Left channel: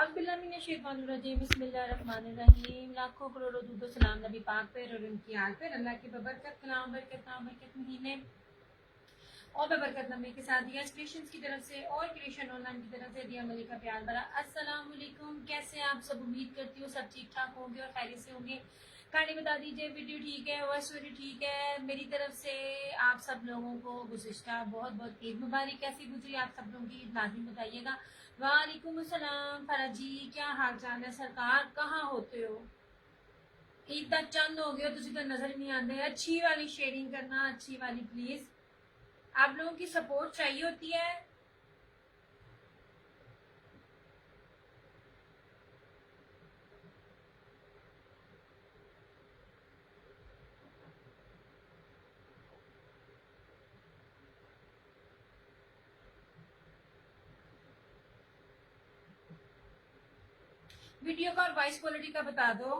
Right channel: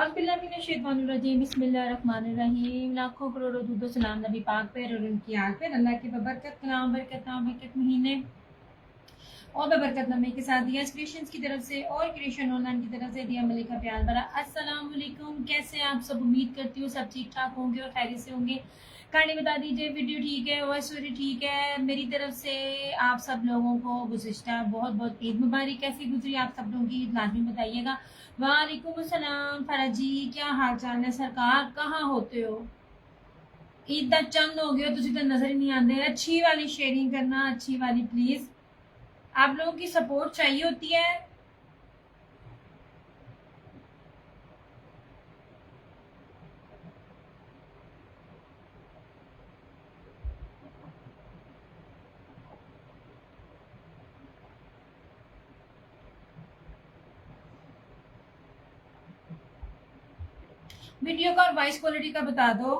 बिस्मिल्लाहिर्रहमानिर्रहीम। लाखों करोड़ों दुरूद सलाम नबी पाक पे और उनकी आल पे। अल्लाह की बबरकत कलाम बरकत महीने और बबरकत नबी के साथ दिया क्रिएशंस की तरफ से और क्रिएशन ऑनलाइन की तरफ से दिया मलिक का प्यार भरा अस्सलाम वालेकुम। कैसे आप सब? उम्मीद करती हूँ सब ठीक ठाक होंगे और खैरियत से होंगे। कहानी बता दीजिए, वीडियो ठीक है, वॉइस ठीक है। मेरी तरफ से आप सब लोगों को गुज़िश्ता बहुत बहुत ईद मुबारक। कैसी गुजरी आप सब लोगों की ईद लाजमी बताइएगा। वालेकुम अस्सलाम फराज जी, क्या हाल चाल है सरकार? कहाँ होते हो? ईद दा चंद हो गया, तुझे तो नजर ही नहीं आते। अच्छी वाली शेयरिंग करना, अच्छी वाली प्लीज। आप लोगों की सपोर्ट चाहिए होती है। वीडियो का और वॉइस क्वालिटी का बता दो।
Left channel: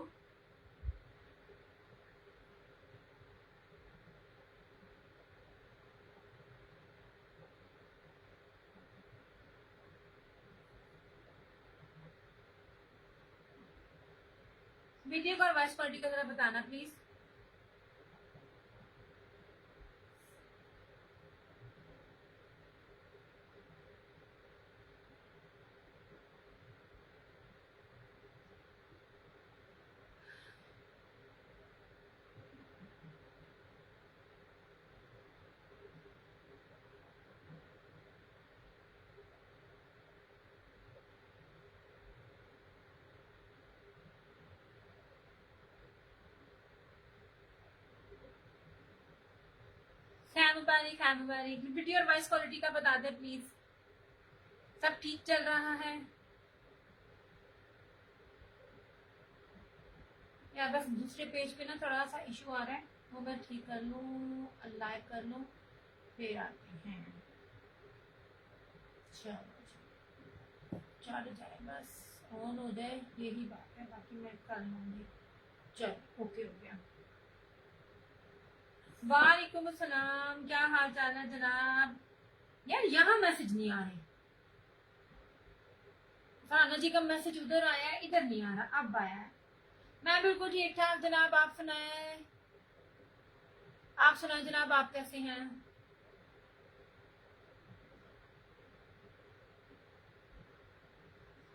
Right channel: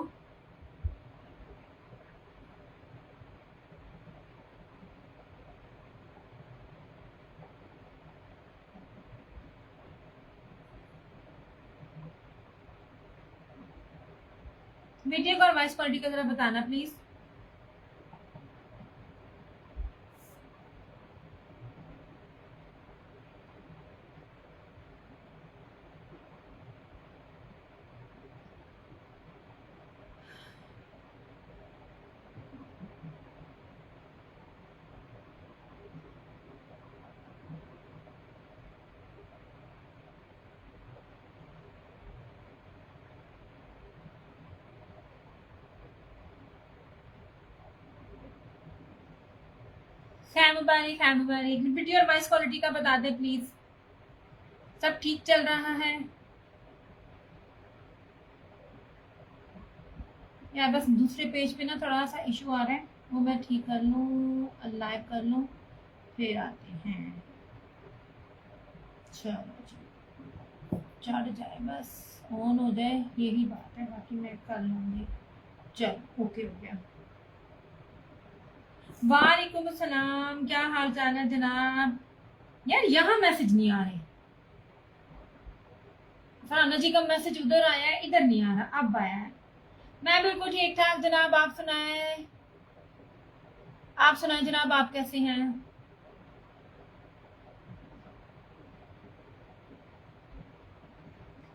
वीडियो का और वॉइस क्वालिटी का जरा बताना प्लीज। खैर मुबारक। वीडियो और वॉइस क्वालिटी का बता दे प्लीज। सब ठीक चल रहा है या बस दूसरे पेज पे ना थोड़ा सा इशू आ रहा है, वो मैं ठीक कर लूँ, लाइव कर लूँ, फिर आते हैं। चलो चढ़ जाए, बस ऑन हो जाए, यही बात है, बाकी मैं कर लूँगी। चल ओके हो गया। वालेकुम अस्सलाम, क्या हाल चाल है जनाब? यार यहाँ मैसेज नहीं आ रहे। फराना जी का मैसेज उधर आया है, इधर नहीं आ रहा, अब आया है। मैं बिल्कुल ठीक ठाक जनाब, आप सुनाए? आप सुनाए जनाब, आप कैसे हैं?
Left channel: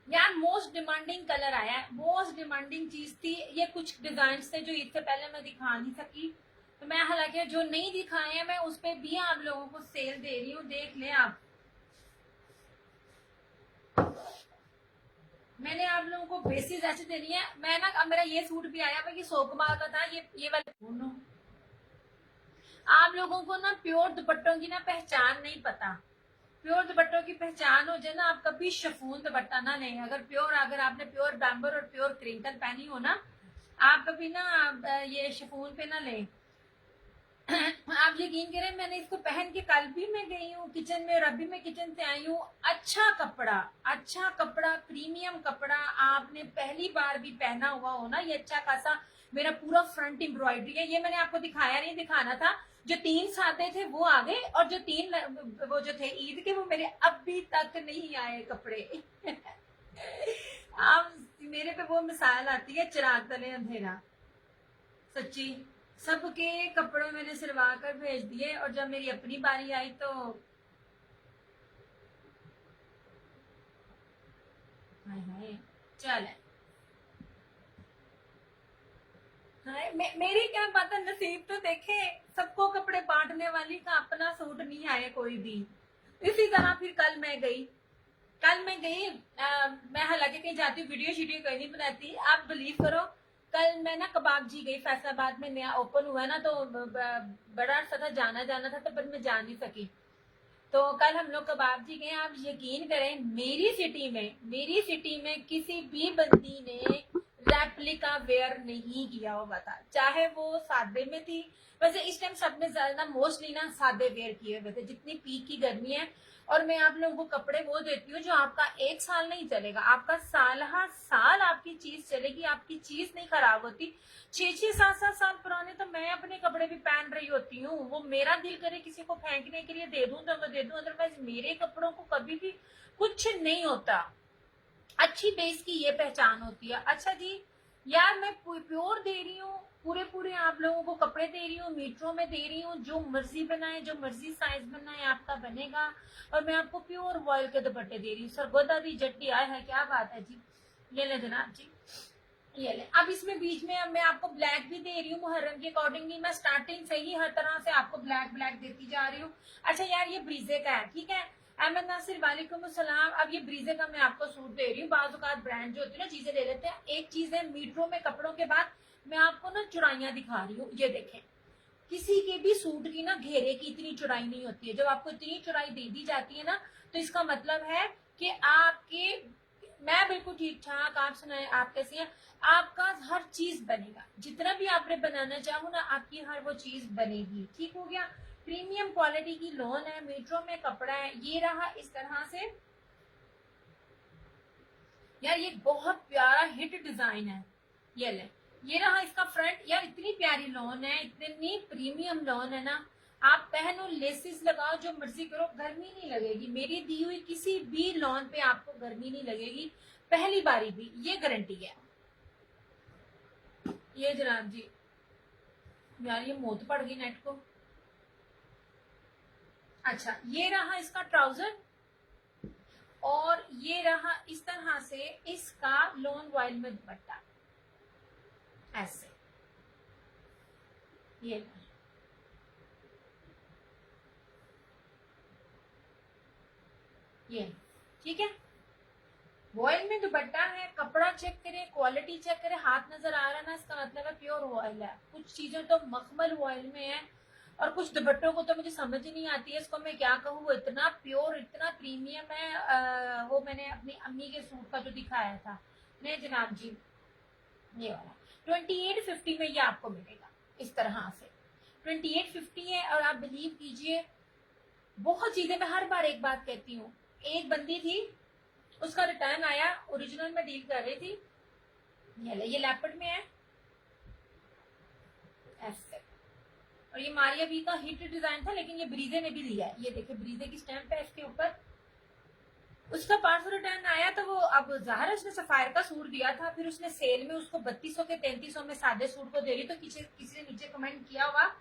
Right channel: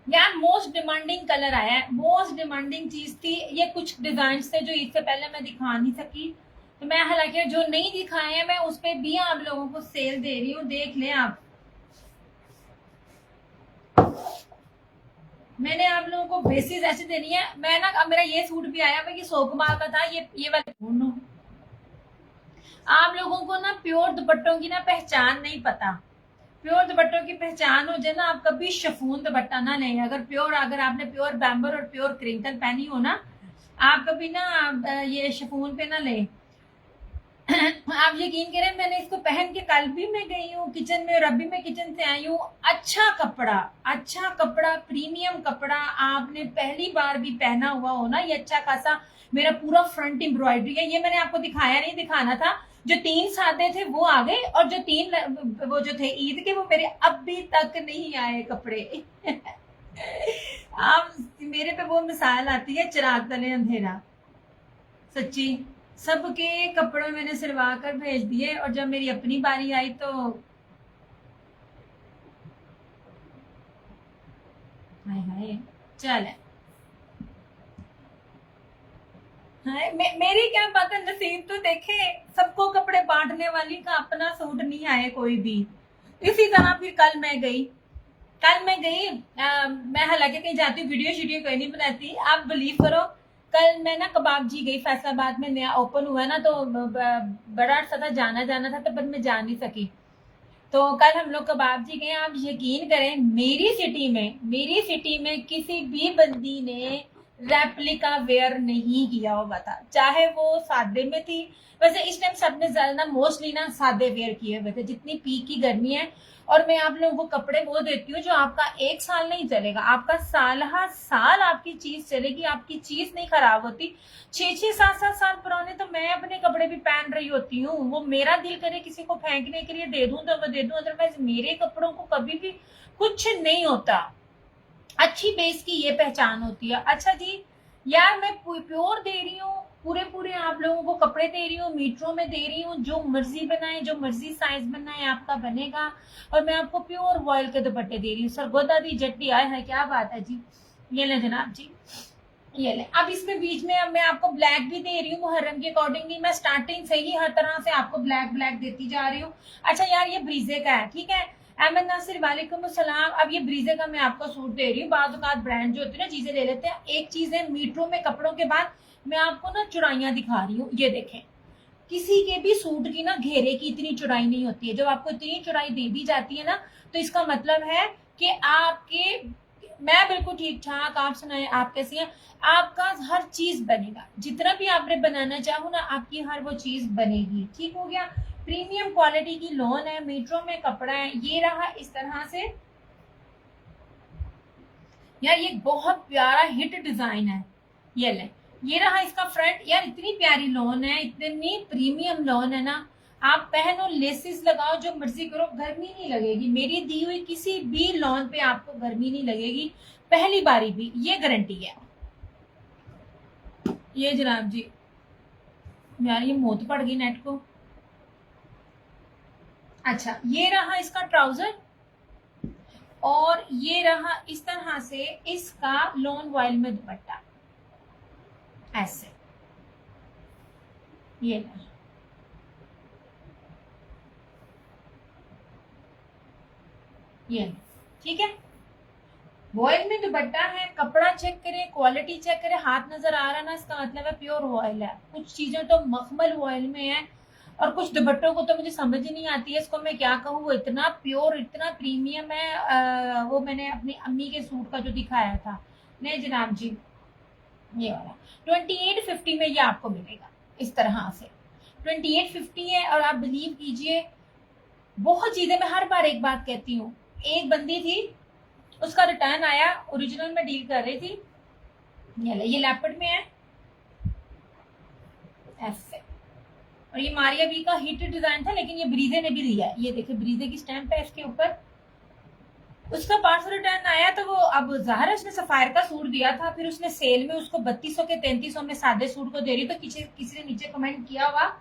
यार मोस्ट डिमांडिंग कलर आया है, मोस्ट डिमांडिंग चीज थी ये। कुछ डिजाइन थे जो इससे पहले मैं दिखा नहीं सकी, तो मैं हालांकि जो नहीं दिखाए हैं मैं उस पर भी आप लोगों को सेल दे रही हूँ, देख लें आप। मैंने आप लोगों को बेसिस ऐसे देनी है। मैं ना, अब मेरा ये सूट भी आया, मैं ये सोकमाल का था, ये वाला। आप लोगों को ना प्योर दुपट्टों की ना पहचान नहीं पता। प्योर दुपट्टों की पहचान हो जाए ना, आप कभी शफून दुपट्टा ना लें। अगर आपने प्योर बैम्बर और प्योर क्रिंकल पहनी हो ना, आप कभी ना ये शफून पे ना लें। आप यकीन करें, मैंने इसको पहन के कल भी मैं गई हूँ किचन में और अभी मैं किचन से आई हूँ। अच्छा कपड़ा, प्रीमियम कपड़ा। आपने पहली बार भी पहना हुआ हो ना, ये अच्छा खासा मेरा पूरा फ्रंट एम्ब्रॉयडरी है। ये मैंने आपको दिखाया नहीं, दिखाना था। जो 3 सादे थे वो आ गए, और जो 3 वो जो थे ईद के, वो मेरे अभी तक नहीं आए कपड़े। आप मेरे पे वो मिसाल आती है, चिराग तले अंधेरा। सच्ची, सबके कपड़े मैंने सिलवा कर भेज दिए, और जब मेरी अपनी बारी आई तो हाय हाय। चल मेरी क्या बात है, नसीब तो देखे। सबको कपड़े बांटने वाली का अपना सूट नहीं आए कोई भी। इसी तरह फिर कल मैं गई मैं हालांकि कहीं जाती हूँ, वीडियो शीडियो कोई नहीं बनाती, आप बिलीव करो। कल मैं ना कबाब जी गई, फैसलाबाद में नया ओपन हुआ ना, तो बड़ा सा था, जाना था, तो पर मैं जा नहीं सकी। तो कल हम लोग कबाब जी गए। आप यकीन करें, मेरी सिटी में किसी भी बंदी ने रेप्लिका वेयर नहीं किया होगा था, चाहे वो सादे में थी। वैसे इस टाइम सबने ज्यादा मोस्टली ना सादे वेयर किए हुए थे, जितनी पीक की गर्मी है। और मैं आप लोगों को कपड़े वो देती हूँ जो आपका 1 साल नहीं चलेगा, आपका साल हर साल आपकी चीज चलेगी, आपकी चीज नहीं खराब होती। 6-7 साल पुराने तो मैं अपने कपड़े भी पहन रही होती हूँ। वो मेरा दिल करे किसी को फेंकने के लिए दे दूं तो मैं दे दूं, अदरवाइज मेरे कपड़ों को कभी भी कुछ नहीं होता। अच्छी बेस की ये पहचान होती है। अच्छा जी, यार मैं प्योर दे रही हूँ, पूरे पूरे आप लोगों को कपड़े दे रही हूँ, मीटरों में दे रही हूँ, जो मर्जी बनाए, जो मर्जी साइज बनाए आपका बनेगा, और मैं आपको प्योर वॉयल के दुपट्टे दे रही हूँ। सरगोदा दी जट्टी आए है, क्या बात है जी। ये ले जनाब जी, ये ले। अब इसमें बीच में अब मैं आपको ब्लैक भी दे रही हूँ मुहर्रम के अकॉर्डिंगली। मैं स्टार्टिंग से ही हर तरह से आपको ब्लैक ब्लैक देती जा रही हूँ। अच्छा यार, ये ब्रीजे का है, ठीक है। अहमद नासिर वालेकुम अस्सलाम। अब ये ब्रीजे का मैं आपको सूट दे रही हूँ। बाज़ ब्रांड जो होते हैं ना, चीजें ले लेते हैं। एक चीज है मीटरों में कपड़ों के बाद मैं आपको ना चुड़ाइयाँ दिखा रही हूँ। ये देखें, किसी के भी सूट की ना घेरे की इतनी चौड़ाई नहीं होती है। जब आपको इतनी चौड़ाई दे दी जाती है ना, तो इसका मतलब है कि आपके, मैं बिल्कुल ठीक ठाक, आप सुनाए आप कैसी हैं। आपका हर चीज बनेगा, जितना भी आपने बनाना चाहो ना, आपकी हर वो चीज बनेगी। ठीक हो गया। प्रीमियम क्वालिटी की लॉन है, मीटरों में कपड़ा है। ये रहा इस तरह से। यार ये बहुत प्यारा हिट डिजाइन है। ये ले, ये रहा इसका फ्रंट। यार इतनी प्यारी लॉन है, इतनी प्रीमियम लॉन है ना। आप पहनो, लेसिस लगाओ, जो मर्जी करो, गर्मी नहीं लगेगी। मेरी दी हुई किसी भी लॉन पे आपको गर्मी नहीं लगेगी, पहली बारी भी, ये गारंटी है। ये जनाब जी, यार ये मौत पड़ गई नेट को। अच्छा, ये रहा इसका ट्राउजर, और ये रहा इस तरह से इसका लॉन वॉयल में दुपट्टा, ऐसे। ये रहा, ये, ठीक है। वॉयल में दुपट्टा है, कपड़ा चेक करें, क्वालिटी चेक करें, हाथ नजर आ रहा ना, इसका मतलब है प्योर वॉयल है। कुछ चीजें तो मखमल वॉयल में है, और कुछ दुपट्टों को तो मुझे समझ ही नहीं आती है, इसको मैं क्या कहूँ। वो इतना प्योर, इतना प्रीमियम है। वो मैंने अपनी अम्मी के सूट का जो दिखाया था। नहीं जनाब जी, ये वाला 2850 में ये आपको मिलेगा इस तरह से। 2850 है। और आप बिलीव कीजिए, बहुत चीजें, मैं हर बार एक बात कहती हूँ। एक बंदी थी, उसका रिटर्न आया, ओरिजिनल में डील कर रही थी। ये लैपटॉप में है, ऐसे। और ये मारिया बी का हिट डिजाइन था, लेकिन ये ब्रीजे ने भी लिया है। ये देखिए, ब्रीजे की स्टैंप है इसके ऊपर। उसका पार्सल रिटर्न आया, तो वो, अब जाहिर है उसने सफायर का सूट दिया था, फिर उसने सेल में उसको 3200 के 3300 में सादे सूट को दे रही। तो किसी ने नीचे कमेंट किया हुआ,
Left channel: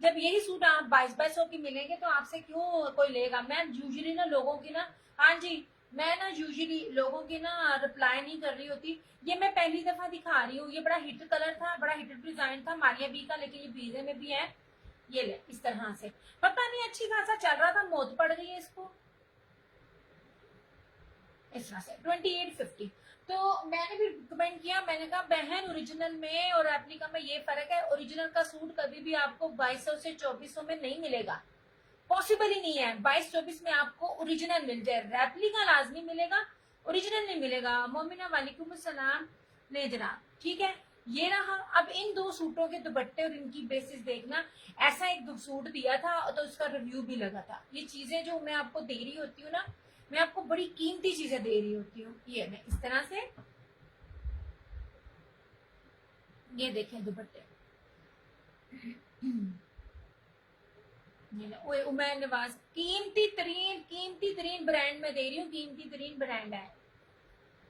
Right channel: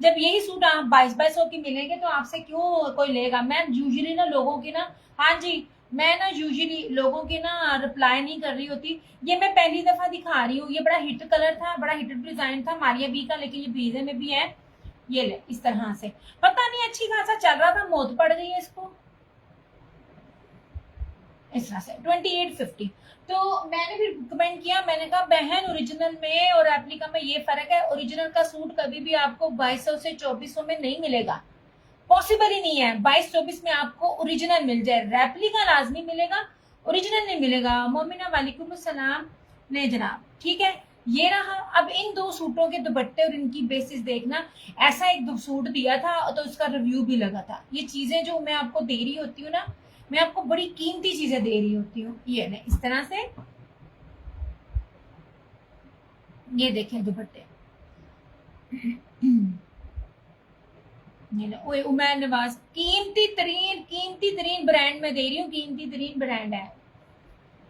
जब यही सूट आप 2200 की मिलेंगे तो आपसे क्यों कोई लेगा। मैम यूजुअली ना लोगों की ना, हाँ जी, मैं ना यूजुअली लोगों की ना रिप्लाई नहीं कर रही होती। ये मैं पहली दफा दिखा रही हूँ। ये बड़ा हिट कलर था, बड़ा हिट डिजाइन था मारिया बी का, लेकिन ये ब्रीजे में भी है। ये ले, इस तरह से। पता नहीं, अच्छी खासा चल रहा था, मौत पड़ गई है इसको। इस तरह से 2850। तो मैंने फिर कमेंट किया, मैंने कहा बहन, ओरिजिनल में और रेप्लिका में ये फर्क है। ओरिजिनल का सूट कभी भी आपको 2200 से 2400 में नहीं मिलेगा, पॉसिबल ही नहीं है। 22-24 में आपको ओरिजिनल मिल जाए, रेप्लिका लाजमी मिलेगा, ओरिजिनल नहीं मिलेगा। मोमिना वालेकुम सलाम। नहीं जनाब, ठीक है। ये रहा। अब इन दो सूटों के दुपट्टे और इनकी बेसिस देखना। ऐसा एक सूट दिया था तो उसका रिव्यू भी लगा था। ये चीजें जो मैं आपको दे रही होती हूँ ना, मैं आपको बड़ी कीमती चीजें दे रही होती हूँ। ये ना, इस तरह से। ये देखें दुपट्टे। ओए उमैर नवाज, कीमती तरीन ब्रांड में दे रही हूँ, कीमती तरीन ब्रांड है।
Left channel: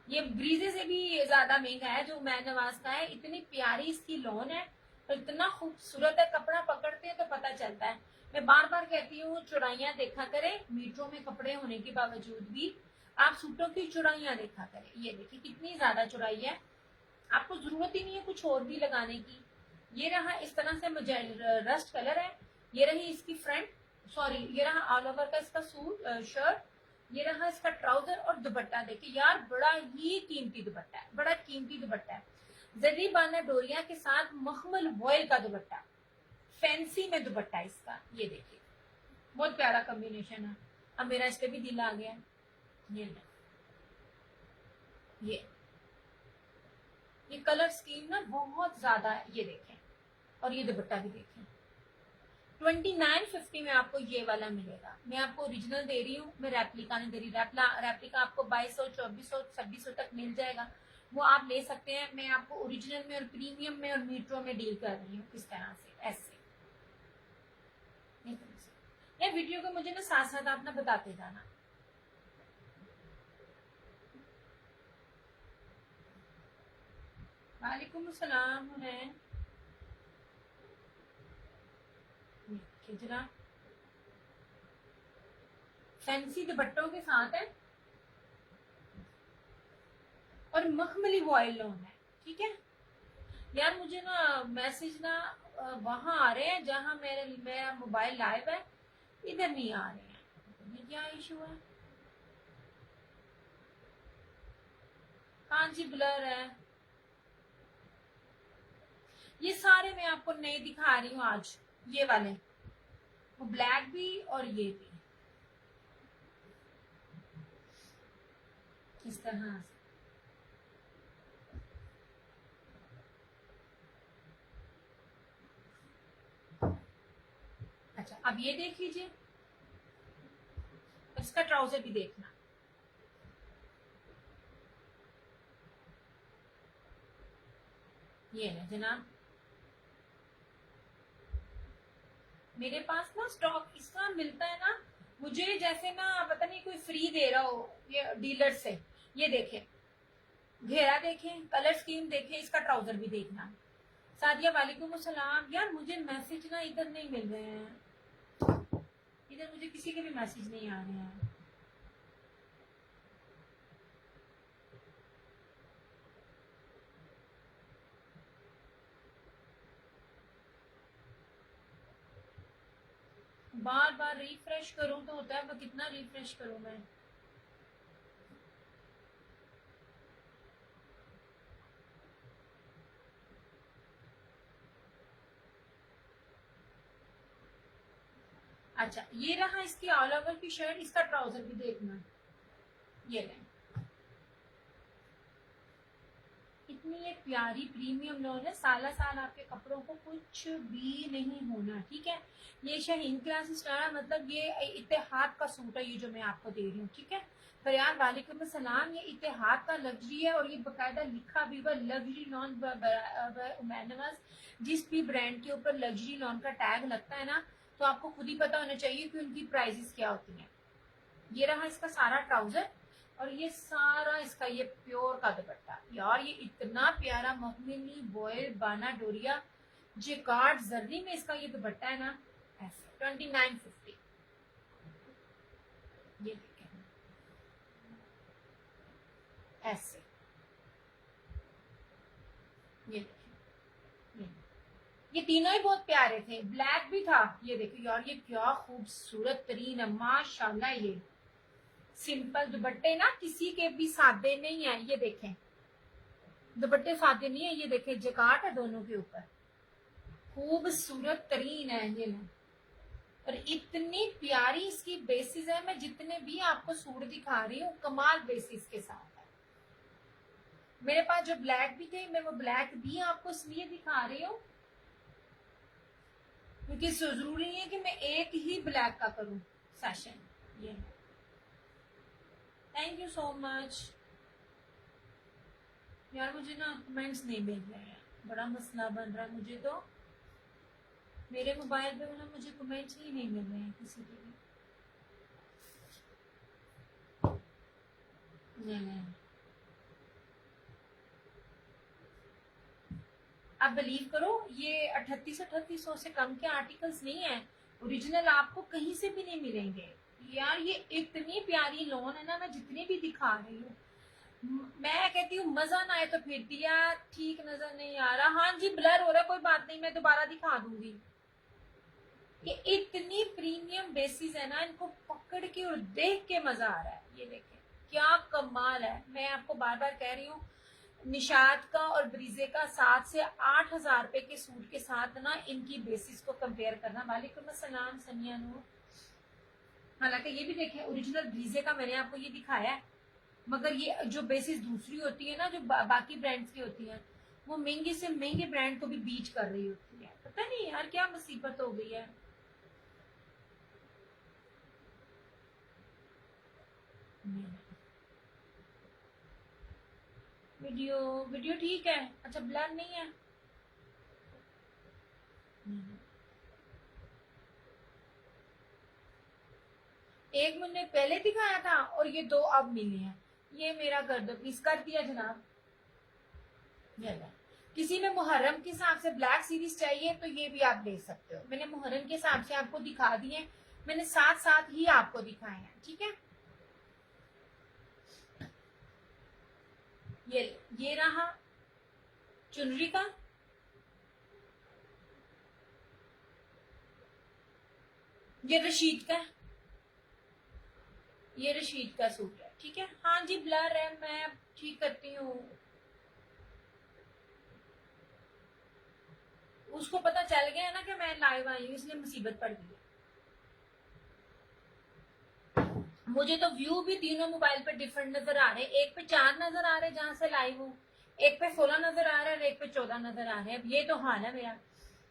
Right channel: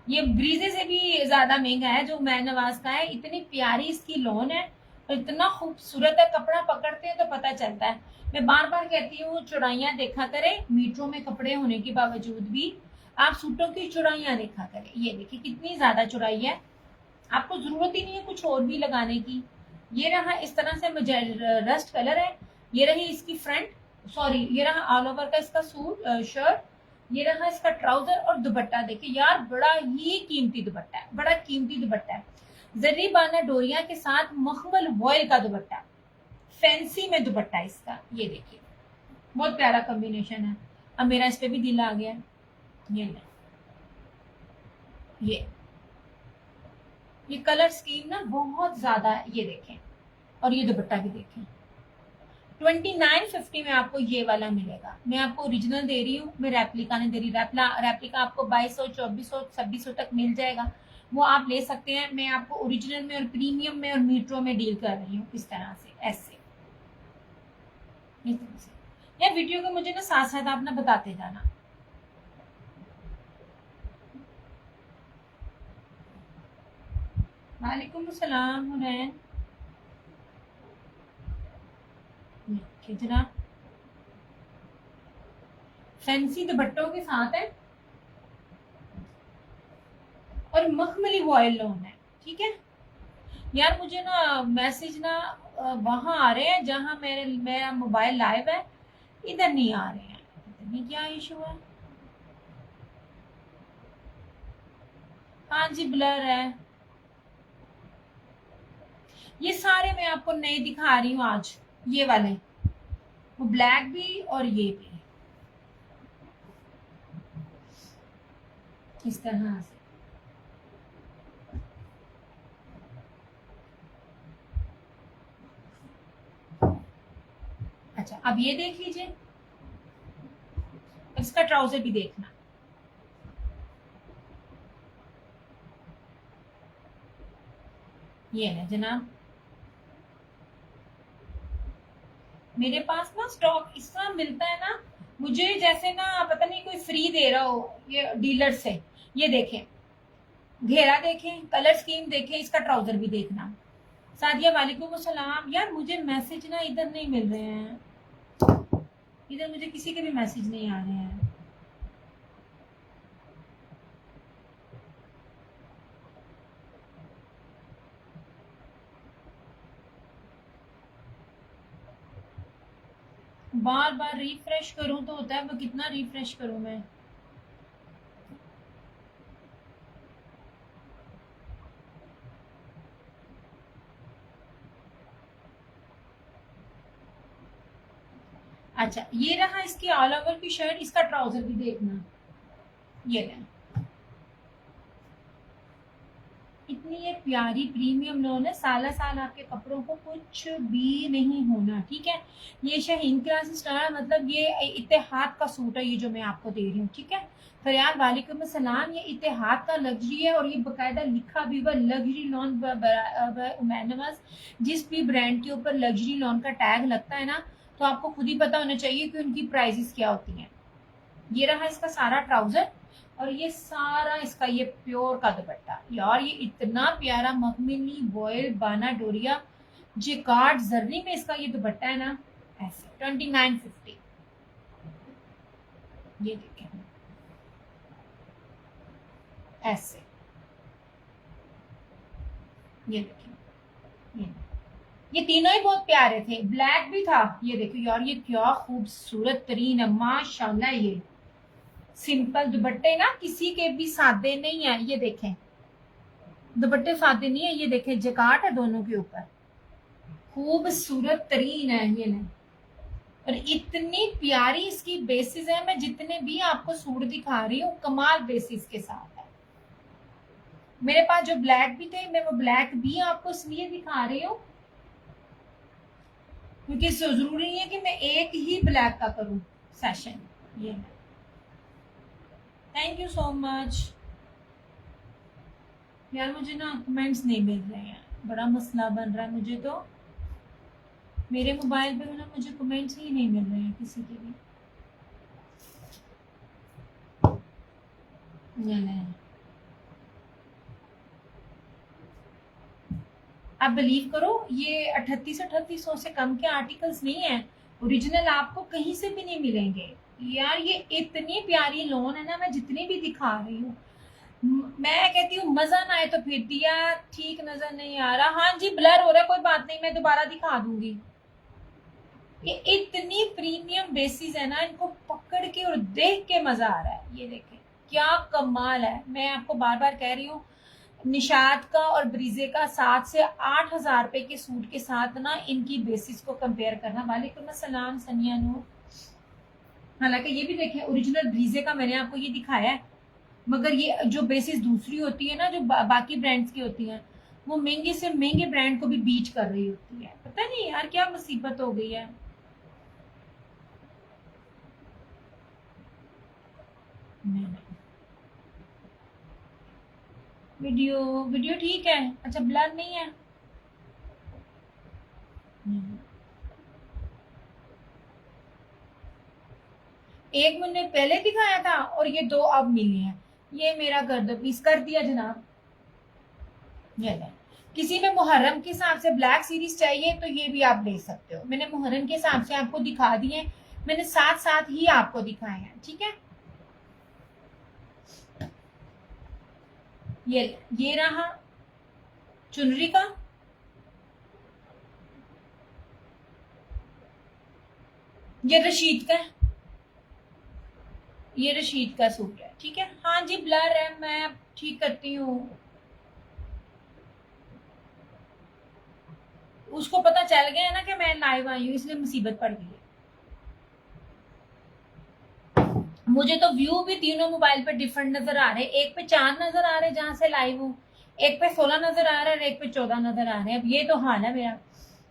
ये ब्रीजे से भी ज्यादा महंगा है जो उमैर नवाज का है। इतनी प्यारी इसकी लॉन है, और इतना खूबसूरत है। कपड़ा पकड़ते हैं तो पता चलता है। मैं बार बार कहती हूँ, चौड़ाइयाँ देखा करें। मीटरों में कपड़े होने के बावजूद भी आप सूटों की चौड़ाइयाँ देखा करें। ये देखिए कितनी ज्यादा चौड़ाई है, आपको जरूरत ही नहीं है कुछ और भी लगाने की। ये रहा इस तरह से, मुझे रस्ट कलर है। ये रही इसकी फ्रंट, सॉरी, ये रहा ऑल ओवर का इसका सूट, शर्ट। ये रहा इसका ट्राउजर और दुपट्टा। देखिए यार, बड़ा ही कीमती दुपट्टा है, बड़ा कीमती दुपट्टा है। जरी बाना डोरिया के साथ मखमल वॉयल का दुपट्टा, फैंसी में दुपट्टा इसका। ये देखिए, बहुत प्यारा कॉम्बिनेशन है। अब मेरा इस पे भी दिल आ गया। ये ले, ये कलर स्कीम ना बहुत ज्यादा है। ये देखें, और ये दुपट्टा भी देखें। 2950 में आपको ये वाला मिलेगा। मैं आपको ओरिजिनल दे रही हूँ, मैं रेप्लिका नहीं दे रही। रेप्लिका आपको 2200, 2400, 2600 तक मिल जाएगा, वो आप ले सकते हैं। मैं आपको ओरिजिनल में और प्रीमियम में और मीटरों में डील कर रही हूँ, इस तरह से, ऐसे। यार वीडियो को मुझे ना साथ साथ आप ना बताते जाना। वालेकुम अस्सलाम हुनैन। कितना फैंसी दुपट्टों के साथ है और मखमली वॉयल लॉन है। ठीक है यार, मुझे ना मैसेज ना वहां आ रहे हैं जहां मेरा मोबाइल लाइव है, इधर नहीं आ रहे हैं। पता नहीं क्या इशू है। हाँ जी, ब्लर है। ये सारे मैं आपको नए दिखा रही हूँ आज, ये वाले, वो ब्लैक भी और ये भी इस तरह से। अच्छा, अब ये देख लीजिए, इसका ट्राउजर भी देखना। ये है जनाब, मेरे पास ना स्टॉक इसका मिलता है ना, मुझे जैसे ना पता नहीं कोई फ्री दे रहा हो ये डीलर से। ये देखें, घेरा देखें, कलर स्कीम देखें, इसका ट्राउजर भी देखना। सादिया वालेकुम अस्सलाम। यार मुझे मैसेज ना इधर नहीं मिल रहे हैं, इधर मुझे किसी के भी मैसेज नहीं आ रहे हैं। बार बार रिफ्रेश करूं तो होता है, वो कितना रिफ्रेश करूं मैं। अच्छा, ये रहा इसकी ऑल ओवर की शर्ट, इसका ट्राउजर भी देखना। ये रहा, इतनी ये प्यारी प्रीमियम लोन है, साला साल आपके कपड़ों को कुछ भी नहीं होना। ठीक है, ये शाहीन क्लास स्टार, मतलब ये इत्तेहाद का सूट है ये जो मैं आपको दे रही हूँ। ठीक है, फरियाद वालेकुम अस्सलाम। ये इत्तेहाद का लग्जरी है और ये बकायदा लिखा भी हुआ लग्जरी लॉन। उमैनवाज, जिस भी ब्रांड के ऊपर लग्जरी लॉन का टैग लगता है ना, तो आपको खुद ही पता होना चाहिए कि उनकी प्राइसेस क्या होती हैं। ये रहा इसका सारा ट्राउजर और ये सारा इसका ये प्योर का दुपट्टा। यार ये इतना प्यारा मखमली वॉयल बाना डोरिया जिकार्ड जर्री में इसका ये दुपट्टा है ना, ऐसे 2950। ये देखें ऐसे, ये देखें, ये तीनों ही बहुत प्यारे थे, ब्लैक भी था। ये देखो यार, ये क्या खूबसूरत तरीन है माशाल्लाह। ये सिंपल दुपट्टे ना किसी के भी सादे नहीं है। ये देखें, दुपट्टे सादे नहीं है। ये देखें, जकाट है दोनों के ऊपर, खूबसूरत तरीन है ये नहीं। और इतनी प्यारी इसकी बेसिस है, मैं जितने भी आपको सूट दिखा रही हूँ कमाल बेसिस के साथ है। मेरे पास जो ब्लैक भी थे, मैं वो ब्लैक भी आपको इसलिए दिखा रही हूँ क्योंकि जरूरी नहीं है कि मैं एक ही ब्लैक का करूँ सेशन। ये थैंक यू सो मच। यार मुझे ना कमेंट्स नहीं मिल रहे हैं, बड़ा मसला बन रहा है मुझे तो। मेरे मोबाइल पे ना मुझे कमेंट्स ही नहीं मिल रहे हैं किसी के भी। नहीं, आप बिलीव करो, ये 3800 से कम के आर्टिकल्स नहीं है। ओरिजिनल आपको कहीं से भी नहीं मिलेंगे। यार ये इतनी प्यारी लोन है ना, मैं जितनी भी दिखा रही हूँ, मैं कहती हूँ मजा ना आए तो फिर दिया ठीक नजर नहीं आ रहा। हाँ जी, ब्लर हो रहा है, कोई बात नहीं, मैं दोबारा दिखा दूंगी। ये इतनी प्रीमियम बेसिस है ना, इनको पकड़ के और देख के मजा आ रहा है। ये देखें क्या कमाल है। मैं आपको बार बार कह रही हूँ, निशात का और ब्रीजे का 7 से 8 हजार रुपए के सूट के साथ ना इनकी बेसिस को कंपेयर करना। वालेकुम अस्सलाम सनिया नूर। हालांकि ये भी देखें, ओरिजिनल ब्रीजे का मैंने आपको ये दिखाया है, मगर ये जो बेसिस दूसरी होती है ना, जो बाकी ब्रांड्स की होती हैं, वो महंगे से महंगे ब्रांड को भी बीच कर रही होती है। पता नहीं यार क्या मुसीबत हो गई है। नहीं, वीडियो वीडियो ठीक है। अच्छा, ब्लर नहीं है। नहीं। एक मैंने पहले दिखाया था और ये दो अब मिली हैं। ये मेरा गर्द पीस कर दिया जनाब। ये ले, किसी में मुहर्रम के हिसाब से ब्लैक सीरीज चाहिए तो ये भी आप ले सकते हो। मैंने मुहर्रम के हिसाब से आपको दिखा दिए, मैंने साथ साथ ही आपको दिखाए हैं, ठीक है। ये रहा चुनरी का, ये रशीद का, ये रशीद का सूट है, ठीक है। हाँ जी ब्लर है, मैं ठीक करती हूँ। उसको पता चल गया ना कि मैं लाइव आई हूँ, इसलिए मुसीबत पड़ गई है। मुझे तो व्यू भी तीनों मोबाइल पे डिफरेंट नजर आ रहे हैं। एक पे 4 नजर आ रहे हैं जहां से लाइव हूँ, एक पे 16 नजर आ रहा है और एक पे 14 नजर आ रहे हैं। अब ये तो हाल है मेरा।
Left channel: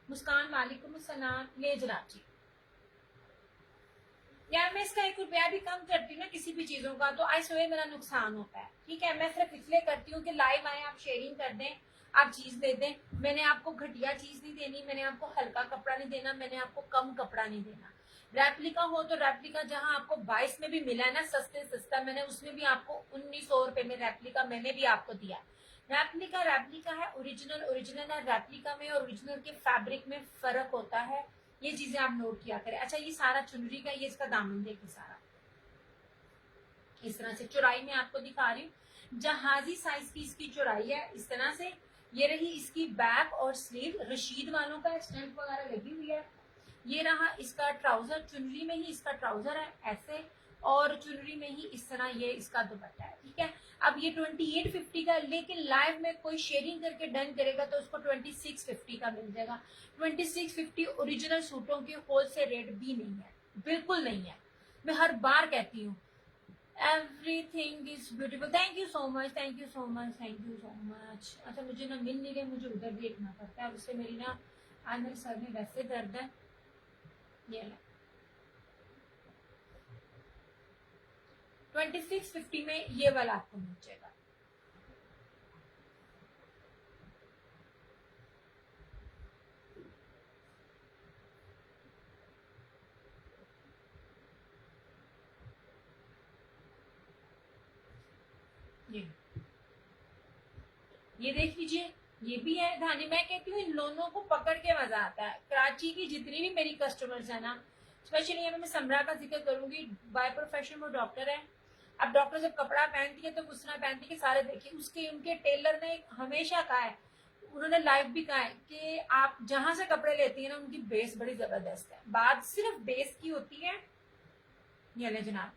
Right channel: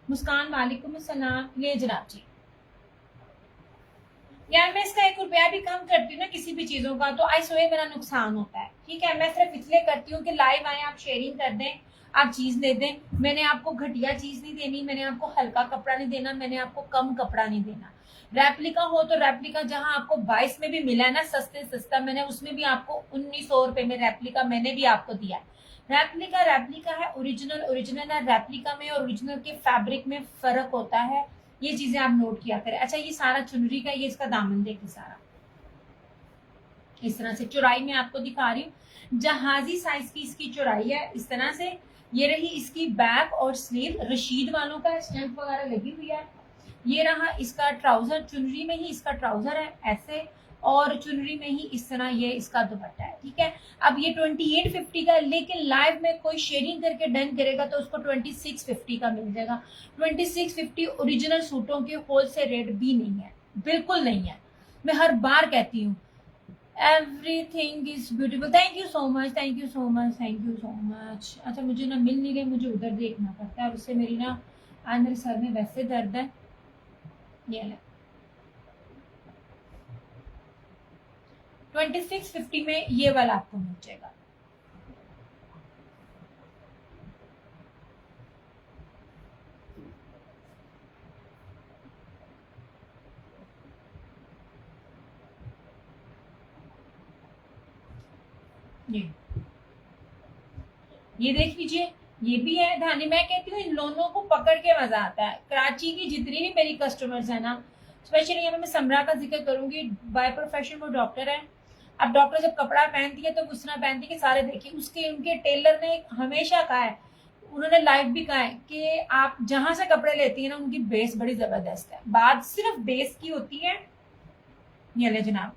मुस्कान वालेकुम अस्सलाम। ये जनाब जी, यार मैं इसका 1 रुपया भी कम करती हूँ ना किसी भी चीजों का तो आई सोए मेरा नुकसान होता है, ठीक है। मैं सिर्फ इसलिए करती हूँ कि लाइव आए, आप शेयरिंग कर दें, आप चीज दे दें। मैंने आपको घटिया चीज नहीं देनी, मैंने आपको हल्का कपड़ा नहीं देना, मैंने आपको कम कपड़ा नहीं देना। रेप्लिका हो तो रेप्लिका जहां आपको 22 में भी मिला है ना सस्ते सस्ता, मैंने उसमें भी आपको 1900 रुपए में रेप्लिका मैंने भी आपको दिया है। रेप्लिका रेप्लिका है, ओरिजिनल ओरिजिनल है। रेप्लिका में और ओरिजिनल के फैब्रिक में फर्क होता है, ये चीजें आप नोट किया करें। अच्छा ये सारा चुनरी का, ये इसका दामन देखिए सारा इस तरह से चौड़ाई में आपको दिखा रही हूँ। जहाजी साइज की इसकी चौड़ाई है इस तरह से। ये रही इसकी बैक और स्लीव, रशीद वालों का स्टैंप वगैरह लगी हुई है। ये रहा इसका ट्राउजर, चुनरी में ही इसका ट्राउजर है ऐसे, और चुनरी में ही इस तरह ये इसका दुपट्टा है, ठीक है। अब ये 2850 का है, लेकिन लाइव में कोई शेयरिंग करके डन करेगा तो उसको 2650 का मिल जाएगा। 2650 ओरिजिनल सूटों के होलसेल रेट भी नहीं है, बिल्कुल नहीं है। मैं हर बार कहती हूँ everything is beautiful. Thank you so much, thank you so much, thank you so much. अच्छा मुझे ना मिल नहीं रही, मुझे उधर देखना पड़ता है और उससे मेरी ना आज मेरे सर में वैसे दर्द है। ये ले 2650 में ये वाला आपको मिल जाएगा। ये देख लीजिए, ये भी है धानी। मैं कहती हूँ इन लोगों को पकड़ के मजा आता है। कराची की जितनी भी मेरी कस्टमर्स है ना, स्पेशली यहाँ मैं समरा का जिक्र करूंगी, बाय प्रोफेशन वो डॉक्टर है। अब डॉक्टर जब कपड़ा पहनती है तो गुस्सा पहनती है कि सारे देखिए। उसके उनके टेलर ने हमेशा कहा है, उन्होंने लाइव भी कहा है कि आप जहां से कपड़े लेती है ना उनकी बेस बड़ी जबरदस्त है। बात सिर्फ बेस की होती है। ये ले जनाब,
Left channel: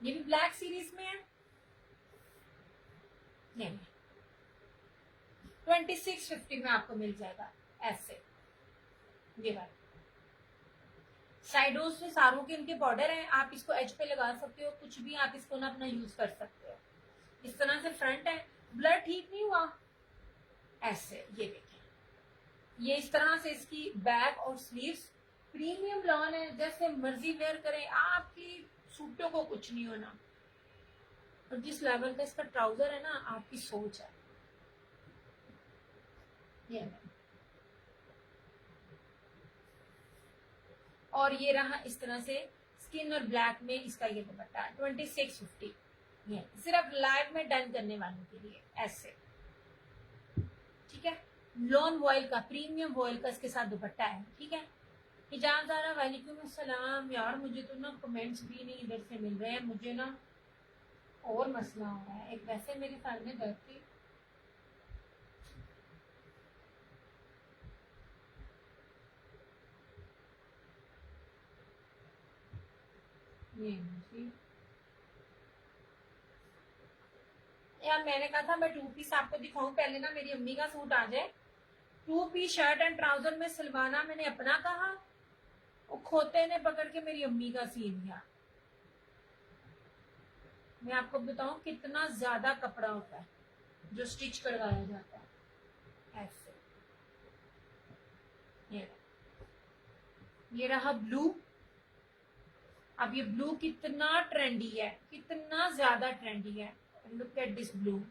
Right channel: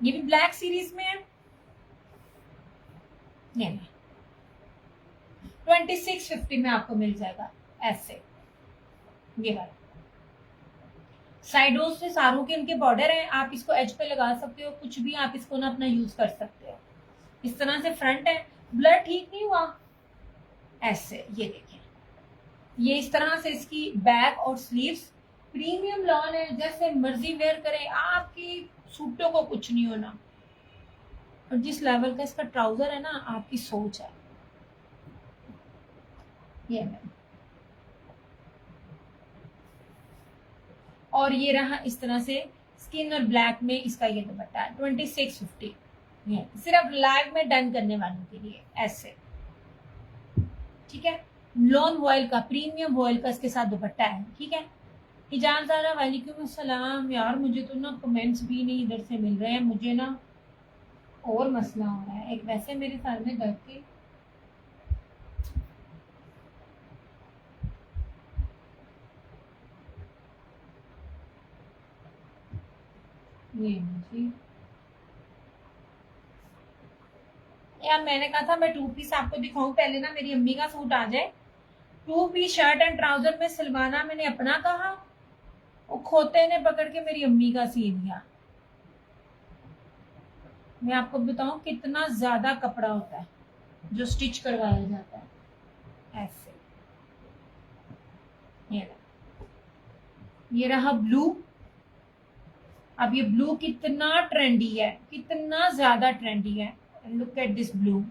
ये भी ब्लैक सीरीज में है। ये 2650 में आपको मिल जाएगा ऐसे। ये वाला साइडों से सारों के इनके बॉर्डर हैं, आप इसको एज पे लगा सकते हो, कुछ भी आप इसको ना अपना यूज कर सकते हो। इस तरह से फ्रंट है, ब्लर ठीक नहीं हुआ ऐसे। ये देखें, ये इस तरह से इसकी बैक और स्लीव्स प्रीमियम लॉन है, जैसे मर्जी वेयर करें, आपकी सूटों को कुछ नहीं होना। और जिस लेवल का इसका ट्राउजर है ना, आपकी सोच है। ये और ये रहा इस तरह से स्किन और ब्लैक में इसका ये दुपट्टा है 2650। ये सिर्फ लाइव में डन करने वालों के लिए ऐसे, ठीक है। लॉन वॉयल का, प्रीमियम वॉयल का इसके साथ दुपट्टा है, ठीक है। हिजाब ज़ारा वालेकुम अस्सलाम। यार मुझे तो ना कमेंट्स भी नहीं इधर से मिल रहे हैं, मुझे ना और मसला हो रहा है एक। वैसे मेरे सर में दर्द थी, ये मुझे यार मैंने कहा था मैं 2 पीस आपको दिखाऊं, पहले ना मेरी अम्मी का सूट आ जाए। 2 पीस शर्ट एंड ट्राउजर में सिलवाना मैंने अपना कहा, वो खोते ने पकड़ के मेरी अम्मी का सी दिया। मैं आपको बताऊं कितना ज्यादा कपड़ा होता है जो स्टिच करवाया जाता है ऐसे। ये रहा ब्लू। अब ये ब्लू कितना ट्रेंडी है, कितना ज्यादा ट्रेंडी है। Look at this blue.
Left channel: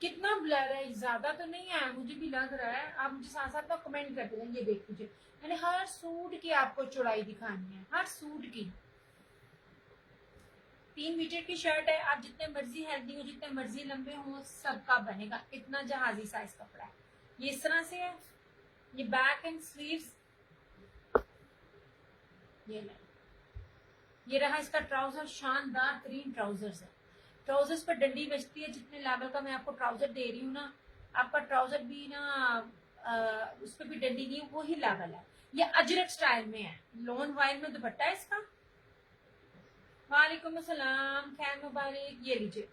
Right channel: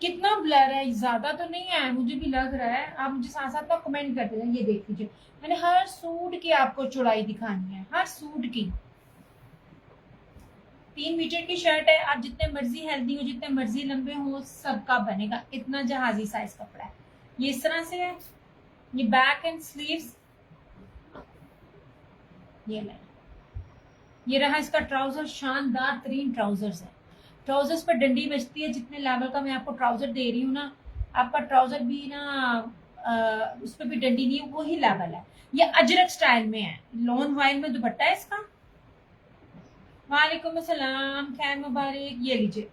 कितना ब्लर है, ज्यादा तो नहीं है, मुझे भी लग रहा है। आप मुझे साथ साथ में कमेंट करते जाए। ये देख लीजिए, मैंने हर सूट की आपको चौड़ाई दिखानी है, हर सूट की। 3 मीटर की शर्ट है, आप जितने मर्जी हेल्दी हो, जितने मर्जी लंबे हो, सबका बनेगा। इतना जहाजी साइज कपड़ा है। ये इस तरह से है, ये बैक एंड स्लीव्स। ये ले, ये रहा इसका ट्राउजर, शानदार तरीन ट्राउजर्स है। ट्राउजर्स पर डंडी बजती है। जितने लेवल का मैं आपको ट्राउजर दे रही हूँ ना, आपका ट्राउजर भी ना उस पर भी डंडी नहीं है, वही लेवल है। ये अजरक स्टाइल में है, लॉन वाइल में दुपट्टा है इसका। वालेकुम अस्सलाम, खैर मुबारक। ये लीजिए,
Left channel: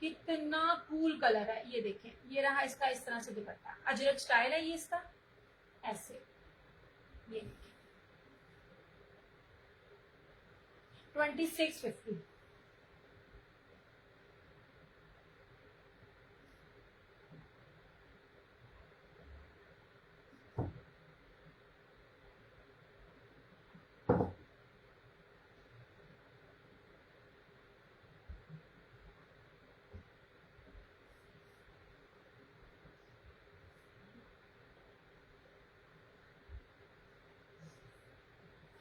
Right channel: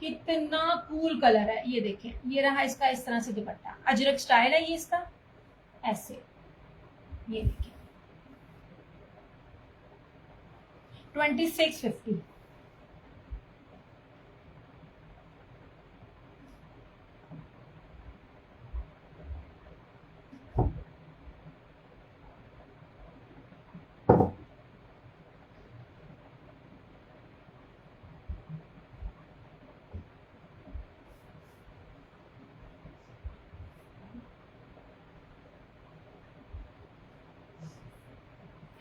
कितना कूल कलर है। ये देखें, ये रहा इसका इस तरह से दुपट्टा, अजरक स्टाइल है ये इसका, ऐसे। ये देखिए 2650।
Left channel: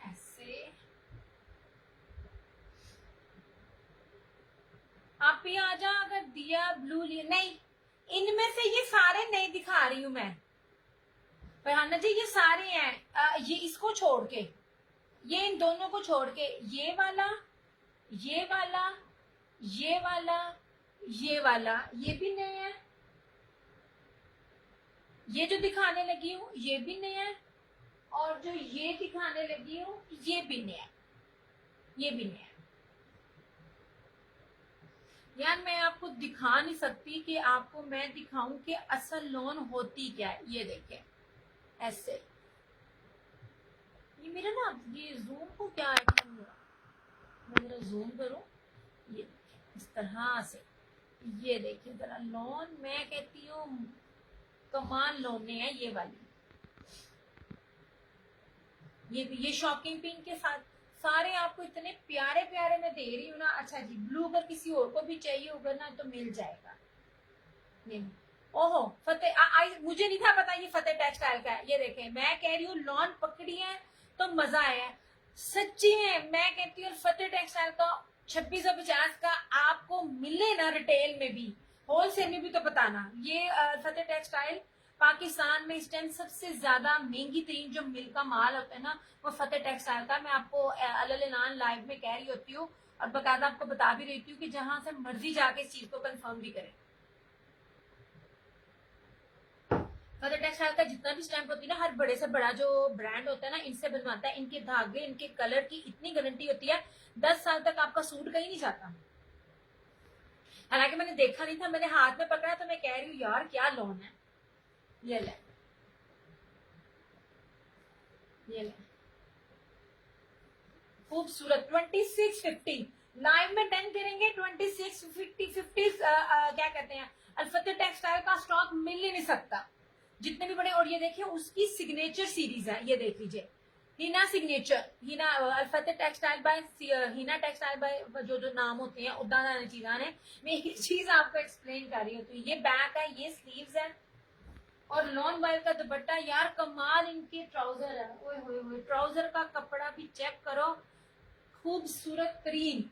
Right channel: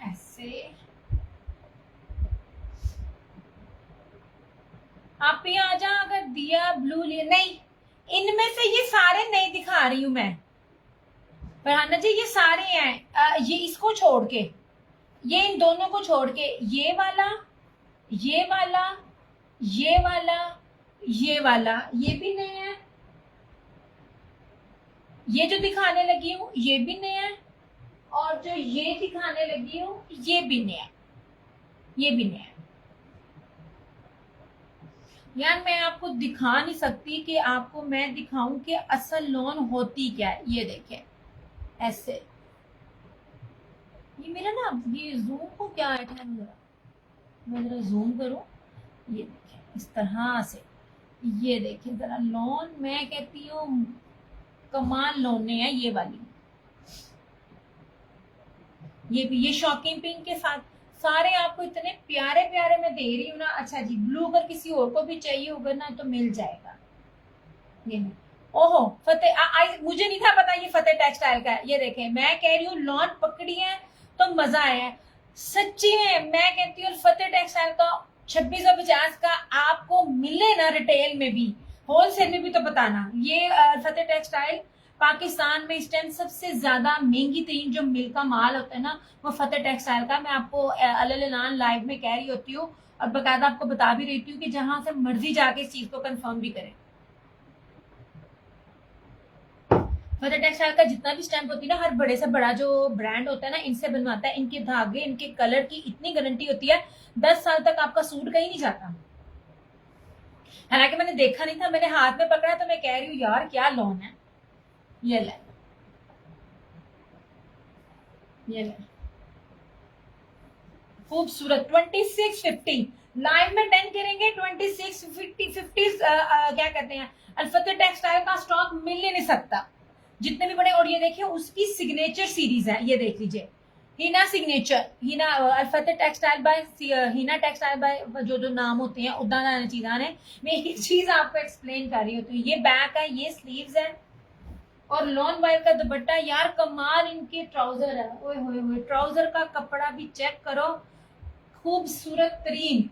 ऐसे आप भी आ जा। अगर दिया ब्लू लिए नहीं, इनमें से ये सारे नहीं दिखा रही हूं मैं फरहाना जी, ये सारे हैं। ये इसको छोड़ के, ये इन दोनों को छोड़ के, ये वाला, ये वाला, ये वाला, ये वाला, ये भी नए हैं। ये जो दिखाने लगी हूँ ये भी नया है, और जो ये दिखाने लगी हूँ ये भी नया है, ये भी नया है। यार मैं आपको दिखा नहीं सकती कि आपको मैं दिखाऊं कि असल लोन होती क्या है। ये देखें ऐसे। ये मेरा ना, ये जूम को क्या है, मैं जरा जूम करूं। ये देखें इस तरह से। ये देखें जरा, लोन मैं कहती हूँ कमाल लोने है ये वाली। ये भी, ये शॉकिंग पिंक के साथ सारे आपको इतने प्यारे प्यारे मैं दे रही हूँ ना। अच्छा जी, ब्लू अगर किसी और को भी चाहिए होगा ना तो मिल जाएगा। ये नहीं, ओहो फतेह, मुझे नहीं था पता ये फतेह टेक्सटाइल का है। ये देखें, मैं कह रही हूँ लॉन पकड़ी है तो मजा आया है सच्ची में। मैं कहती हूँ फतेह टेक्सटाइल का 2650 का आपको मिले ना रिटेल में भी, होलसेल में भी, तो बताना। ये फतेह टेक्सटाइल पाकिस्तान में इस टाइम सबसे ज्यादा महंगी तरीन जो मिल का माल होता है ना, वो फतेह टेक्सटाइल का। मैं आपको अल लाइव में कह रही होती हूँ, और बकायदा आपको बता भी रही हूँ कि जहां से मर्जी जाके इस चीज को कंफर्म भी करें। फतेह टेक्सटाइल का जितना भी स्टैंप होती है ना, हर बड़े से बड़ा जो ब्रांड होता है ना, इनसे बनवाता है। इनके धागे, इनके कलर की इतनी गारंटी होती है, 10 साल तक आपका सूट कहीं नहीं जाता। हालांकि मैंने देखा नहीं था, मैंने हाथ में पकड़ा तो मैं कह रही हूँ यार क्या लोन है। ये ले, ये ले, खूबसूरत 2650। लाइव में 10 करेंगे 2650। क्या कहते हैं, अल्फतेह टेक्सटाइल का स्टॉक मिल ही नहीं सकता जितने भी बड़े। और ये देखिए उसकी सिग्नेचर सीरीज है, ये देख लीजिए, Hina signature, Hina Alfateh textile by Hina textile by, जो जो नाम होते हैं उदा चीजा ने। मैं एक चीज आपको एक्सप्लेन कर रही हूँ। तो ये बैक है, ये स्लीव्स है, और लॉन वाइल का दुपट्टा। यार कमाल इनके ट्राउजर है, ओए होए होए, ट्राउजर का कपड़ा भी चेक करो, खूबसूरत तरीन।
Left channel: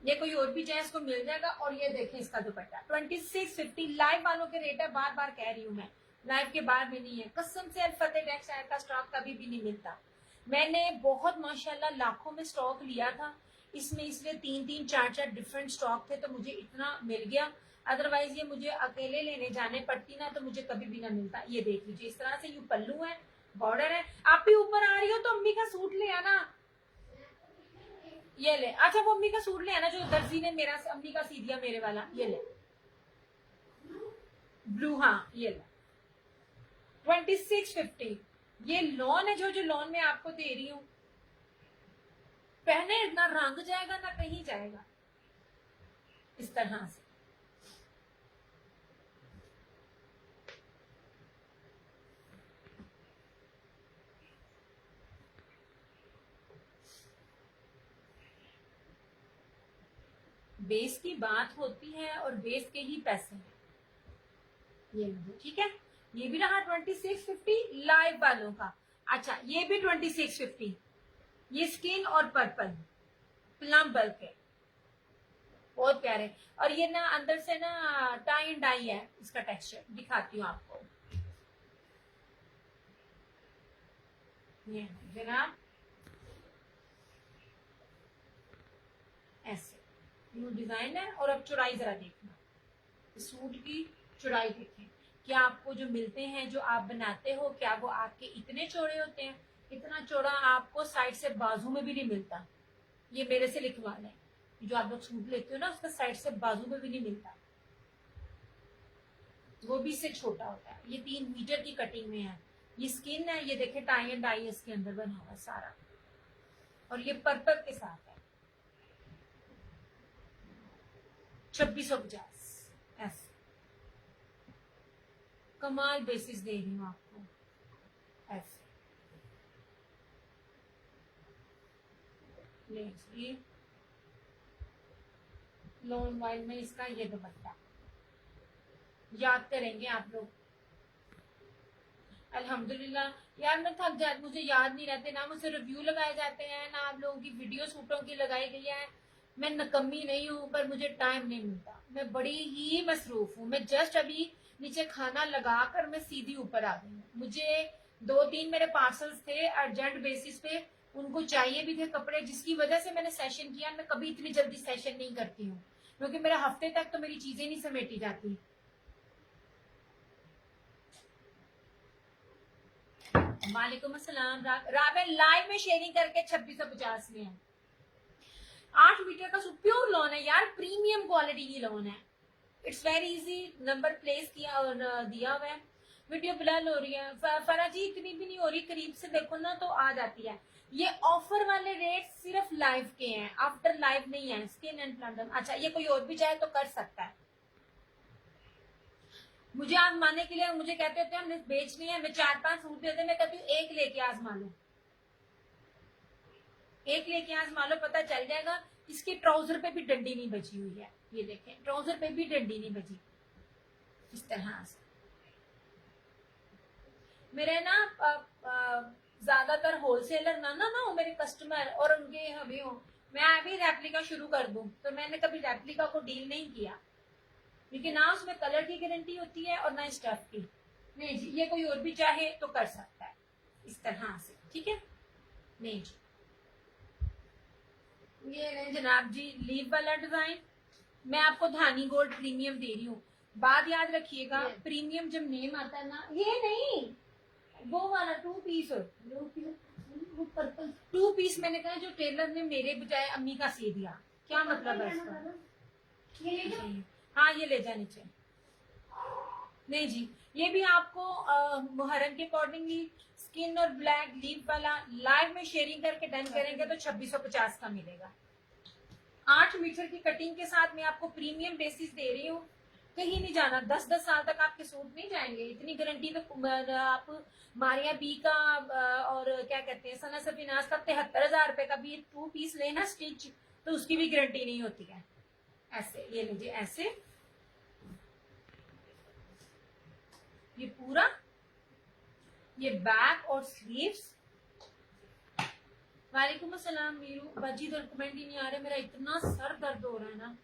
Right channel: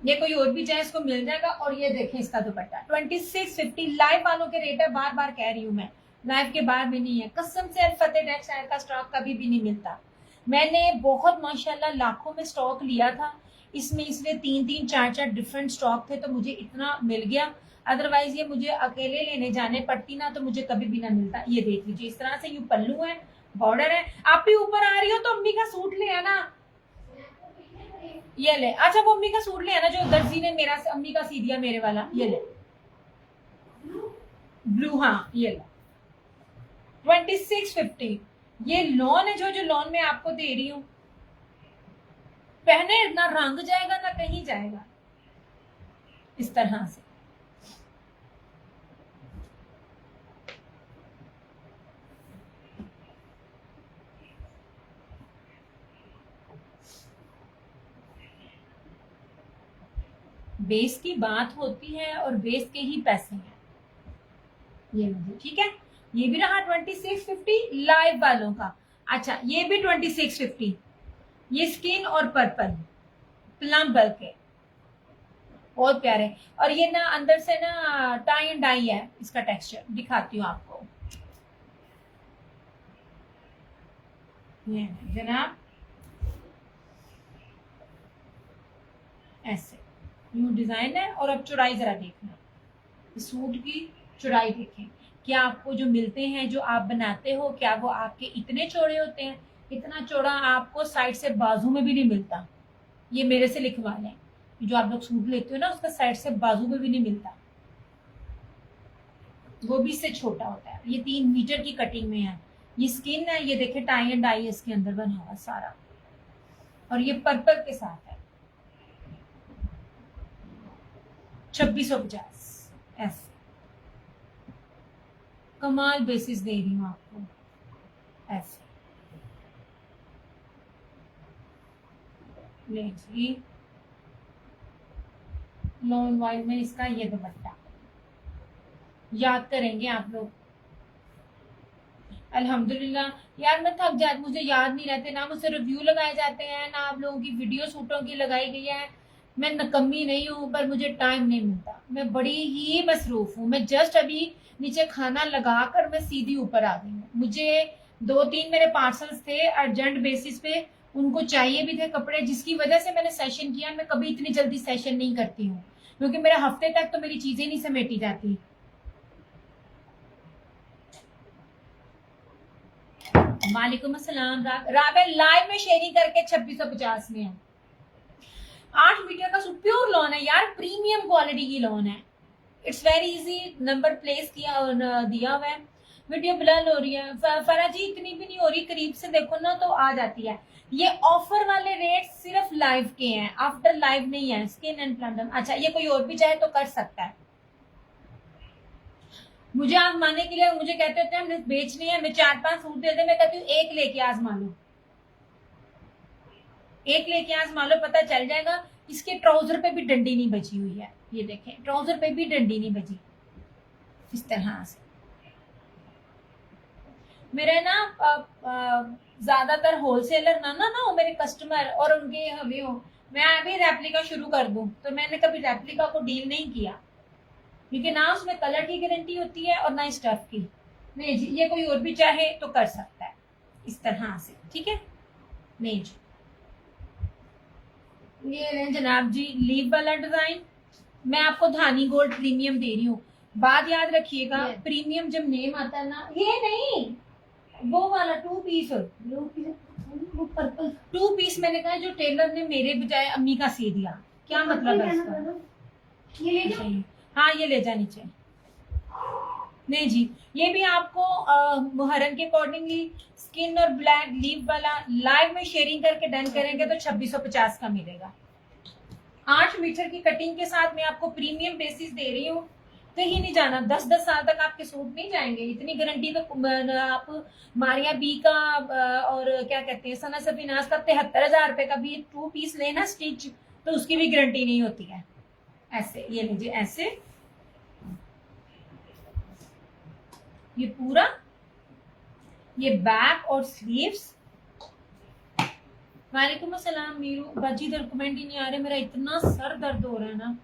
ये कोई और भी चाहे इसको मिल जाएगा। और ये देखें इसका दुपट्टा 2650। लाइव वालों के रेट है, बार बार कह रही हूँ मैं, लाइव के बाहर में नहीं है कसम से। फतेह टेक्सटाइल का स्टॉक कभी भी नहीं मिलता। मैंने बहुत माशाल्लाह लाखों में स्टॉक लिया था इसमें, इसलिए 3-3 4-4 डिफरेंट स्टॉक थे तो मुझे इतना मिल गया। अदरवाइज ये मुझे अकेले लेने जाने पड़ती ना तो मुझे कभी भी ना मिलता। ये देख लीजिए इस तरह से, यू पल्लू है, बॉर्डर है। आप भी ऊपर आ रही हो तो अम्मी का सूट ले आना। ये ले, अच्छा वो अम्मी का सूट ले आना जो दर्जी ने मेरा अम्मी का सी दिया मेरे वाला। ये ले ब्लू, हाँ ये ले 2650। ये लॉन है जो जो लॉन में आपको दे रही हूँ, पहने ना रंग जाएगा ना कहीं जाएगा, इस तरह से। बेस की बात होती है और बेस के ही पैसे हैं। ये लीजिए, ठीक है। ये भी रहा 2650 लाइव वालों का। अच्छा, ये भी 2650, ये स्किन और पर्पल प्लम बल्क है, बहुत प्यारे। और ये ना अंदर से ना टाई एंड डाई है, इसका टेक्सचर दिखाती हूँ आपको। ये जनाब ऐसे न्यू डिजाइन है। और अब चौड़ाई जरा देखना, सूट की चौड़ाई देखें। क्या आपको जो मिलते हैं, जो आप बनाते हो, क्या वो आपके इतने चौड़े होते हैं? इतना चौड़ा आपको साइड से बाजू में भी नहीं मिलता। ये मेरे से लिखवा लें, जो आप लोग सूट लेते हो ना, उसका साइड से बाजू में भी नहीं मिलता, वो भी इससे छोटा होता है। ये 3 मीटर की कटिंग में है। ये स्किन है, ये देखे टाई एंड डाई इसके अंदर बना हुआ सारा। और ये पर्पल के साथ है, 2650 ऐसे। कमाल बेसिस दे रही हूँ आपको ऐसे। जी लॉन्ग वाइल में इसका ये दुपट्टा याद करेंगे आप लोग। अल्हम्दुलिल्लाह यार, मैं थक जाती, मुझे याद नहीं रहते ना, मुझसे रिव्यू लगाए जाते हैं ना, आप लोगों की वीडियो सूटों की लगाई गई है। मैं नकम्मी नहीं हूँ, पर मुझे टाइम नहीं मिलता, मैं बड़ी ही मसरूफ हूँ। मैं जस्ट अभी नीचे खाना लगा कर मैं सीधी ऊपर आ गई हूँ। मुझे 2-3 मेरे पार्सल्स थे अर्जेंट बेसिस पे, उनको चाहिए भी थे कपड़े, जिसकी वजह से मैंने सेशन किया। मैं कभी इतनी जल्दी सेशन नहीं करती हूँ, क्योंकि मेरे हफ्ते तक तो मेरी चीजें नहीं समेटी जाती। वालेकुम अस्सलाम। राबे लाइव में शेयरिंग करके 2650 में है। 8 मीटर का प्योर लॉन है यार, प्रीमियम क्वालिटी की लॉन है। It's very easy, number place दिया हुआ है। वीडियो ब्लर हो रही है फरा जी, इतनी भी नहीं हो रही, करीब से देखो ना तो आ जाती है। ये ऑफर वाले रेट सिर्फ लाइव के हैं, आफ्टर लाइव नहीं है। Skin and plum. अच्छा, ये कोई और भी चाहे तो कर सकता है। मुझे आजमाने के लिए मुझे कहते होते हैं हमने बेचने हैं, मैं 4-5 सूट देते, मैं कहती हूँ एक लेके आजमा लो, एक लेके आजमा लो, पता चल जाएगा। इसके ट्राउजर पे भी डंडी नहीं बची हुई है, ये देखें, ट्राउजर पे भी डंडी नहीं बची। इस तरह से मेरे ना ज्यादातर होलसेलर ना हो मेरे कस्टमर, और उनके हमें हो, मैं अभी रेप्लिका शुरू कर दूं, तो मैंने कभी रेप्लिका को डील नहीं किया, क्योंकि ना उसमें कलर की गारंटी होती है और ना स्टफ की। नहीं जी, ये कोई और भी चाहे तो कर सकता है इस तरह से, ठीक है। नहीं जी, ये जनाब जी लीव वाला डिजाइन, मैं आपको धानी गोल्ड प्रीमियम दे रही हूँ। बात याद रखिएगा, प्रीमियम जब नेम आता है ना, ये नहीं वो वाला 2 पीस, पर्पल 2 पीस मैंने कहा जो टेलर ने मेरे बजाय अम्मी का सी दिया, क्या मतलब है इसका? ये ले जाओ, हाँ ये ले जा नीचे। नहीं जी, ये भी आपको मुहर्रम के अकॉर्डिंगली स्किन और ब्लैक लीव वाला लाइव में शेयरिंग करके डन करेंगे तो 2650 का मिलेगा। 8 मीटर की कटिंग के साथ मैं आपको प्रीमियम बेसिस दे रही हूँ। कहीं नहीं जाना, 10-10 साल तक आपके सूट नहीं जाएंगे, इतनी गारंटी तो आप मारिया बी का और क्या कहते हैं सना सफीनाज का 73,000 रुपए का भी 2 पीस लेना स्टिच, तो उसकी भी गारंटी नहीं होती है। ऐसे ये लीजिए, ऐसे ये पूरा, ये बैक और स्लीव्स। वालेकुम अस्सलाम मीरू बाजी, इधर कमेंट ही नहीं आ रहे, मेरा इतना सर दर्द हो रहा है ना।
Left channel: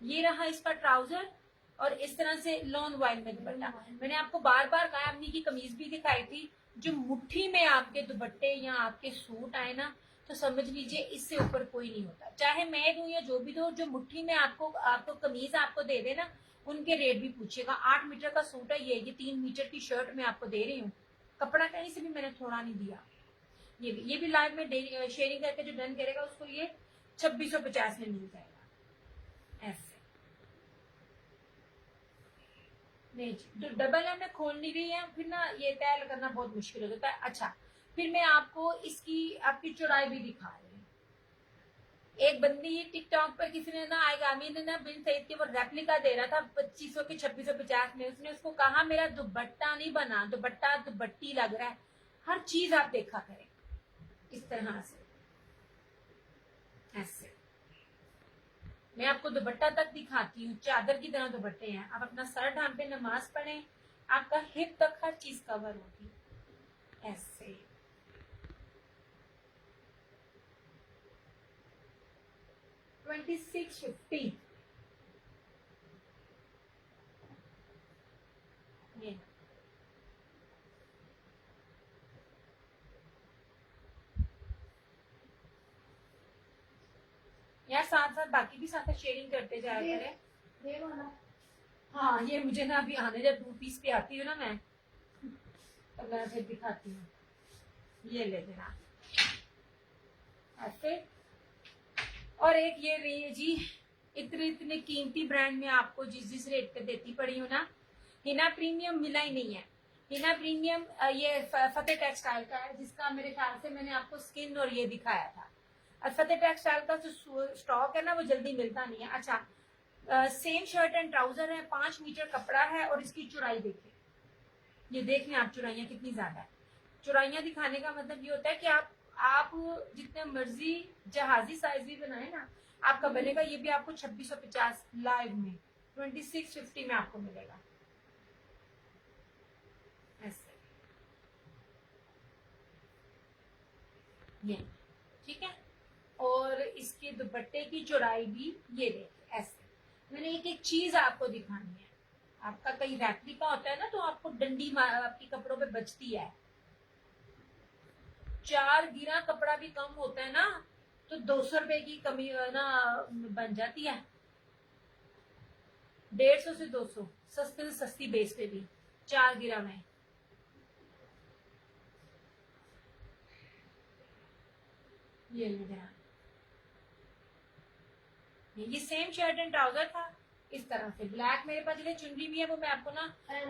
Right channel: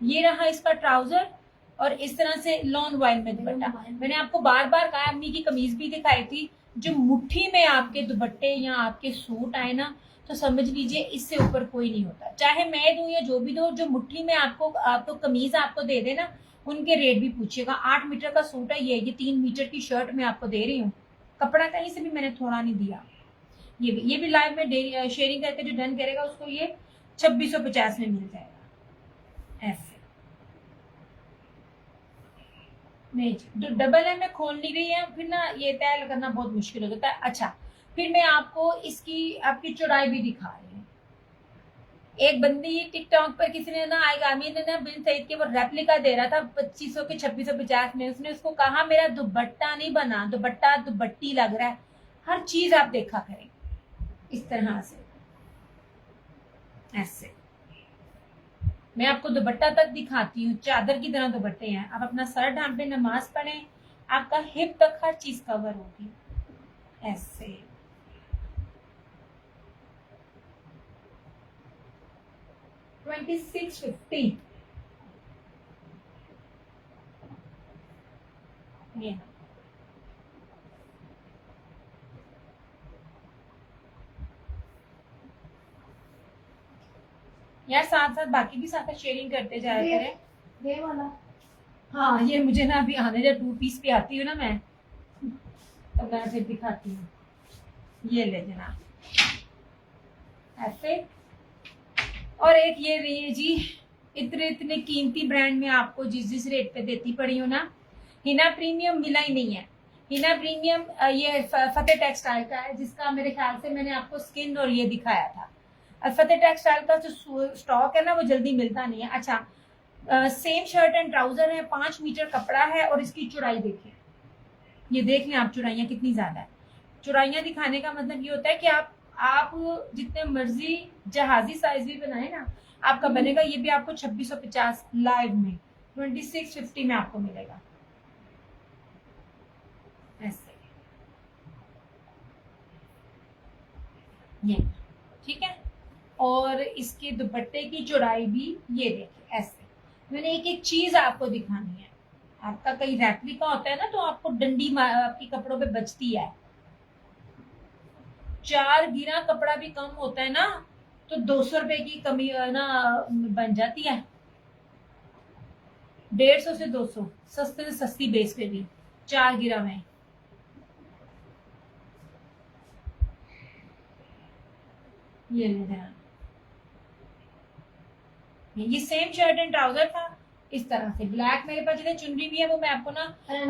ये रहा इसका ट्राउजर और इस तरह से लॉन वाइल में दुपट्टा। मैंने आपको बार बार कहा, अम्मी की कमीज भी दिखाई थी, जो मुट्ठी में आपके दुपट्टे या आपके सूट आए ना, तो समझ लीजिए इससे ऊपर कोई नहीं होता, चाहे मैं दूं या जो भी दो। जो मुट्ठी में आपको कमीज आपको दे देना, उनके रेट भी पूछिएगा। 8 मीटर का सूट है, ये 3 मीटर की शर्ट मैं आपको दे रही हूँ, कपड़ा कहीं से भी मैंने थोड़ा नहीं दिया। ये भी लाइव में शेयरिंग करके जो डन करेगा उसको ये 2650 में मिल जाएगा ऐसे। नहीं डबल है, मैं खोल नहीं रही है, फिर ना ये तय करना बहुत मुश्किल हो जाता है। अच्छा, फिर मैं आपको इसकी आपकी चौड़ाई भी दिखा रही हूँ। एक बंदी टिकटॉक पर किसी ने ना आएगा, अमीर ने ना बिन सईद के वो रेप्लिका दे रहा था 2500 के 2650 में। उसने उसको कहा मेरा दुपट्टा नहीं बना, दुपट्टा दुपट्टी लग रहा है। हर चीज आप देखा करें इस तरह से ऐसे। मैं आपको दुपट्टा तक दिखाती हूँ, चादर की तरह दुपट्टे हैं। आप अपना सर ढांपे, नमाज पढ़ें, आपका हिप तक हर चीज कवर होगी ऐसे। $2650 ये यार, साथ साथ बाकी भी साथ शेयरिंग करते जाया करें। ये वाला हाँ, ये मुझे ना अभी आने, जब 2 पीस पे आती हूँ ना मैं, तो मैं फिर दिखाती हूँ। ये ले जना ऐसे। और एक ये रही जी, इतने इतने कीमती ब्रांड में आपको जिस रेट पे देती पड़ी हूँ ना, हिना प्रीमियम मिला ही नहीं है। हिना प्रीमियम ये फतेह टेक्सटाइल का है, जिसका मेरे ख्याल से मैंने आपको स्किन और ये दिखाया था। और फतेह टेक्सटाइल का जो स्टॉक है ना, वो जल्दी मिलता नहीं है। अच्छा, सेम शर्ट एंड ट्राउजर है, 5 मीटर कपड़ा है, और इसकी चौड़ाई देखिए, ये देख लें आप चौड़ाइयाँ कितनी ज्यादा है। चौड़ाइयाँ दिखाने का मतलब ये होता है कि आप जितने मर्जी जहाजी साइज भी बनाए ना, आपका बनेगा। ये भी आपको 2650 लाइव में 2650 में आपको मिलेगा ऐसे। ये ठीक है। और इसके दुपट्टे की चौड़ाई भी ये देखिए ऐसे। मैंने एक एक चीज आपको दिखानी है। आपका कई रेप्लिका होता है ना, तो आपको डंडी आपकी कपड़ों पे बचती है। 4 गिरा कपड़ा भी कम होता है ना, तो 200 रुपए की कमी ना बन जाती है। 150 से 200 सस्ते से सस्ती बेस पे भी 4 गिरा में। ये ले जरा, ये सेम शर्ट एंड ट्राउजर था इस तरह से। ब्लैक मेरे पास जो चुनरी भी है, वो मैं आपको ना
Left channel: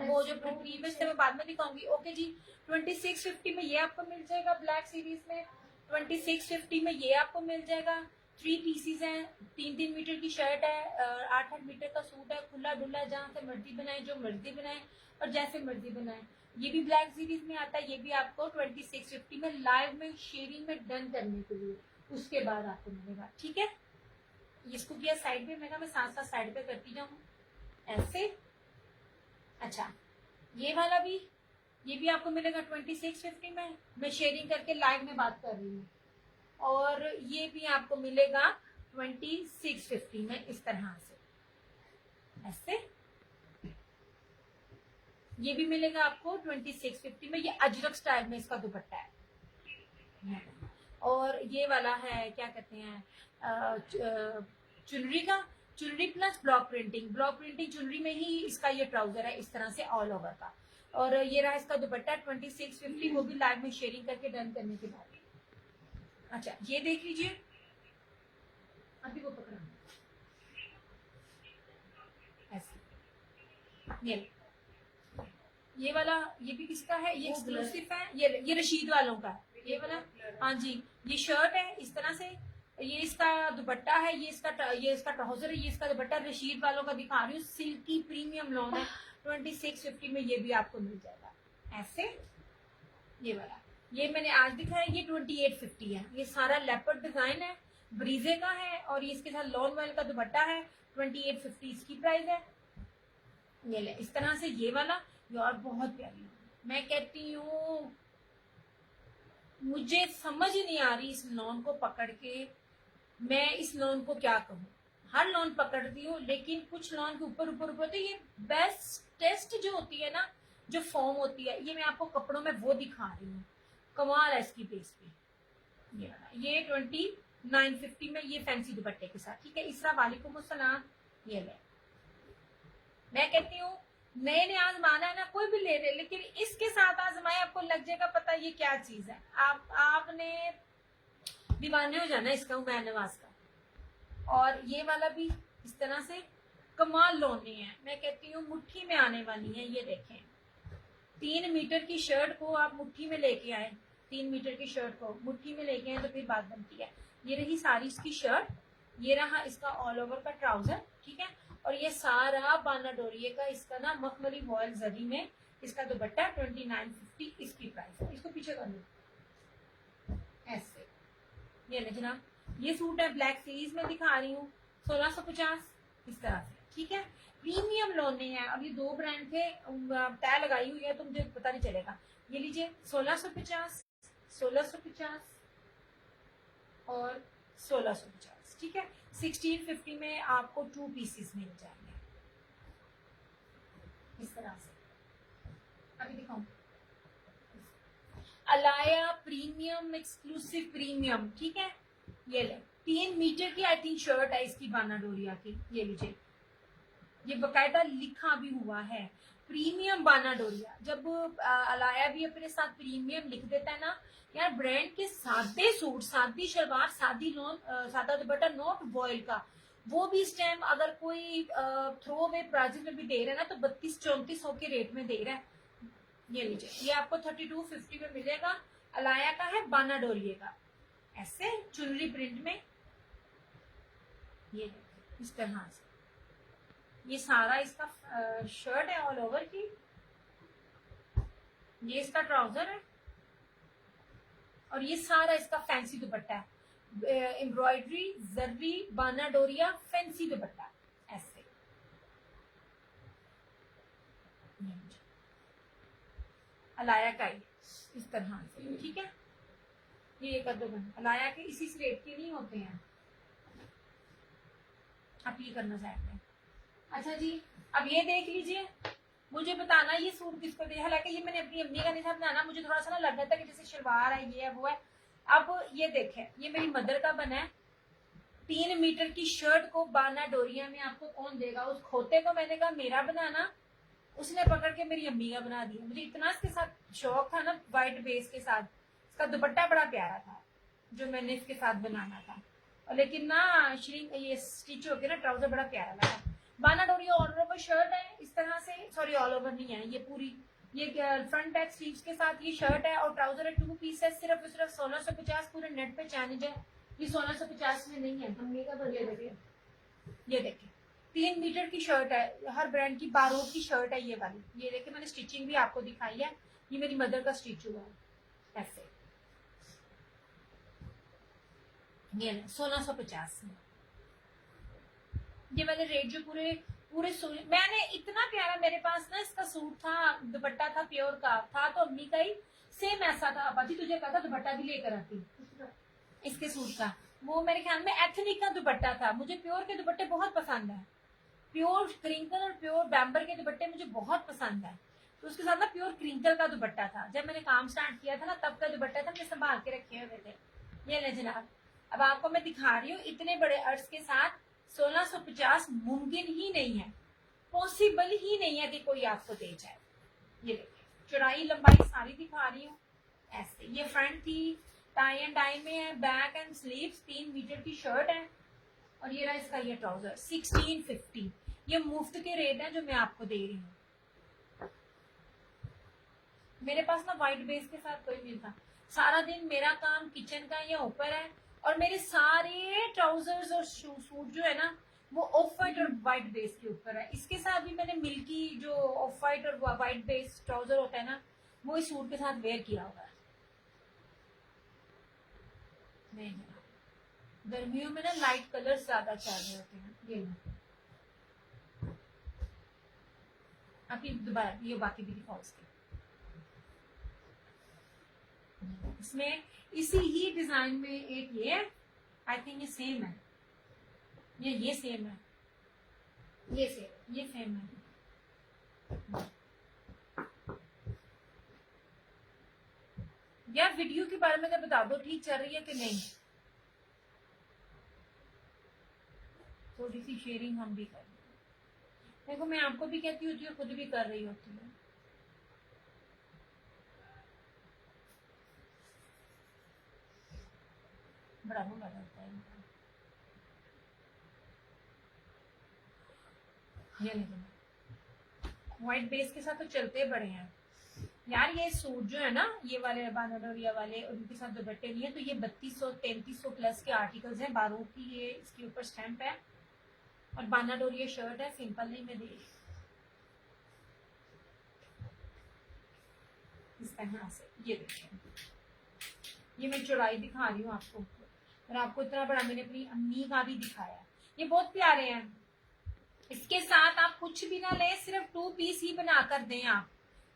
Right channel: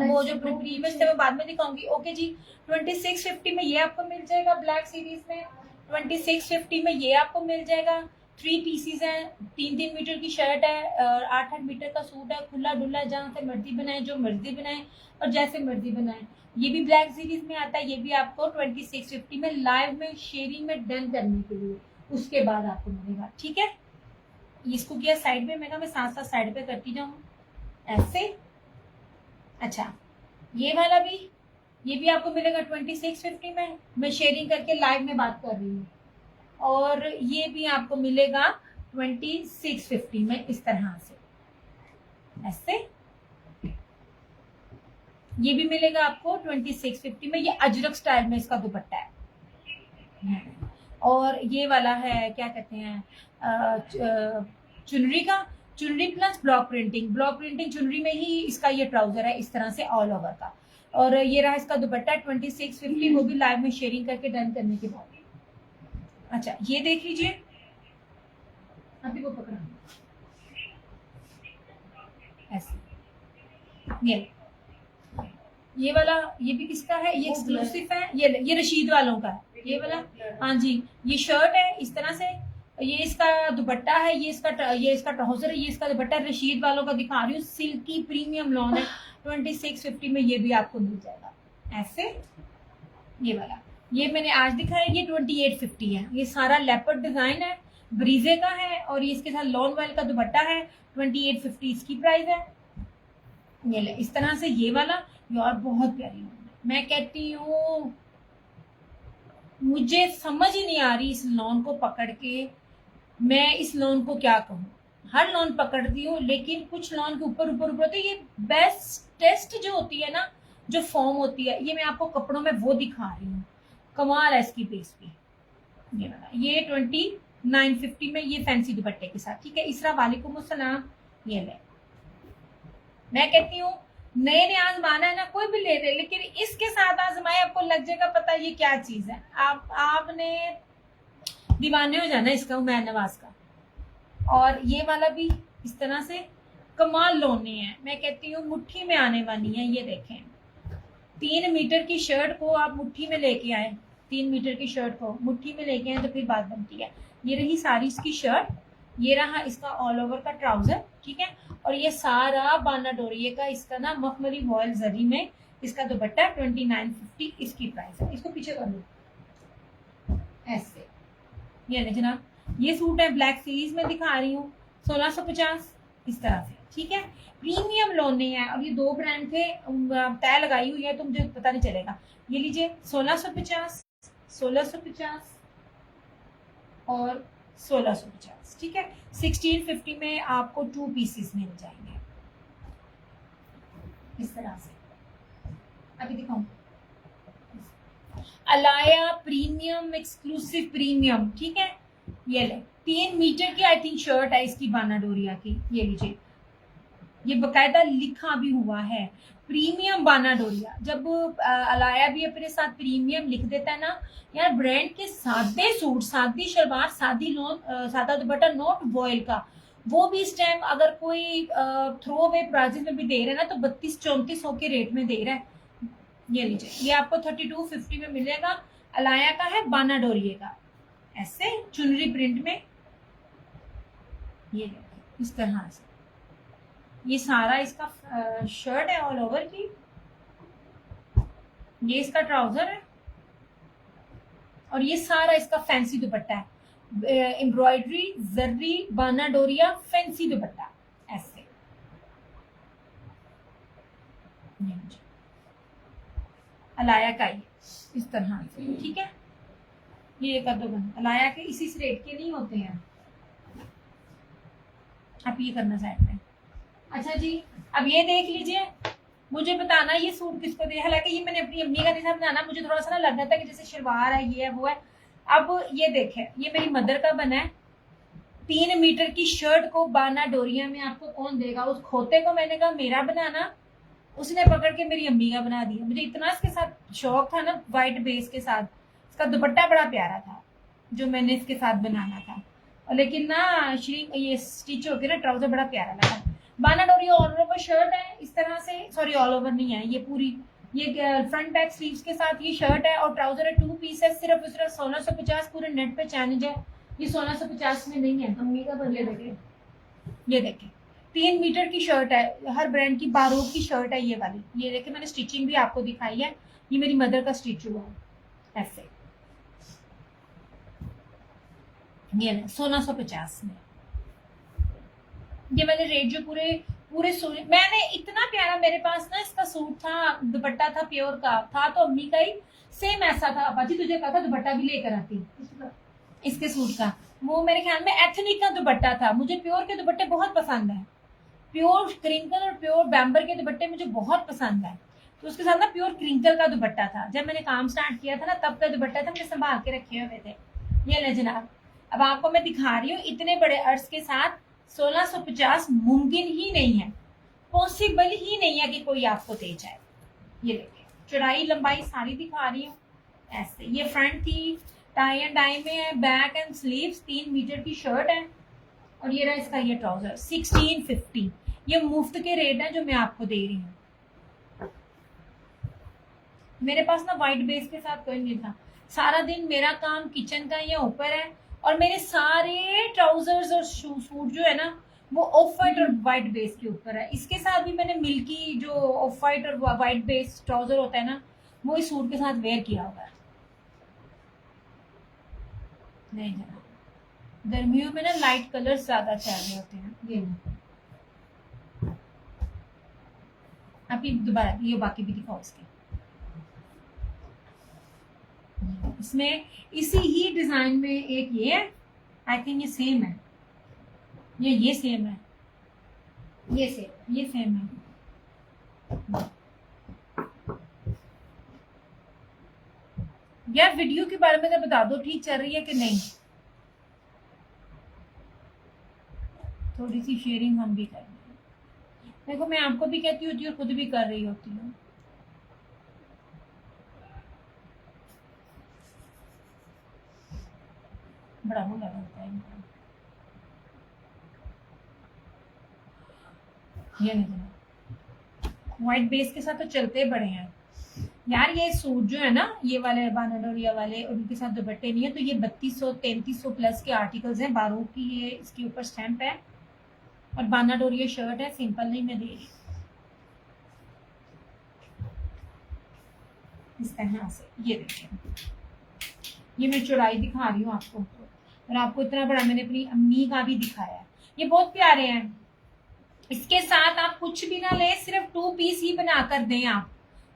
वो जो प्रीवियस थे वो बाद में दिखाऊंगी। ओके जी, 2650 में ये आपको मिल जाएगा ब्लैक सीरीज में। 2650 में ये आपको मिल जाएगा। 3 पीसीज हैं, 3-3 मीटर की शर्ट है, 8-8 मीटर का सूट है, खुला डुल्ला, जहाँ से मर्जी बनाए, जो मर्जी बनाए और जैसे मर्जी बनाए। ये भी ब्लैक सीरीज में आता है। ये भी आपको 2650 में लाइव में शेयरिंग में डन करने के लिए उसके बाद आपको मिलेगा। ठीक है, इसको किया साइड पे, मैं साथ साथ साइड पे करती जाऊँ ऐसे। अच्छा, ये वाला भी, ये भी आपको मिलेगा 2650 में। मैं शेयरिंग करके लाइव में बात कर रही हूँ। और ये भी आपको मिलेगा 2650 में इस तरह से ऐसे। ये भी मिलेगा आपको 2650 में। ये अजरक स्टाइल में इसका दुपट्टा है। और ये वाला है, क्या कहते हैं, चुनरी का, चुनरी plus block printing. Block printing चुनरी में ही इसका ये ट्राउजर है इस तरह से ऑल ओवर का। और ये रहा इसका दुपट्टा 2650, वो भी लाइव में शेयरिंग करके डन करने के बाद। अच्छा, ये देख लीजिए, अभी वो पकड़ा ऐसे। ये वाला, ये भी किसका है, ये एक्सक्लूसिव है। ये रशीद वालों का है ये वाला। हाँ जी, ये शर्ट है इस तरह से, ये इसका दुपट्टा है, ये इसका ट्राउजर है, ये इसका दुपट्टा रशीद वालों का दिखा रही हूँ। सिल्की प्रीमियम लॉन है। 2650 में ये भी आपको मिल जाएगा ऐसे। ये वाला, ये मैंने आज दिखाया, ये 2850 है। ये सारा लेपर्ड डिजाइन है, ब्रीजे का है, और ये इसके साथ लॉन वाइल का दुपट्टा है। 2850 इसकी प्राइस है। ये ले इस तरह से ये वाला, यार बहुत प्यारी लॉन है। मैं कहती हूँ, मुझे समझ ही नहीं आ रही इस लॉन को पकड़ के मैं इस लॉन को क्या कहूँ। हर लॉन पकड़ती हूँ, लेकिन कुछ लॉन के ऊपर ऊपर ऊपर होती है। ये बेस्ट टेस्ट जो होती है ना, जो फॉर्म होती है, ये मैं आपको कपड़ों में वो दिखा रही हूँ। कमाल है इसकी बेस पे। ये वाला, ये 2950 में, ये फैंसी दुपट्टे के साथ। ठीक है, इसरा वालेकुम अस्सलाम। ये ले, मैं कहती हूँ नए ने आजमाना है ना, कोई भी ले ले, लेकिन इसके साथ आजमाए, आपको लग जाएगा पता ये क्या चीज है। आपने दीवाने हो जाना इसका, उमैर नवाज का। और ये वाला भी इस तरह से कमाल लोने हैं। मैं कहती हूँ मुट्ठी में आने वाली है। ये देखें, 3 मीटर की शर्ट को आप मुट्ठी में लेके आए, 3 मीटर की शर्ट को मुट्ठी में लेके आए तो फिर बात बनती है। ये रही सारी इसकी शर्ट, ये रहा इसका ऑल ओवर का ट्राउजर। ठीक है, और ये सारा बाना डोरिये का इसका ना मखमली वॉयल जरी में इसका दुपट्टा 2950 इसकी प्राइस है। इसको पीछे कर लो ऐसे। ये ले जनाब, ये सूट है ब्लैक सीरीज में दिखा रही हूँ। 1650 इस तरह से, ठीक है। प्रीमियम लोने हैं और ये 2 ब्रांड थे, तय लगाई हुई है तो मुझे पता नहीं चलेगा। ये लीजिए 1650, 1650 और 1650, ठीक है। 1650 में आपको 2 पीसेस मिल जाएंगे इस तरह से। अभी दिखाऊं, अलाया प्रीमियम एक्सक्लूसिव प्रीमियम, ठीक है। ये ले 3 मीटर की आई थिंक शर्ट है इसकी, बाना डोरिया की। ये लीजिए, ये बकायदा लिखा भी हुआ है प्रीमियम बाना डोरिया। जब अलाया भी अपने साथ प्रीमियम लिख देता है ना यार, ब्रांड के सादे सूट, सादी शलवार, सादा दुपट्टा, नॉट वॉयल का, वो भी इस टाइम अगर कोई थ्रो अवे प्राइजेस में भी दे रहे हैं ना तो 32-34 के रेट में दे रहा है। ये लीजिए, ये आपको 3250 में मिलेगा। अलाया का है, बाना डोरिये का, ऐसे चुनरी प्रिंट में। ये इस तरह से ये सारा इसका शर्ट है ऑल ओवर की, ये इसका ट्राउजर है और ये सारा इसका फैंसी दुपट्टा है। एम्ब्रॉयडरी, जर्री, बाना डोरिया, फैंसी दुपट्टा ऐसे। अलाया का ही इस तरह से, ठीक है। ये कर दो बंद, अलाया के इसी रेट के नहीं होते हैं। आप ये करना साइड में। अच्छा जी, अब ये देख लीजिए, मुझे बताना ये सूट किसको दे। हालांकि ये मैंने अपनी अम्मी का नहीं था बनाना, मुझे थोड़ा सा ना लग रहा था कि जैसे शलवार है, ये है वो है। अब ये देखें, ये मेरी मदर का बना है। 3 मीटर की शर्ट को बाना डोरिया में आपको कौन देगा। उस खोते को मैंने कहा मेरा बनाना, उसने पकड़ के मेरी अम्मी का बना दिया। मुझे इतना इसके साथ शौक था ना, वाइट बेस के साथ। इसका दुपट्टा बड़ा प्यारा था जो मैंने इसके साथ बनाना था, और लेकिन ना ये स्टिच होके ना ट्राउजर बड़ा प्यारा लगा। बाना डोरिया ऑल ओवर शर्ट है इस तरह से, सॉरी ऑल ओवर नहीं है, ये पूरी, ये फ्रंट बैक स्लीव्स के साथ ये शर्ट है और ट्राउजर है 2 पीस है। सिर्फ 1650 पूरे नेट पे चैलेंज है। ये 1650 में नहीं है। अम्मी का बदले देखे, ये देखे 3 मीटर की शर्ट है, हर ब्रांड की बारूद की शर्ट है ये वाली। ये देखे, मैंने स्टिचिंग भी आपको दिखाई है, ये मेरी मदर का स्टिच हुआ है ऐसे। ये 1650 में ये वाले रेट जो पूरे पूरे सूट, मैंने इतना प्यारा, मेरे पास ना इसका सूट था, दुपट्टा था प्योर का था, तो अम्मी का ही सेम ऐसा था। बाजी तुझे कहा था दुपट्टा भी लेकर आती इसके सूट का। वो मेरे ख्याल में एथनिक का दुपट्टा था। मुझे प्योर के दुपट्टे बहुत पसंद है, प्योर क्रिंकल और प्योर बैम्बर के दुपट्टे मुझे बहुत पसंद है। तो उसके साथ ना प्योर क्रिंकल का दुपट्टा था। जब मैंने काम स्टार्ट किया था ना तब का दुपट्टा था, मैंने संभाल के रखे हुए थे। ये ले जनाब, अब आपको मैं दिखा रही हूँ इतने बड़े अर्ज के साथ 1650 मुमकिन ही नहीं है, पॉसिबल ही नहीं है कि कोई आपको दे जाए। ये देखिए, चौड़ाई लंबाई सारी दिखा रही हूँ ऐसे। ये फ्रंट थी, टाई एंड डाई में है, बैक एंड स्लीव्स, 3 मीटर की शर्ट है और ये रहा इसका ये ट्राउजर 1650। ये मुफ्त के रेट है जो मैं आपको दे रही हूँ। मेरे पास ना वाइट बेस के साथ कोई नहीं था। सारा दिन मेरा काम किचन का ये ऊपर है और मेरे सारे ट्राउजर्स और सूट जो है ना वो ऑफ वाइट और वाइट बेस के ऊपर है। इसके साथ भी मैंने मिल्की जो ऑफ वाइट और वाइट बेस ट्राउजर होता है ना, वो इस सूट के साथ वेयर किया हुआ है। नहीं जरा गर्मियों में ना लाइट कलर ज्यादा चल रहे होते हैं। ये आप ये दोबारा ये बाकी भी दिखाओ इसके। इसमें इसी ही डिजाइन में एक ये है, आई थिंक ये सेम है, ये सेम है, ये सेम है। यार वीडियो के बारे में तो बता दो, ठीक चल रही है कि नहीं। थोड़ी सी शेयरिंग हम भी करेंगे। देखो मैं आपको भी कहती होती हूँ और खुद भी कर रही होती हूँ। बड़ा मुंह लगता है ये नहीं, व्हाइट बेस के साथ तो चलते बड़े हैं यार। ये सूट जो है ना, ये वाले बाना डोरिया वाले, उनके साथ दुपट्टे नहीं है, तो ये 3200-3300 प्लस के आर्टिकल्स हैं। बारू की ये इसके ऊपर स्टैंप है और बाना डोरिया शर्ट है, सिंपल नहीं मैं दे रही इस तरह से। ये देखिए, ये मैं चौड़ाई दिखा रही हूँ आपको और आपको इतना बड़ा मैंने अपनी अम्मी का भी दिखाया। ये बहुत प्यारे हैं। इसके साथ आप कुछ भी ना ले, सिर्फ 2 पीस ही बना कर दें। आप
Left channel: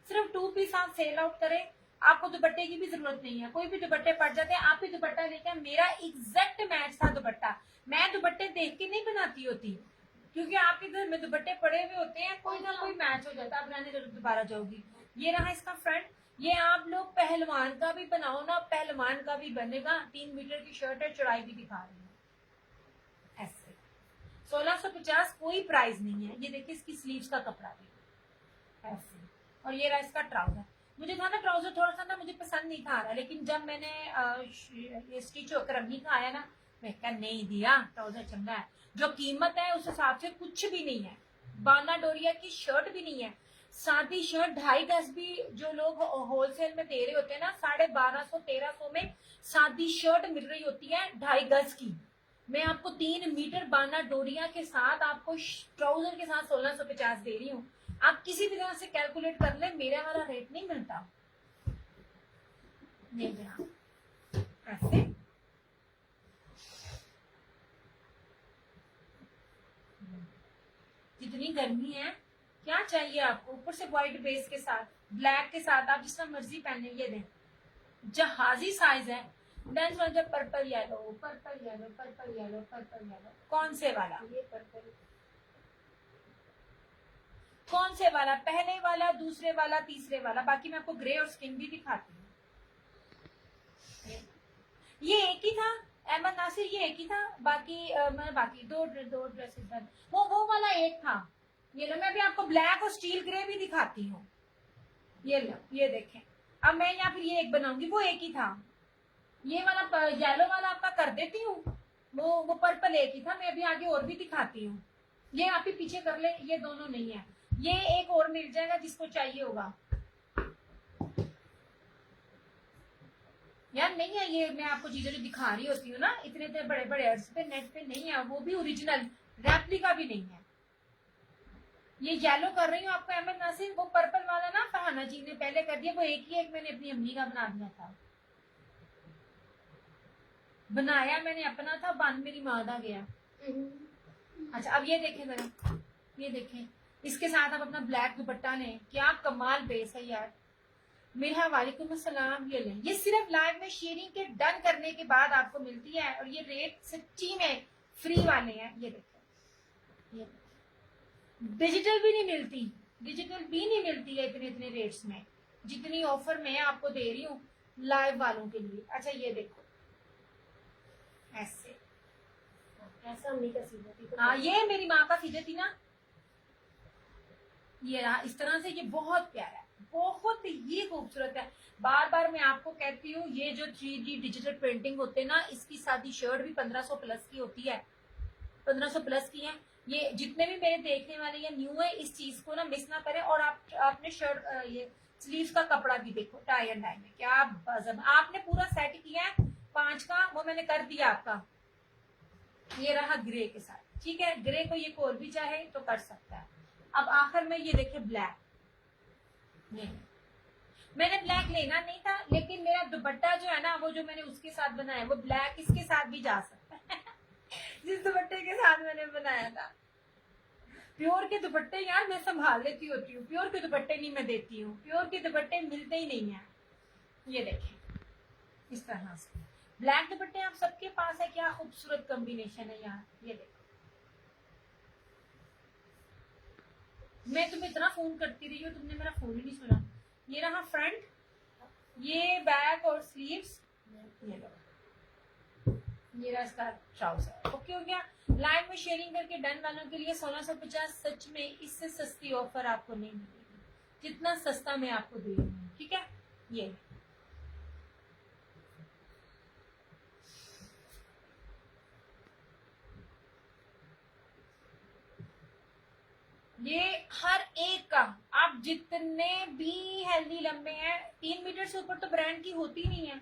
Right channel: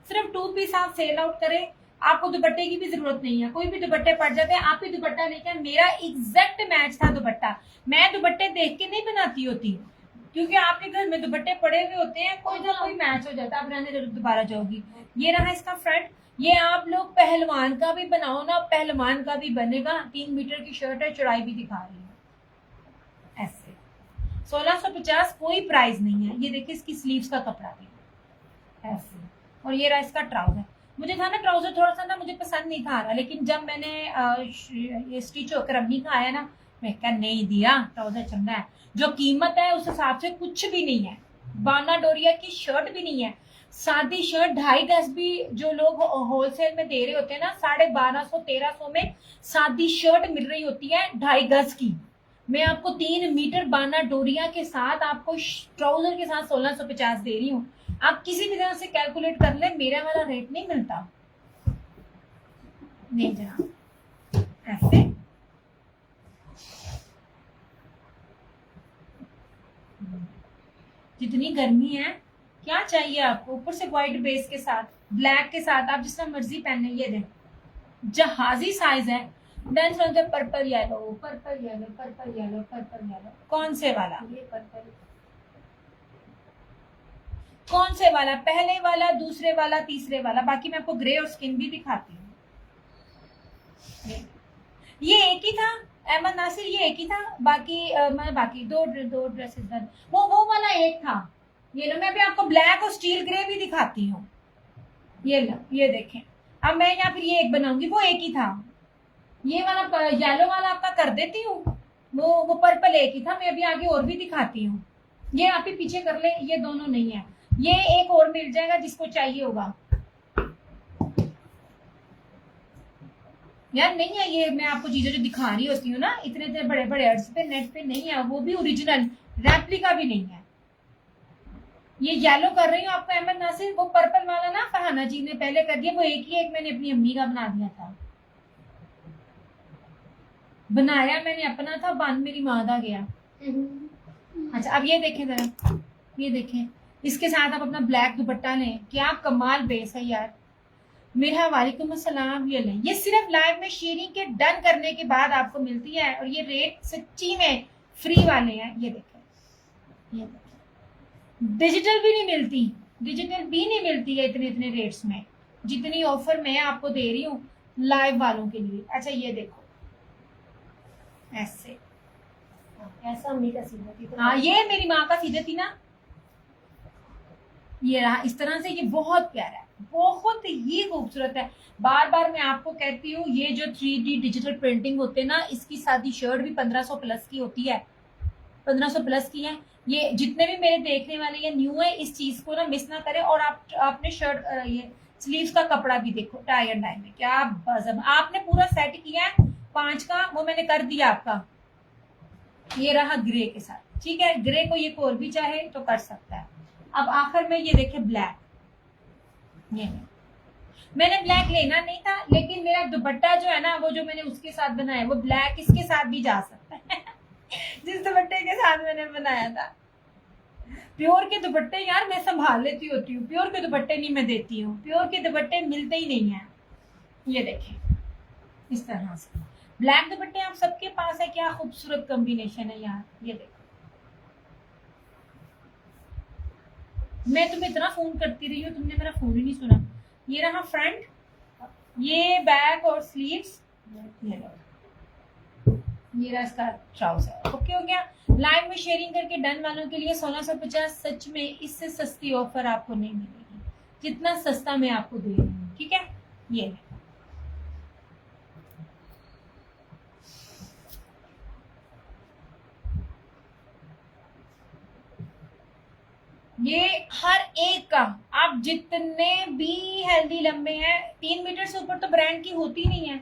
सिर्फ 2 पीस आप सेल आउट करें, आपको दुपट्टे की भी जरूरत नहीं है। कोई भी दुपट्टे पड़ जाते हैं, आप ही दुपट्टा लेकर, मेरा एग्जैक्ट मैच था दुपट्टा। मैं दुपट्टे देख के नहीं बनाती होती, क्योंकि आपके घर में दुपट्टे पड़े हुए होते हैं, कोई ना कोई मैच हो जाता है, आप रहने जरूर दोबारा जाओगी। ये रहा इसका फ्रंट। ये आप लोग पहलवान का भी बनाओ ना, पहलवान का भी बनेगा। 3 मीटर की शर्ट है, चौड़ाई भी दिखा रही है ऐसे। 1650 कोई प्राइस नहीं है। ये देखिए इसकी स्लीव्स का कपड़ा भी ऐसे, और ये रहा इसका ट्राउजर। मुझे था ना ट्राउजर थोड़ा सा ना मुझे पसंद नहीं था आ रहा, लेकिन जब मैंने ये स्टिच होकर अम्मी का आया ना, मैं कहा नहीं दिया, ट्राउजर चंगा है। जो कीमत है उस हिसाब से कुछ भी नहीं है। बाना डोरिया की शर्ट भी नहीं है, सादी शर्ट 2.5 गज भी जो लोग होलसेल में दे रहे होते हैं ना, 1250-1300 में सादी शर्ट मिल रही होती है 2.5 गज की। मैं आपको 3 मीटर बाना डोरिया के साथ आपको ट्राउजर के साथ 1650 दे रही हूँ। आप किसी भी तरह से कैलकुलेट कर ले, मेरा वाला रेट नहीं मिलता। नहीं जनाब, ऐसे जितनी गर्मी है, क्या चाहिए आपको, ऊपर से व्हाइट बेस के साथ, ब्लैक के साथ, आप जिस तरह मर्जी पहने। ये देख, जहाजी साइज है। Done from the purple yellow, purple yellow, purple yellow, purple yellow. कौन से वाला? ये पर्पल। कौन से वाला? पहले वाला, दूसरे वाला, तीसरे वाला। बाकी मैं आपको ग्रे और स्किन भी दिखाती हूँ। ये एक ही था अहमद नासिर, ये एक ही था। बाकी मैं बाकी दो ड्रेसेस डन। वो वाला एक था। ये लो, मैं अभी आपको ब्लैक और स्टील ग्रे भी दिखाती हूँ। ये लो, ये देखें। अब मैं यहाँ फिर ये एक बनाऊंगी, वो एक ही था। ये वाला येलो वाला आपका कर देती हूँ। वो पर्पल एक ही था। मैं अभी आगे और भी दिखाती हूँ। ये आप ही पीछे कर ले, ये दोनों नहीं है। ये एक और मिल जाएगा जिसको चाहिए होगा। यार नहीं है ये, मैं आपको चीजें जो दिखा रही होती हूँ ना, इतने इतने बड़े बड़े एड्स पे नेट पे नहीं है, वो भी ओरिजिनल, रेप्लिका भी नहीं है। ये येलो कर रही हूँ आपको अहमद नासिर। वो पर्पल वाला ना फरहाना जी ने पहले कर दिया, वो एक ही एक मैंने अपनी अम्मी का बना दिया था। बनाया मैंने अपना था, बांध मेरी माँ का गया। अच्छा अब ये देखें जरा, ये देखें, इसके साथ आप अपना ब्लैक दुपट्टा लें, क्या कमाल बेस है यार। मेरा वालेकुम अस्सलाम। ये लें, ये सिर्फ लाइव में शेयरिंग के डन करने के बाद आपको मिलती है, और ये रेट सच्ची में फ्री वाले हैं। ये देखें, ये डिजिटल भी नहीं मिलती, डिजिटल भी नहीं मिलती है इतने इतने रेट्स में, जितनी ऑफर मैं आपको दे रही हूँ लाइव वालों के लिए। अच्छा ये देखो ऐसे, ऐसा अम्मी का सीधा थी। हाँ ये मेरी माँ का सीधा थी ना। ये रहा इस तरह से। ये बहुत प्यारा है, बहुत ही खूबसूरत है। बार बार मैं आपको कहती हूँ, ये जो 3D डिजिटल प्रिंटिंग होते हैं ना, इसकी सादी शर्ट भी 1500 प्लस की होती है, 1500 प्लस की है। ये जितने भी मेरे देखने वाले ये न्यू है, इस चीज को ना मिस ना करें। और आपने शर्ट ये स्लीव्स का कपड़ा भी देखो, टाई एंड डाई में क्या बजम। आपने पूरा सेट किया है 5 का, वो मैंने कर दिया आपका। ये रहा ग्रे के साथ, ठीक है। ग्रे को ये और भी चाहे तो कर सकता है। अब आखिर में ये देखे ब्लैक, ये मैंने ब्लैक लेना नहीं था, लेकिन मेरा दुपट्टा जो है ना, वो जो मैंने उसके साथ बनाया, वो ब्लैक इसके साथ भी जा सकता है जिस दुपट्टे के साथ मैंने बनाया था। प्योर के दुपट्टे यार मैं संभाल लेती होती हूँ, प्योर के दुपट्टे नहीं मैं देती हूँ, प्योर के दुपट्टे मिलते ही नहीं है। ये देखें इस तरह से ब्लैक दुपट्टे आप सबके पास है, क्या खूबसूरत कॉम्बिनेशन है यार। ये देखो, मैं तुम्हें इतना फोन करती रही हूँ, तुमने मेरा फोन ही नहीं सुना। ये रहा फ्रंट, ये बैक और स्लीव्स, ये रहा इसका ट्राउजर। ओके हो गया। लाइव में शेयरिंग करके डन वालों के लिए 1650। सच में इससे सस्ती ऑफर आपको नहीं मिलेगी जितना सस्ता मैं आपको दे रही हूँ, ठीक है। ये हर एक का, आप जितने भी हेल्दी लंबे हैं, 3 मीटर से ऊपर तो ब्रांड की होती नहीं है।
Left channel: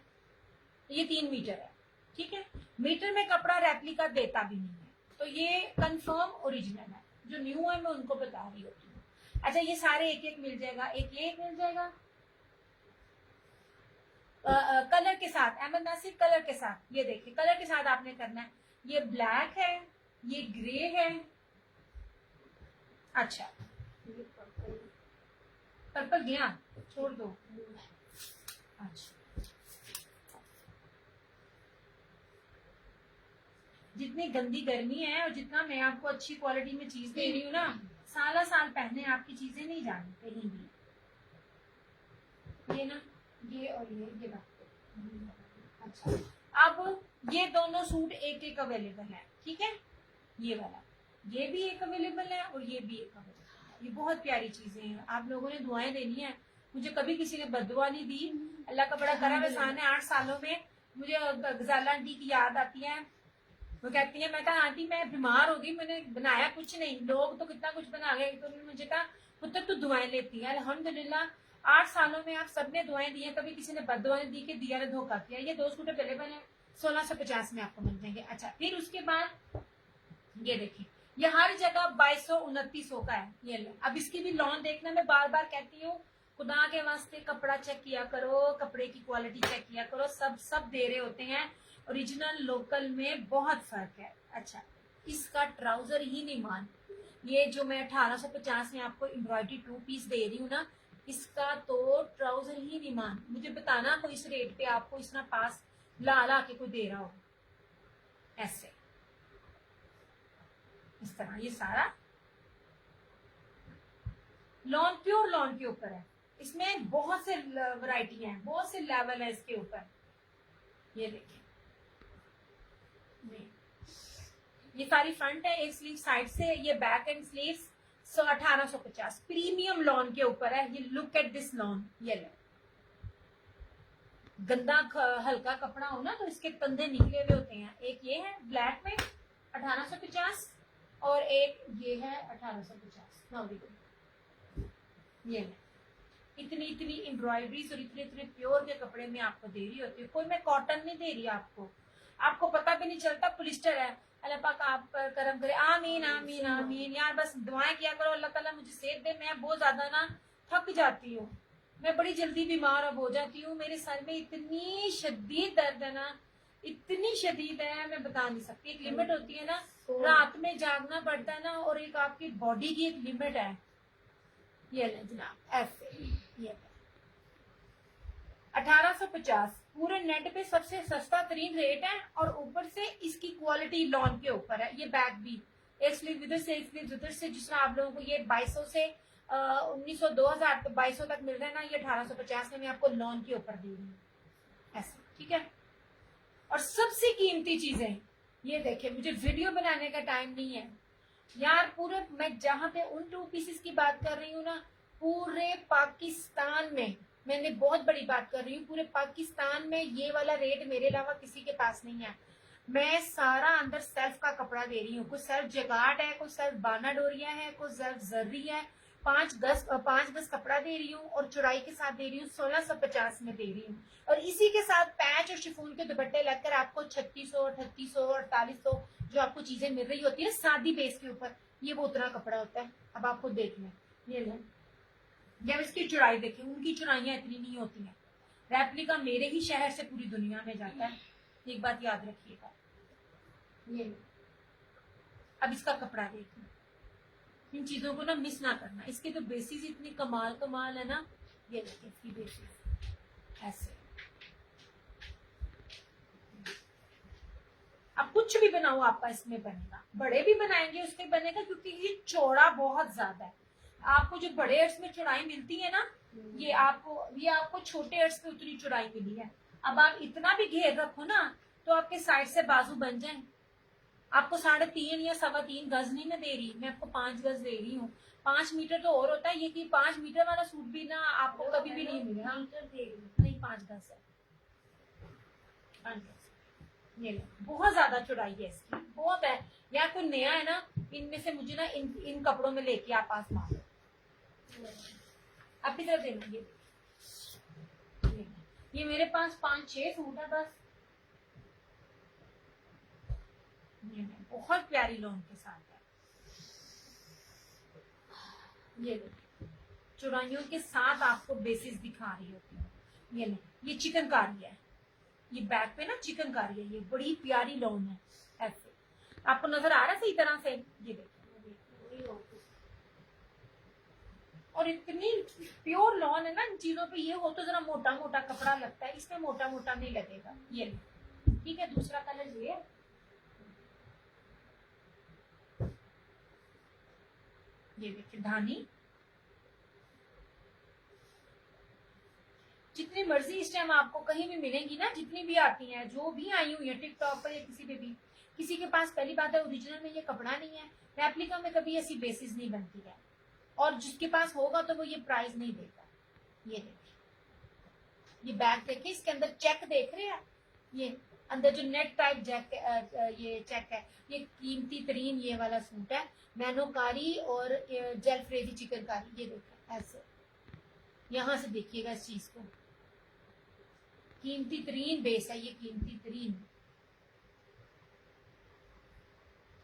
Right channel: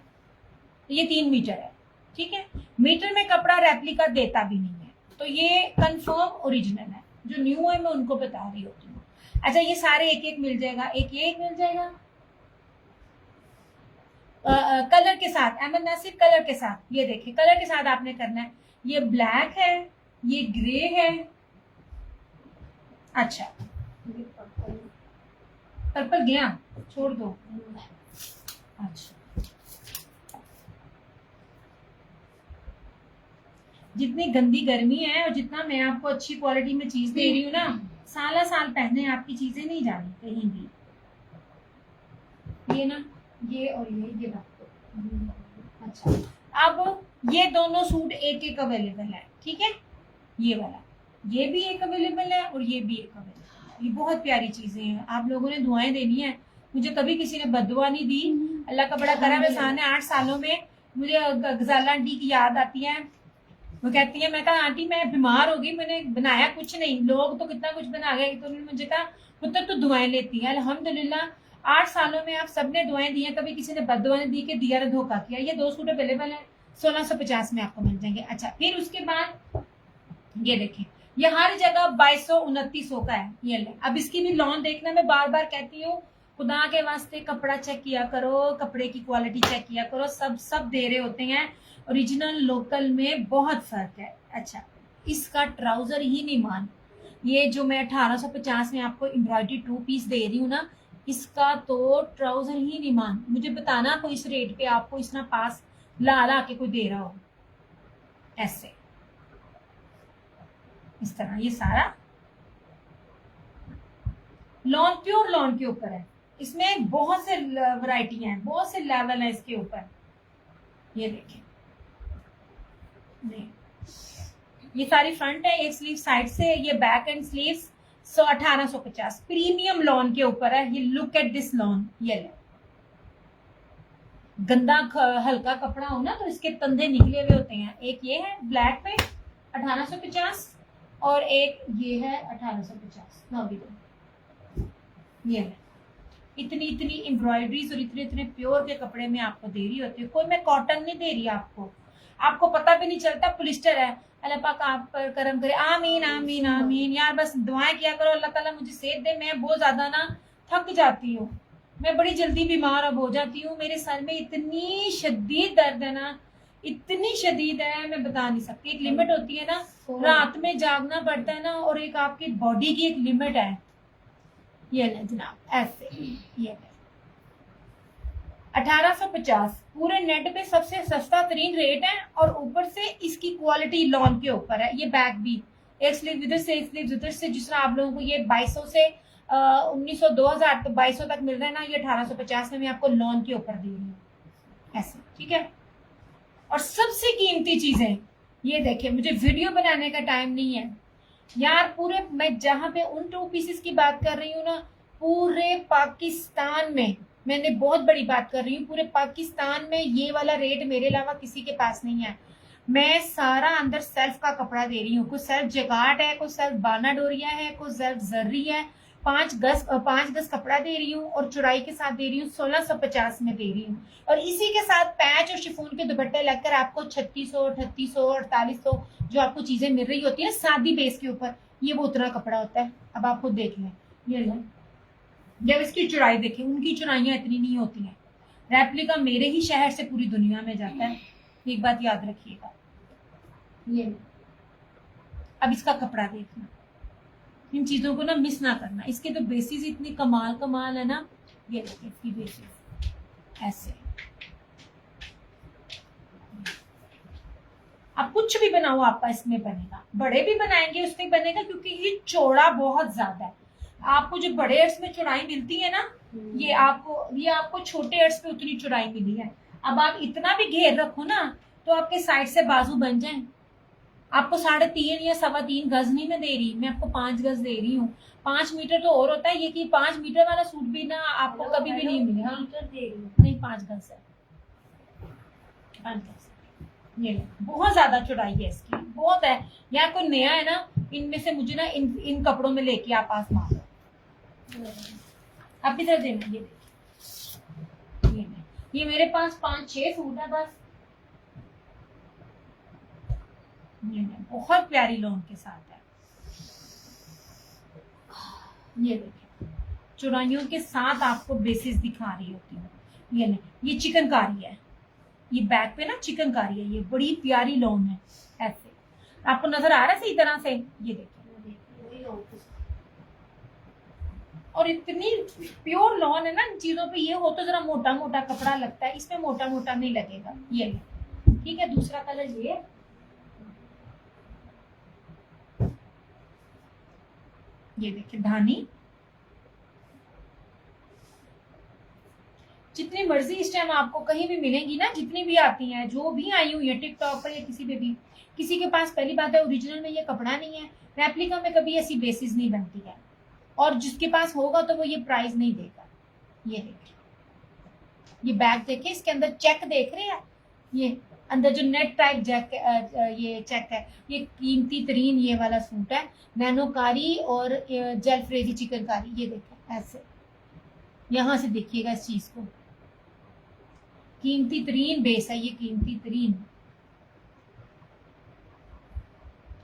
ये 3 मीटर है, ठीक है। मीटर में कपड़ा रेप्लिका देता भी नहीं है, तो ये कंफर्म ओरिजिनल है। जो न्यू है मैं उनको बता रही होती हूँ। अच्छा ये सारे एक एक मिल जाएगा, एक एक मिल जाएगा कलर के साथ। अहमद नासिर कलर के साथ, ये देखिए कलर के साथ आपने करना है। ये ब्लैक है, ये ग्रे है, अच्छा पर्पल गया, छोड़ दो। अच्छा, जितनी गंदी गर्मी है और जितना मैं आपको अच्छी क्वालिटी में चीज दे रही हूँ ना, साल साल पहने आपकी चीजें नहीं जानी कहीं भी। ये ना, ये और ये बात। अच्छा, अब ये दोनों सूट एक एक अवेलेबल है, ठीक है। ये वाला, ये भी एक अवेलेबल है और ये भी एक अवेलेबल है। ये बहुत प्यारी चीजें हैं, आप लोगों ने दुआएं देनी है। मुझे कभी किसी ने बददुआ नहीं दी, अल्लाह का बड़ा करम है। सामने 8 सालों में मुझे गजाला आंटी की याद आती है। वो कहती है, मैं कहा आंटी मैं बीमार हो गई, मैंने बनाया कुछ नहीं, लोग तो कितना कुछ बना गए। तो उन्होंने मुझे कहा पुत्र तू दुआएं लेती है। अल्हम्दुलिल्लाह 8 सालों में आप सबने दुआएं दी हैं, कभी किसी ने बददुआ नहीं दी कि दिया ने धोखा किया। ये 2 सूट अवेलेबल है, 1650 में आपको मिल जाएंगे। अच्छा, फिर उसके बाद ये देखिए, ये हर जगह 2200-2900 का है। ये ले, अब इसकी भी लॉन देखना, मैं बार बार कहती हूँ, खुदा के वास्ते कपड़ा चेक किया करो, कपड़े की क्वालिटी चेक किया करो। सब दे रहे होते हैं, ओरिजिनल लोकल में बहुत फर्क है। अच्छा, इसका ट्राउजर ही नहीं मान, ये जो मैं 1850 में आपको एम्ब्रॉयडरी 2 पीस दे रही हूँ ना, इसका तो ट्राउजर ही नहीं मान। मुझे बताना कोई इस रेट पे आपको इस ना पास ला के कोई दे रहा हो ऐसे, इस तरह। ये सारा लॉन, प्योर लॉन के ऊपर है। इसमें बहुत से वैरायटी हैं, बहुत से लेवल है इसके ऊपर। ये देखिए, ये सारी फ्रंट है, एक स्लीव साइड से, ये back and sleeves. 1850 premium lawn के ऊपर है। ये लुक एट दिस लॉन, ये ले, गंदा हल्का कपड़ा हो ना तो इसके तंदे निकले हुए होते हैं। एक ये है ब्लैक पे 1850 और एक ये है 1850 नौ। ये है, इतनी एम्ब्रॉयडरीज और इतने प्योर के कपड़े में आपको दे रही होती है। कोई मैं कॉटन नहीं दे रही आपको पता भी नहीं चलता पॉलिस्टर है। अल्लाह पाक आप पर करम करे, आमीन आमीन आमीन। यार बस दुआएं किया करो, अल्लाह ताला मुझे सेहत दे। मैं बहुत ज्यादा ना थक जाती हूँ, मैं बड़ी जल्दी बीमार अब हो जाती हूँ। मेरे सर में इतनी शदीद दर्द है ना, इतनी शदीद है, मैं बता नहीं सकती। एक लिमिट होती है ना, रात में जागना पड़ता है ना, और एक आपकी बॉडी की एक लिमिट है। ये ले जनाब, ऐसे ये 1850 पूरे नेट पे सबसे सस्ता तरीन रेट है, और ऊपर से इसकी क्वालिटी लॉन के ऊपर है। ये बैग भी एक स्लीव इधर से, एक स्लीव उधर से। जिस तरह आप लोगों को ये 2200 से 1900 2000 तो 2200 तक मिल रहा है ना, ये 1850 में मैं आपको लॉन के ऊपर दे रही हूँ ऐसे, ठीक है। और सबसे कीमती चीजें ये देखिए, मुझे वीडियो बनाने का टाइम नहीं है यार। पूरे मैं जहाँ पे उन 2 पीसेस की बात कर रही हूँ ना, पूरे पाकिस्तान में, मैंने बहुत बड़ी बात कर रही हूँ, पूरे पाकिस्तान में ये वाला रेट मेरे अलावा किसी के पास नहीं है। मैं सारा अंदर सेल्फ का कपड़ा दे रही हूँ, कोई सेल्फ जगाट है, कोई सेल्फ बाना डोरिया है, कोई सेल्फ जर्री है। 5 गज कपड़ा दे रही हूँ और चौड़ाई के साथ दे रही हूँ 1650 में दे रही हूँ। और इसी के साथ पैच और शिफॉन के दुपट्टे लगकर आपको 3600 3800 4800 जो आपको चीजें मिल रही होती है सादी बेस के ऊपर, ये वो उतना कपड़ा होता है। अब आपको देख लें, ये लें, जब इसकी चौड़ाई देखें, उनकी चौड़ाइयाँ इतनी नहीं होती हैं। रेप्लिका मेरे ही शहर से पूरी दुनिया में जाता है, एक बात याद रखिएगा। ये अब इसका कपड़ा देखना, इन चीजों को ना मिस ना करना। इसके तो बेसिस इतने कमाल है ना। ये देखिए इसकी बेसिस ऐसे, अब कुछ भी बनाओ आपका इसमें बनेगा, बड़े भी बनाएंगे उसमें बनेगा, क्योंकि ये चौड़ा बहुत ज्यादा है। आपको जो बड़े एड्स में चौड़ाई मिलती है ना, ये आपको छोटे एड्स पे उतनी चौड़ाई मिली है। अब आप इतना भी घेर रखो ना तो आपके साइड से बाजू बन जाए। आपको 3.5 या 3.25 गज नहीं मैं दे रही, मैं आपको 5 गज दे रही हूँ। 5 मीटर तो और होता है, ये कि 5 मीटर वाला सूट भी ना आपको कभी भी नहीं मिलेगा। नहीं 5 गज है, 5 गज। ये बहुत ज्यादा चौड़ाई है इसकी, बहुत है। या कोई नया है ना, इनमें से मुझे ना इन कपड़ों में लेके आप आसमान आप इधर देना। ये मेरे पास 5-6 सूट है बस। ये बहुत प्यारी लॉन के साथ है। ये देखिए, चौड़ाइयों के साथ आपको बेसिस दिखा रही होती है। ये चिकनकारी है, ये बैक पे ना चिकनकारी है, ये बड़ी प्यारी लॉन है ऐसे। आपको नजर आ रहा है सही तरह से? ये देखिए, और इतनी प्योर लॉन है ना इन चीजों पे। ये हो तो जरा मोटा मोटा कपड़ा लगता है, इसमें मोटा मोटा नहीं लगेगा। ये ठीक है। दूसरा कलर ये देखिए धानी। जितनी मर्जी इस टाइम आपको कहीं भी मिलेंगी ना, जितनी भी आती हैं, जो भी आई हुई है टिकटॉक पर या किसी पे भी, किसी के पास पहली बात है ओरिजिनल में ये कपड़ा नहीं है, रेप्लिका में कभी ऐसी बेसिस नहीं बनती है, और जिसके पास होगा तो वो ये प्राइस नहीं देगा। ये देखिए, ये बैग देखिए, इसके अंदर चेक देख रहे हैं, ये अंदर जो नेट टाइप जैक ये चेक है। ये कीमती तरीन ये वाला सूट है, नैनोकारी और जेलफ्रेजी चिकनकारी। ये देखो ऐसे, यहां से देखिएगा इस चीज को, कीमती तरीन बेस है ये, कीमती तरीन।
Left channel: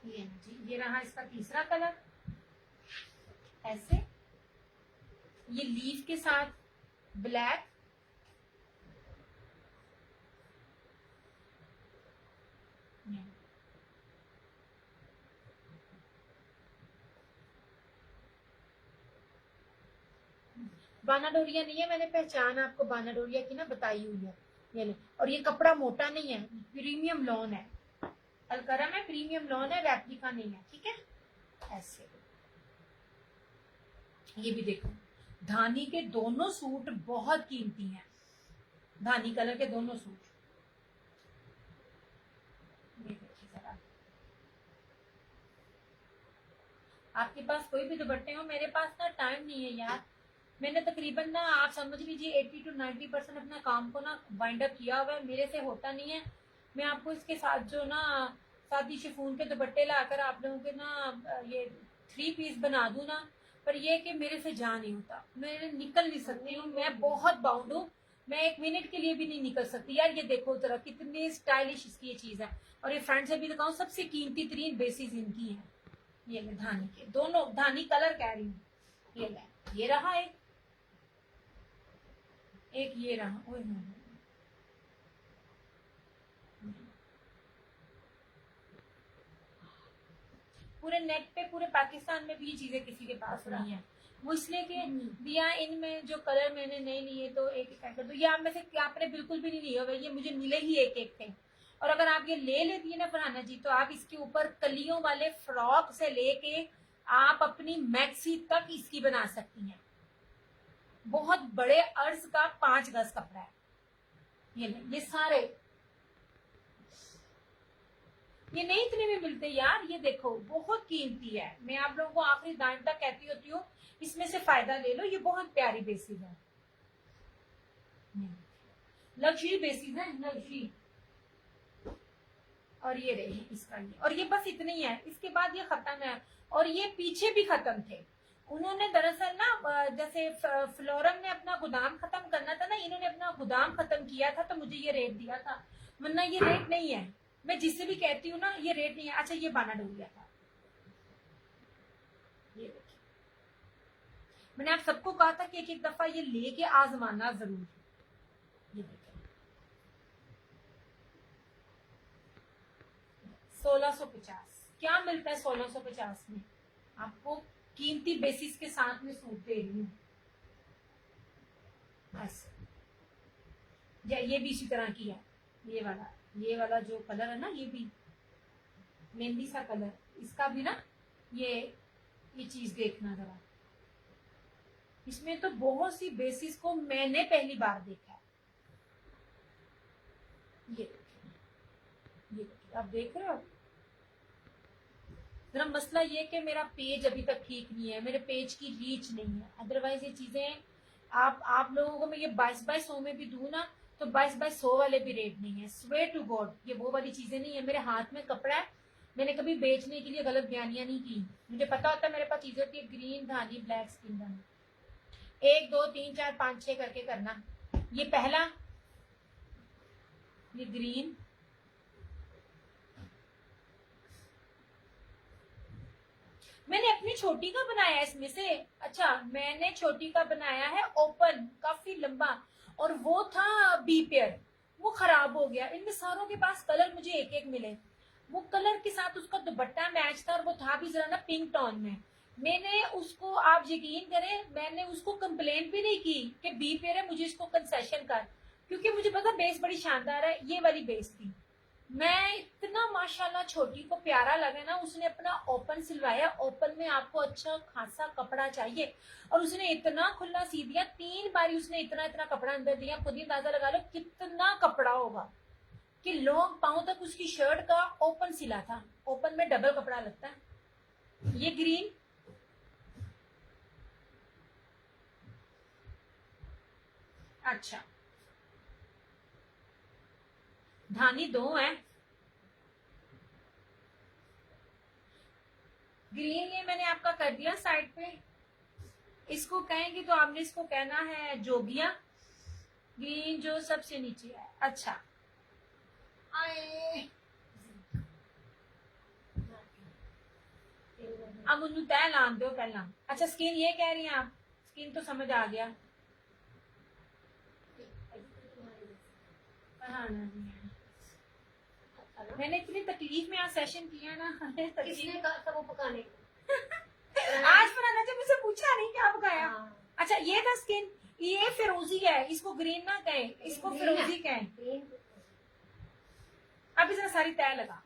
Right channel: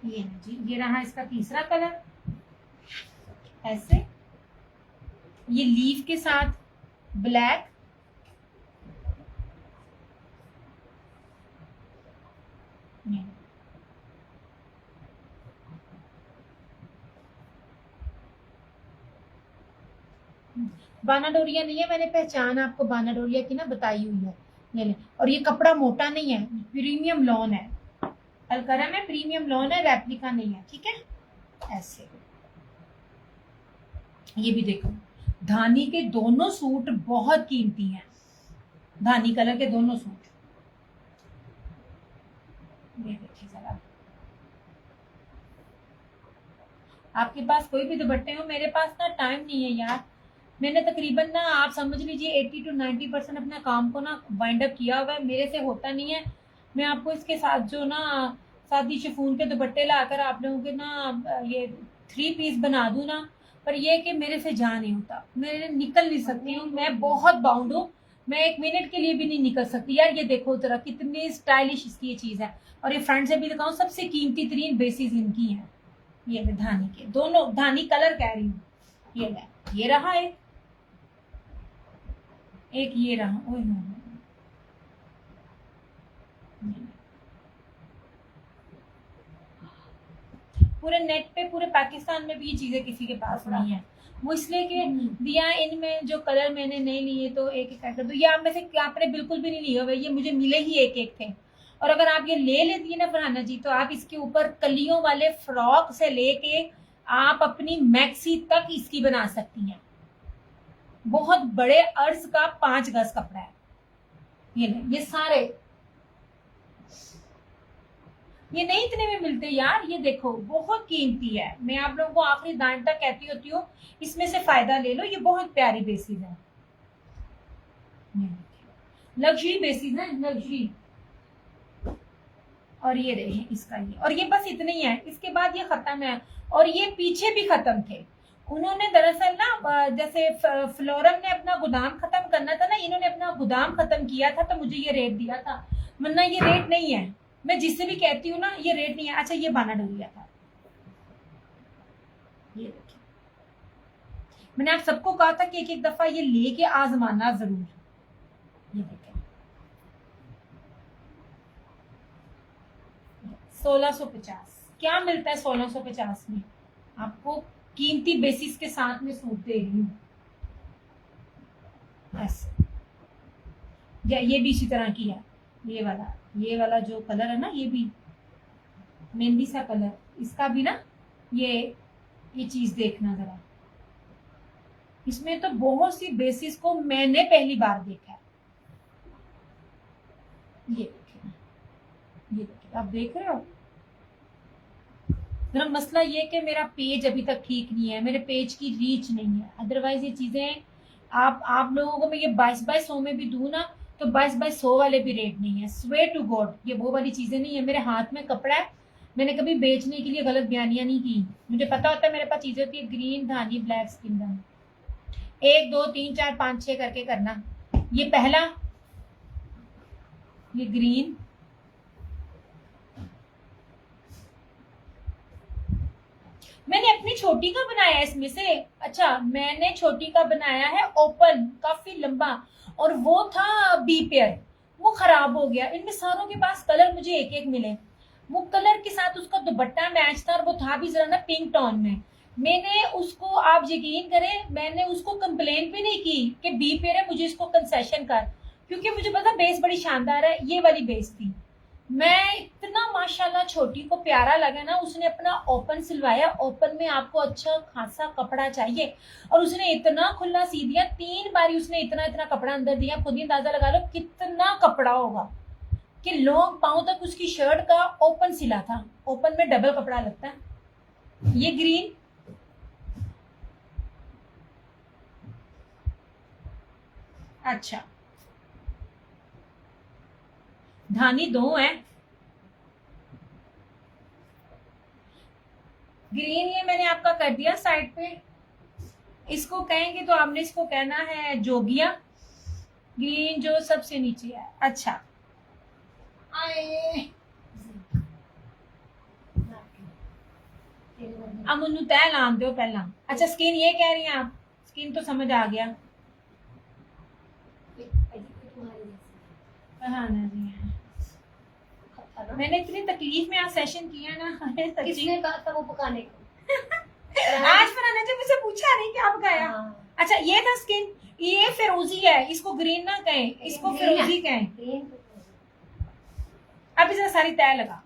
ये जी, ये रहा इसका तीसरा कलर, ऐसे ये लीफ के साथ ब्लैक, बानाडोरिया नहीं है, मैंने पहचान आपको बानाडोरिया की ना बताई हुई है। ये ले, और ये कपड़ा मोटा नहीं है, प्रीमियम लॉन है, अलकरम है, प्रीमियम लॉन है, रेप्लिका नहीं है। ठीक है। ऐसे ये भी देखो, धानी के दोनों सूट बहुत कीमती हैं, धानी कलर के दोनों सूट। ये देखिए जरा, आपके पास कोई भी दुपट्टे हो, मेरे पास ना टाइम नहीं है यार। मैंने तकरीबन ना आप समझ लीजिए 80 to 90% अपने काम को ना वाइंड अप किया हुआ है, मेरे से होता नहीं है। मैं आपको इसके साथ जो ना सादी शिफॉन के दुपट्टे लाकर आप लोगों के ना ये 3 पीस बना दूं ना, पर ये कि मेरे से जा नहीं होता, मैं निकल नहीं सकती हूँ, मैं बहुत बाउंड हूँ, मैं 1 मिनट के लिए भी नहीं निकल सकती। यार ये देखो जरा कितनी स्टाइलिश इसकी ये चीज है, और ये फ्रंट से भी दिखाऊं, सबसे कीमती तरीन बेसिस इनकी है। ये मैं धानी के दोनों, धानी कलर कह रही हूँ। ये रहा एक ये रहा। ओए पूरे नेट पे, पूरे पाकिस्तान में भी ये चीजें किसी के पास नहीं है। वो इसलिए कि दिया इनमें जो कलर मैंने नहीं लिए तो एक एक कर दो। ये आप में से आपने बिल्कुल भी नहीं लिए हुए, ये मुझे मिले ही एक एक थे। और अगर आप ये ले लेती है ना फरहाना जी, तो आप इसके ऊपर कलियों वाले फ्रॉक से लेके आप अपनी मैक्सी तक इसकी बना सकती हैं। बहुत बड़े अर्ज का 5 गज कपड़ा है। ये सारे, ये नहीं इतने में मिलते यार। ये देखो बहुत कीमती है, मैं आप लोगों को आखिरी दांत तक कहती होती हूँ, इसमें से फायदा ले लो। ये बहुत प्यारी बेसिस है, लग्जरी बेसिस है, लग्जरी। और ये रहे इसका ये, और ये बस इतने ही है, इसके बाद ये खत्म है। और ये पीछे भी खत्म थे, उन्होंने दरअसल ना जैसे फ्लोरम ने अपना गोदाम खत्म करना था ना, इन्होंने अपना गोदाम खत्म किया था तो मुझे ये रेट दिया था, वरना ये रेट नहीं है। मैं जिससे भी कहती हूँ ना ये रेट नहीं है। अच्छा ये बानाडोरिया था, ये देखिए, मैंने आप सबको कहा था कि एक एक दफा ये लेके आजमाना जरूर। ये देखिए 1650 क्या मिलता है 1650 में, आपको कीमती बेसिस के साथ में सूट दे रही हूँ। ऐसे ये भी इसी तरह की है, ये वाला जो कलर है ना, ये भी मेहंदी सा कलर, इसका भी ना ये चीज देखना जरा, इसमें तो बहुत सी बेसिस को मैंने पहली बार देखा है। ये देखिए आप देख रहे हो। मेरा मसला ये कि मेरा पेज अभी तक ठीक नहीं है, मेरे पेज की रीच नहीं है, अदरवाइज ये चीजें आप लोगों को मैं ये 2200 में भी दूं ना, तो 2200 वाले भी रेट नहीं है। स्वेयर टू गॉड ये वो वाली चीजें नहीं है। मेरे हाथ में कपड़ा है, मैंने कभी बेचने के लिए गलत बयानियां नहीं की। मुझे पता होता है मेरे पास चीजें होती है, ग्रीन धानी ब्लैक स्किन धानी, 1 2 3 4 5 6 करके करना। ये पहला, ये ग्रीन, मैंने अपनी छोटी का बनाया इसमें से। अच्छा मैंने छोटी का बनाया है ओपन, काफी लंबा, और वो था बी पेयर, वो खराब हो गया। इनमें सारों के पास कलर मुझे एक एक मिले। वो कलर के साथ उसका दुपट्टा मैच था और वो था भी जरा ना पिंक टोन में। मैंने उसको, आप यकीन करें, मैंने उसको कंप्लेन भी नहीं की कि बी पेयर है, मुझे इसको कंसेशन कर, क्योंकि मुझे पता बेस बड़ी शानदार है। ये वाली बेस थी। मैं इतना माशाल्लाह छोटी को प्यारा लगा ना, उसने अपना ओपन सिलवाया। ओपन में आपको अच्छा खासा कपड़ा चाहिए और उसने इतना खुला सी दिया, 3 बारी उसने इतना इतना कपड़ा अंदर दिया। खुद ही अंदाजा लगा लो कितना कपड़ा होगा कि लॉन्ग पाँव तक उसकी शर्ट का ओपन सिला था। ओपन में डबल कपड़ा लगता है। ये ग्रीन, अच्छा धानी 2 है। ग्रीन ये मैंने आपका कर दिया साइड पे। इसको कहेंगे तो आपने इसको कहना है जोगिया। ग्रीन जो सबसे नीचे है। अच्छा आए अब उन्हें तय लान दो पहला। अच्छा स्किन ये कह रही हैं आप, स्किन तो समझ आ गया। हाँ ना जी हाँ। मैंने इतनी तकलीफ में आज सेशन किया ना। किसने कहा था वो पकाने को? आज फरहाना जब मुझसे पूछा नहीं क्या पकाया। हाँ। अच्छा ये था स्किन, ये फिरोजी है, इसको ग्रीन ना कहें, इसको फिरोजी कहें। अब इसे सारी तय लगा।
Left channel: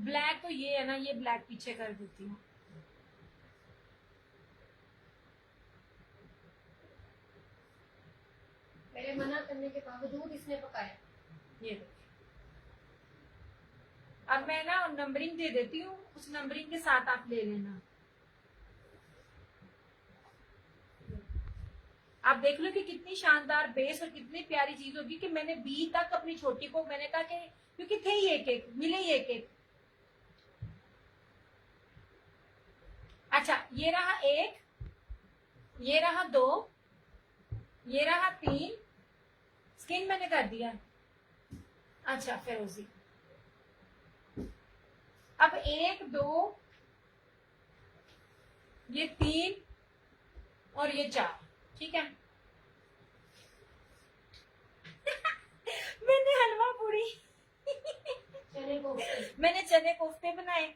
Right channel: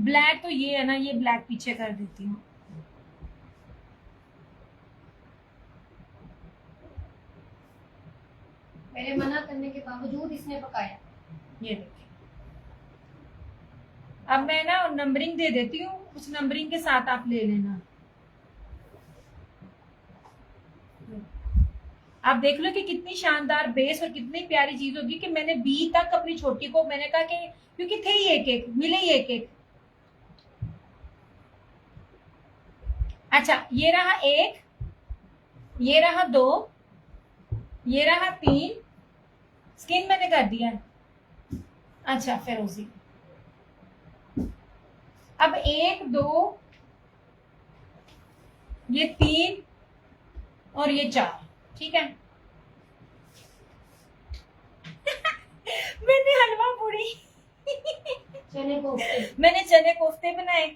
ब्लैक तो ये है ना, ये ब्लैक पीछे कर देती हूँ। मेरे मना करने के बावजूद इसने पकाया। ये देखिए, अब मैं ना नंबरिंग दे देती हूँ, उस नंबरिंग के साथ आप ले लेना। आप देख लो कि कितनी शानदार बेस और कितनी प्यारी चीज होगी कि मैंने बी तक अपनी छोटी को मैंने कहा कि क्योंकि थे ही एक एक, मिले ही एक एक। अच्छा ये रहा 1, ये रहा 2, ये रहा 3। स्किन मैंने कर दिया। अच्छा फिरोजी। अब 1 2 ये 3 और ये 4, ठीक है। मैंने हलवा पूरी चने कोफ्ते। मैंने चने कोफ्ते बनाए,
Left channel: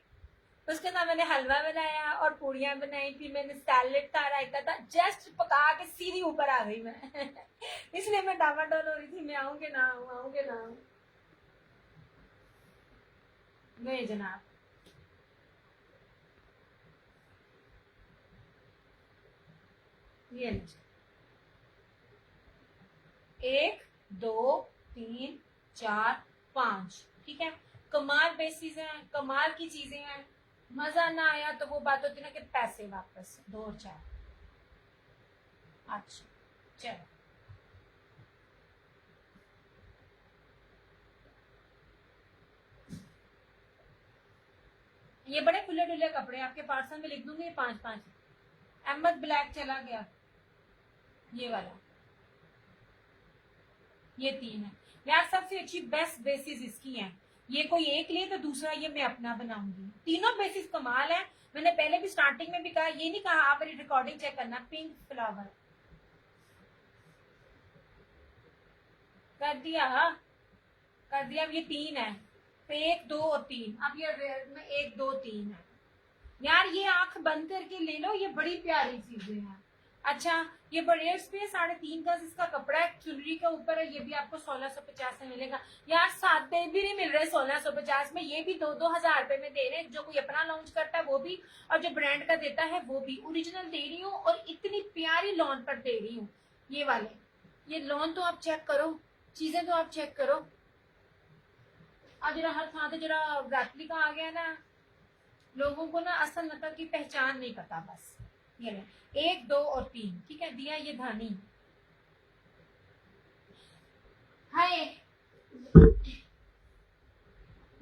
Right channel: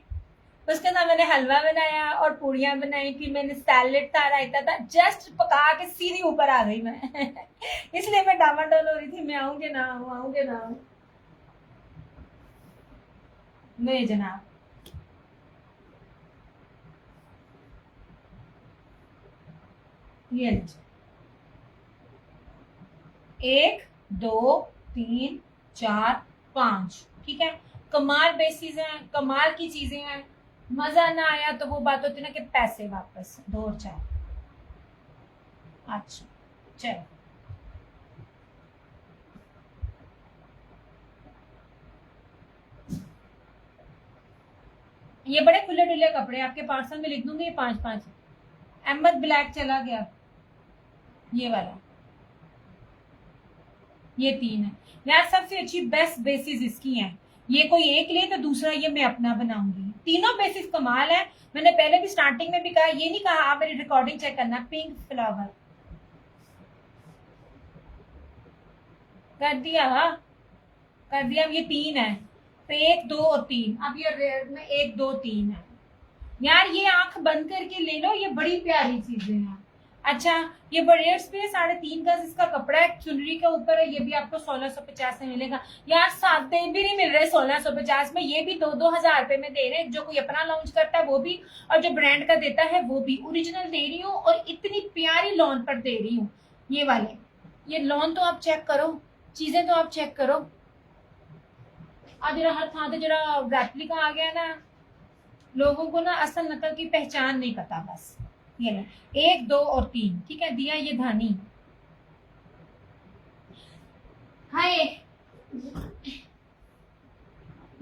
उसके बाद मैंने हलवा बनाया और पूड़ियां बनाई, फिर मैंने सैलेड था, रायता था, जस्ट पका के सीधी ऊपर आ गई मैं। इसलिए मैं डामाडोल हो रही थी, मैं आऊंगे ना आऊं, आऊंगे ना आऊं। नहीं जनाब, ये 1 2 3 4 5, ठीक है। कमाल बेसिस है, कमाल की चीजें हैं। मजा ना आया तो वो बात होती है ना कि पैसे वापस 2 और 4। अच्छा चलो, ये बड़े खुले डुले कपड़े आपके पार्सल में लिख दूंगी, 5 5। अहमद ब्लैक चला गया, ये वाला, ये 3 है। यार सबसे अच्छी बेस्ट बेसिस इसकी हैं। ये कोई एक ले तो दूसरा ये मैं अपना बनाऊंगी। तीनों बेसिस कमाल है। मैंने पहले भी स्टार्टिंग में भी कहा, ये नहीं कहा, आप मेरी रिकॉर्डिंग चेक करना। पिंक फ्लावर कर दिया, कर दिया। अब ये 3 है तो 1 2 और 3। अब ये रेड में 1 2 3 है। यार ये आंख बंद करके ले लो, ये बड़ी प्यारी चीजें हैं। अच्छा ये बड़े पे 3.5 गज इसका कपड़ा है, चुनरी के ऊपर है। ये भी आपको 1650 में मिलेगा। यार सादे भी नहीं मिल रहे 1650 में, ये भी 2-2 हजार रुपए में दे रहे हैं। जो कोई अपना लॉन्च करता है वो भी, और जो ब्रांड का देता है वो भी। ओरिजिनल दे रही हूँ और इतनी प्यारी लॉन पर दे रही हूँ। ये वाले, ये लॉन तो आप चेक करो, चीजें तो आप चेक करो। आज जरा हर थां जरा रेप्लिका आ गया ना, लोगों को ना असल नकल की पहचान नहीं पता। बस ये ना 1 2 और 3, ठीक है। दिया ये धानी, हाय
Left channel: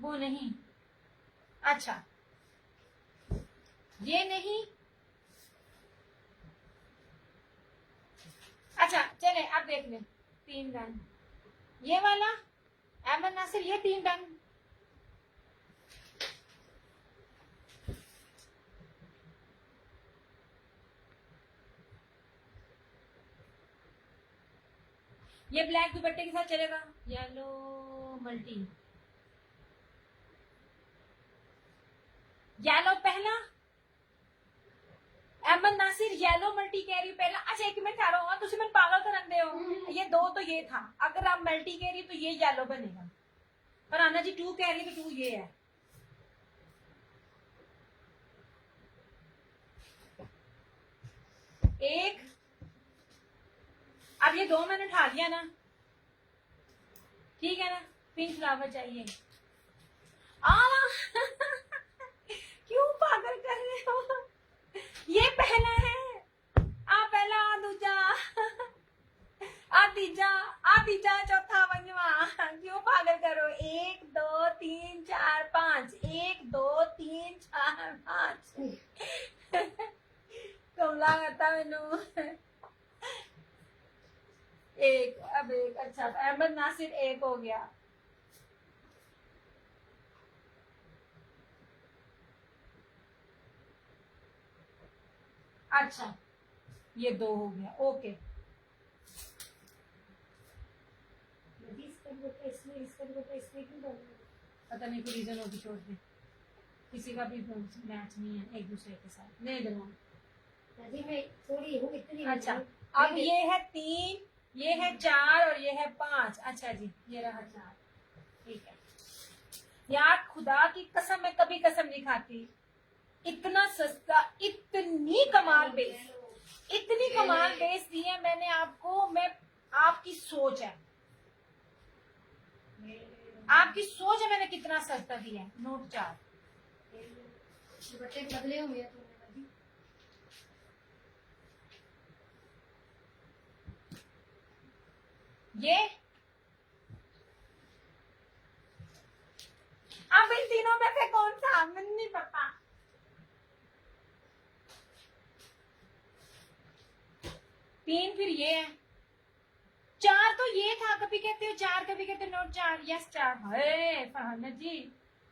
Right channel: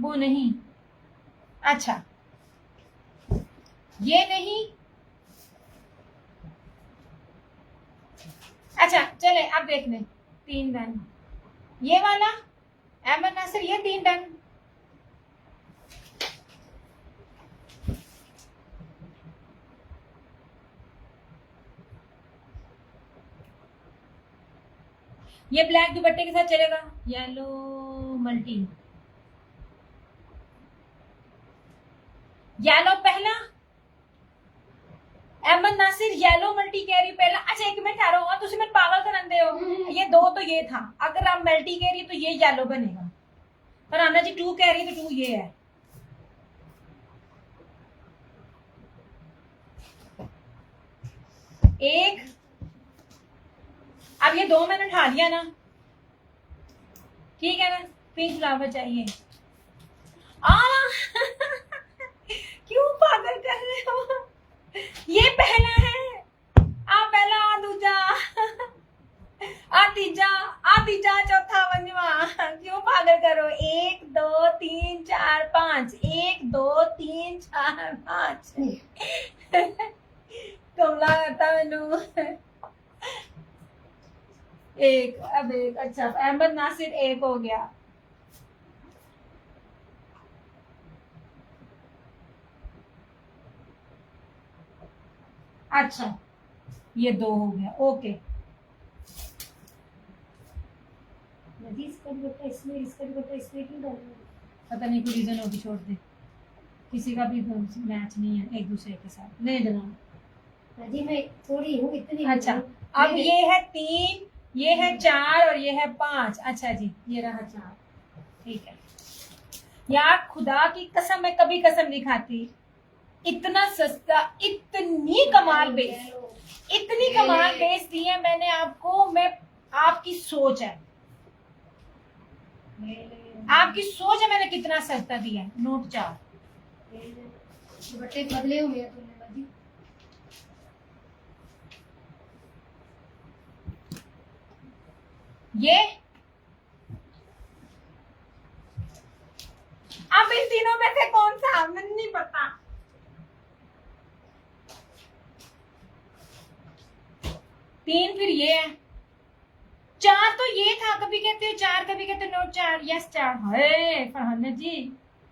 वो नहीं। अच्छा ये नहीं। अच्छा चले अब देख लें। 3 डन, ये वाला अहमद नासिर, ये 3 डन। ये ब्लैक दुपट्टे के साथ चलेगा। येलो मल्टी, येलो पहला, अहमद नासिर येलो मल्टी कह रही पहला। अच्छा एक मिनट ठहरो, और तुम मैं पागल करन दे हो, ये दो तो ये था, अगर आप मल्टी कह रही तो ये येलो बनेगा, पर आना जी टू कह रही तो टू ये है। एक, अब ये दो मैंने उठा लिया ना, ठीक है ना, पिंक फ्लावर चाहिए। आ क्यों पागल कर रहे हो, ये पहला है, आ पहला, आ दूजा, आ तीजा, आ तीजा, चौथा पंजवा, क्यों पागल करो। 1 2 3 4 5, 1 2 3 4 5 कमला करता मैनू। एक, अब एक, अच्छा अहमद नासिर एक हो गया। अच्छा ये दो हो गया, ओके। नदी इसका भी बेटा इसमें, इसका भी बेटा इसमें क्यों डाल रहे हो? पता नहीं कोई रीजन होगी, छोड़ दे, किसी का भी मैच नहीं है एक दूसरे के साथ, नहीं देना। नदी में थोड़ी हूँ, इतनी अच्छा हूँ। अब ये है 3, ये है 4 और ये है 5। अच्छा जी ये रहा 4, ठीक है। यार खुदा की कसम, मैं कभी कसम नहीं खाती, इतना सस्ता, इतनी कमाल बेस, इतनी कमाल बेस दी है मैंने आपको। मैं, आपकी सोच है, आपकी सोच है मैंने कितना सस्ता दिया है। नोट 4, बट्टे बदले हुए हैं तुमने नदी। ये अब इन तीनों में से कौन सा, मुझे नहीं पता। तीन फिर ये है, 4 तो ये था, कभी कहते हो 4, कभी कहते हो नोट 4। यस 4 है फरहाना जी।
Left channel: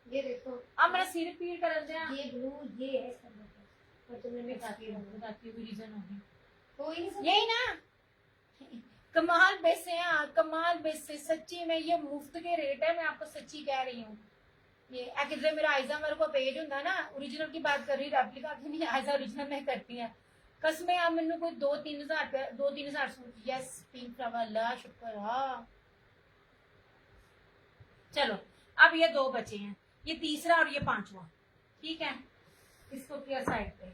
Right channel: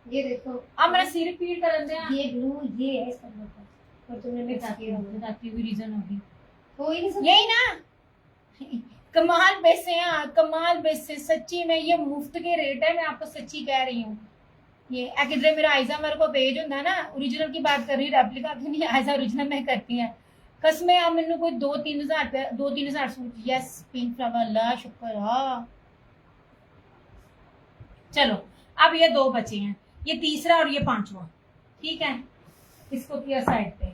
ये देखो, अब मेरा सिर पीड़ कर दे, ये ब्लू ये है इसका मतलब, और तुमने मिक्स किया हुआ है। बताती हुई रीजन होगी, कोई नहीं समझ। यही ना। कमाल बेस है यार, कमाल बेस है सच्ची में, ये मुफ्त के रेट है, मैं आपको सच्ची कह रही हूँ। ये किधरे मेरा आयजा मेरे को पेज होता ना, ओरिजिनल की बात कर रही, रेप्लिका की नहीं, आयजा ओरिजिनल मैं करती है कसमें। आप मैंने कोई 2-3 हजार रुपया, 2-3 हजार सूट। यस पिंक फ्लावर, अल्लाह शुक्र। हाँ चलो अब ये दो बचे हैं, ये तीसरा और ये पांचवा, ठीक है। इसको किया साइड पे।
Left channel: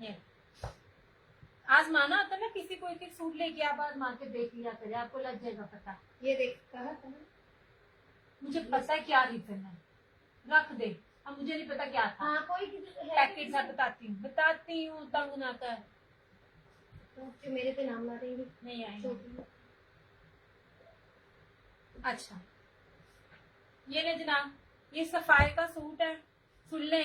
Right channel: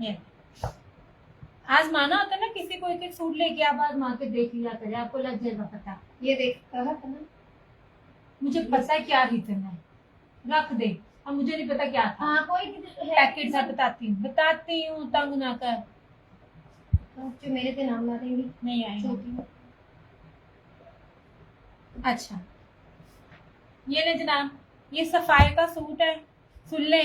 ये आजमाना होता है ना, किसी को एक एक सूट लेके आप आजमा के देख लिया करे, आपको लग जाएगा पता। ये देख कहा था ना, मुझे पता है क्या रीजन है, रख दे। अब मुझे नहीं पता क्या था, हाँ कोई पैकेट से बताती हूँ तंग ना कर। जो मेरे पे नाम ला देंगी नहीं आएगा। छोटी। अच्छा ये ले जनाब, ये सफाई का सूट है, सुन ले।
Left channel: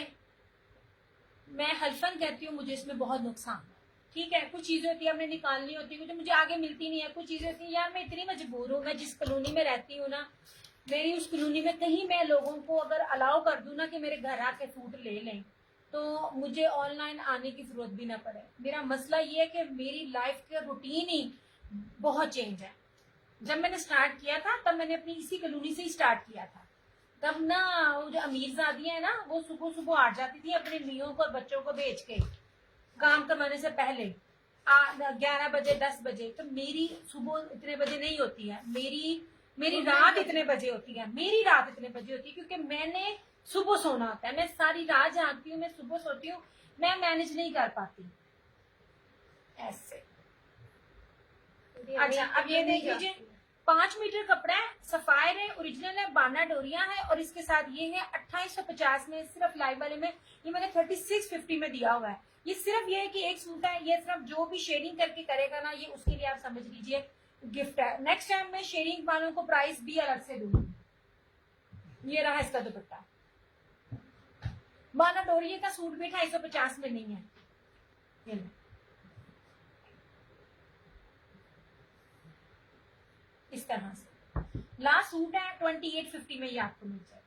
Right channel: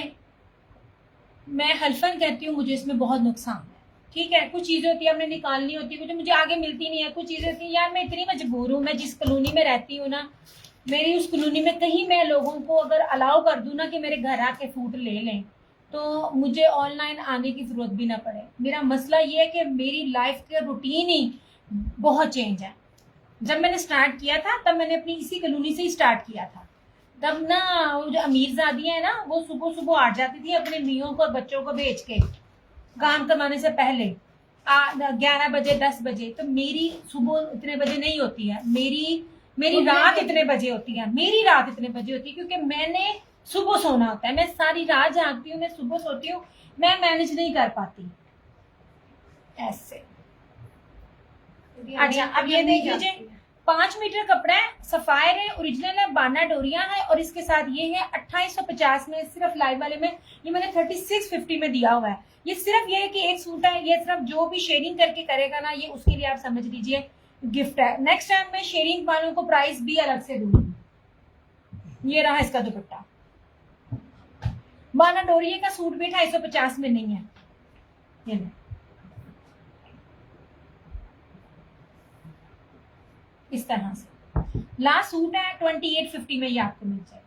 मैं हल्फन कहती हूँ, मुझे इसमें बहुत नुकसान है, ठीक है। कुछ चीजें होती है हमने निकालनी होती है, मुझे आगे मिलती नहीं है। कुछ चीजें होती है यार, मैं इतनी मजबूर हूँ, मैं जिस कॉलोनी में रहती हूँ ना, मेरी उस कॉलोनी में कहीं मैं लोगों को अगर अलाउ कर दूं ना कि मेरे घर आके सूट ले लें, तो मुझे ऑनलाइन आने की जरूरत भी ना पड़े। मेरा मसला ये है कि मेरी लाइफ का रूटीन ही बहुत चेंज है। जब मैंने स्टार्ट किया था तब मैंने अपनी इसी कॉलोनी से ही स्टार्ट किया था। तब ना वो जो अमीरजादियां है ना, वो सुबह सुबह आ जाती थी अपने मियों को और बच्चों को भेज के काम कमाने से पहले 11 बजे 10 बजे। तो मेरी सुबह इतने बजे नहीं होती है, मेरी रात इतने बजे होती है, मेरी रात इतने बजे होती है, क्योंकि मैंने सुबह सोना होता है। मैं सारी रात जागती हूँ, मैं सुबह सोती हूँ, मैं मैनेज नहीं कर पाती ऐसे। अच्छा अब ये देख लीजिए, 5 मीटर कपड़ा है, सफायर है, ओरिजिनल है, बाना डोरिया है, और इसके साथ ये है 2850 में, सिर्फ लाइव वाले में। ये मैंने 3650 में दिया हुआ है। ये सिर्फ ये है कि एक सूट है, ये सिर्फ जो भी शेयरिंग करके करेगा ना, ये उसके लिए आप समझ लीजिए गिफ्ट है। नेक्स्ट टाइम मैं शेयरिंग वालों को प्राइस भी अलग से दूंगी। ये रहा इसका दुपट्टा, बाना डोरिया का सूट भी 250 में नहीं है। ये इस तरह से लास्ट सूट है 2850 में, ये आपको मिल जाएगा।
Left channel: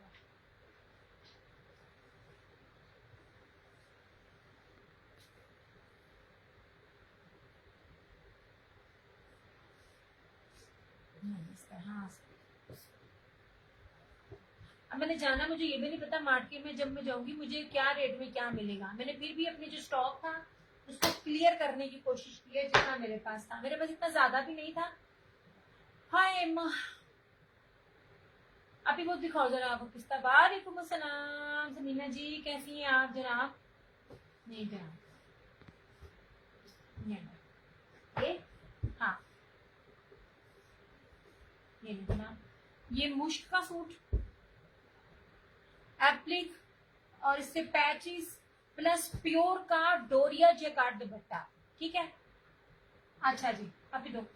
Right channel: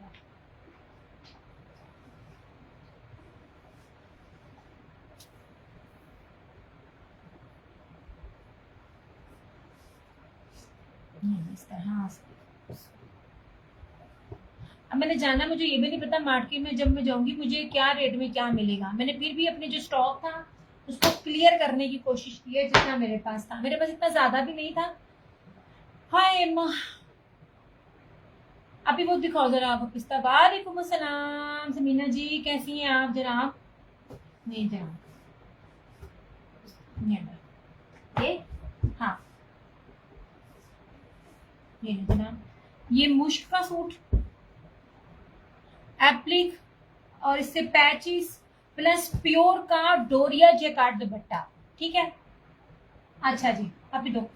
इस तरह से मैंने जाना, मुझे ये भी नहीं पता मार्केट में जब मैं जाऊंगी मुझे क्या रेट में क्या मिलेगा। मैंने फिर भी अपने जो स्टॉक था उसको क्लियर करने की कोशिश की है जितना मेरे पास था। मेरे पास इतना ज्यादा भी नहीं था। हाय माँ, अभी वो दिखाओ जरा आप पिस्ता। वालेकुम अस्सलाम समीना जी, कैसी हैं आप जनाब? नहीं जनाब, ये हाँ, ये नहीं जनाब, ये मुश्क का सूट एप्लिक और इससे पैचिस प्लस प्योर का डोरिया जैकार्ड दुपट्टा, ठीक है। अच्छा जी, अभी दो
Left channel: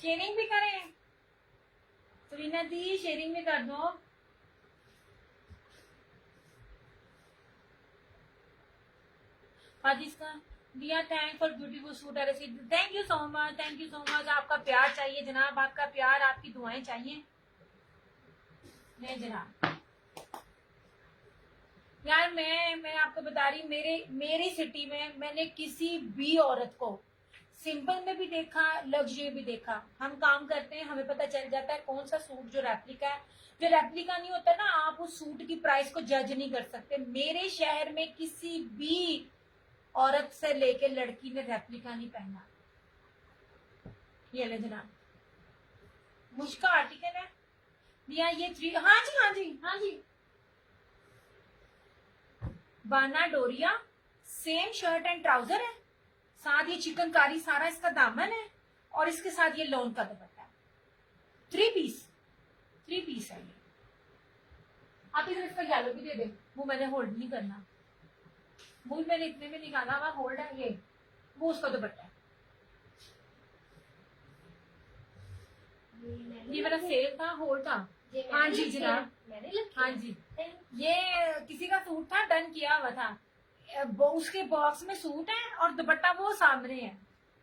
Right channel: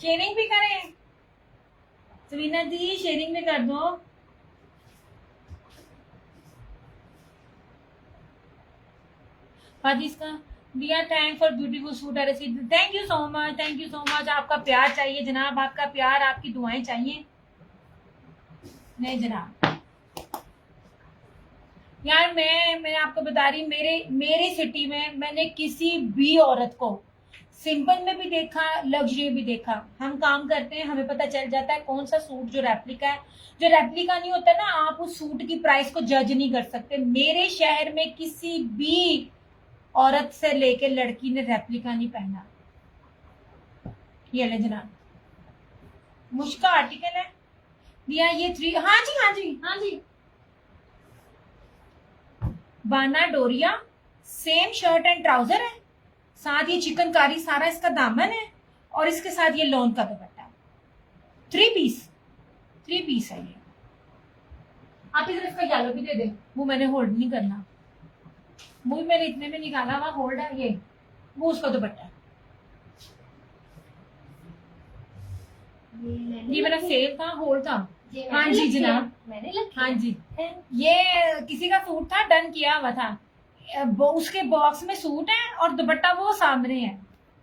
शेयरिंग भी करें सवीना दी, शेयरिंग भी कर दो। हाजीज का दिया, thank for beautiful suit I receive, thank you so much, thank you so much. आपका प्यार चाहिए जनाब, आपका प्यार, आपकी दुआएं चाहिए। नहीं जनाब यार, मैं आपको बता रही, मेरी सिटी में मैंने किसी भी औरत को सिंपल में भी देखा, लग्जरी भी देखा। हम काम करते हैं, हमें पता चल जाता है कौन सा सूट जो रेप्लिका है। जो रेप्लिका नहीं होता ना, आप उस सूट की प्राइस को जज नहीं कर सकते। मेरे शहर में किसी भी औरत से लेके लड़की ने रेप्लिका नहीं पहना। ये ले जनाब, मुश्का आर्टिकल है दिया, ये 3, हाँ जी हाँ जी हाँ जी, बाना डोरिया, सेम शर्ट एंड ट्राउजर है, साथ ये चिकनकारी सारा इसका दामन है, और इसके साथ ये लॉन का दुपट्टा। 3 पीस है ये। आप इधर इसका येलो भी दे दें, वो मैंने होल्ड नहीं करना, वो भी मैंने इतने में निकाला हुआ होल्ड है ये, वो उसका दुपट्टा। ये मेरा सेल था, होल्ड था। हाँ जी जनाब, हाँ जी, ये किसी का सूट था, डन किया हुआ था, उसके बॉक्स में सूट है और दुपट्टा वो सामने है।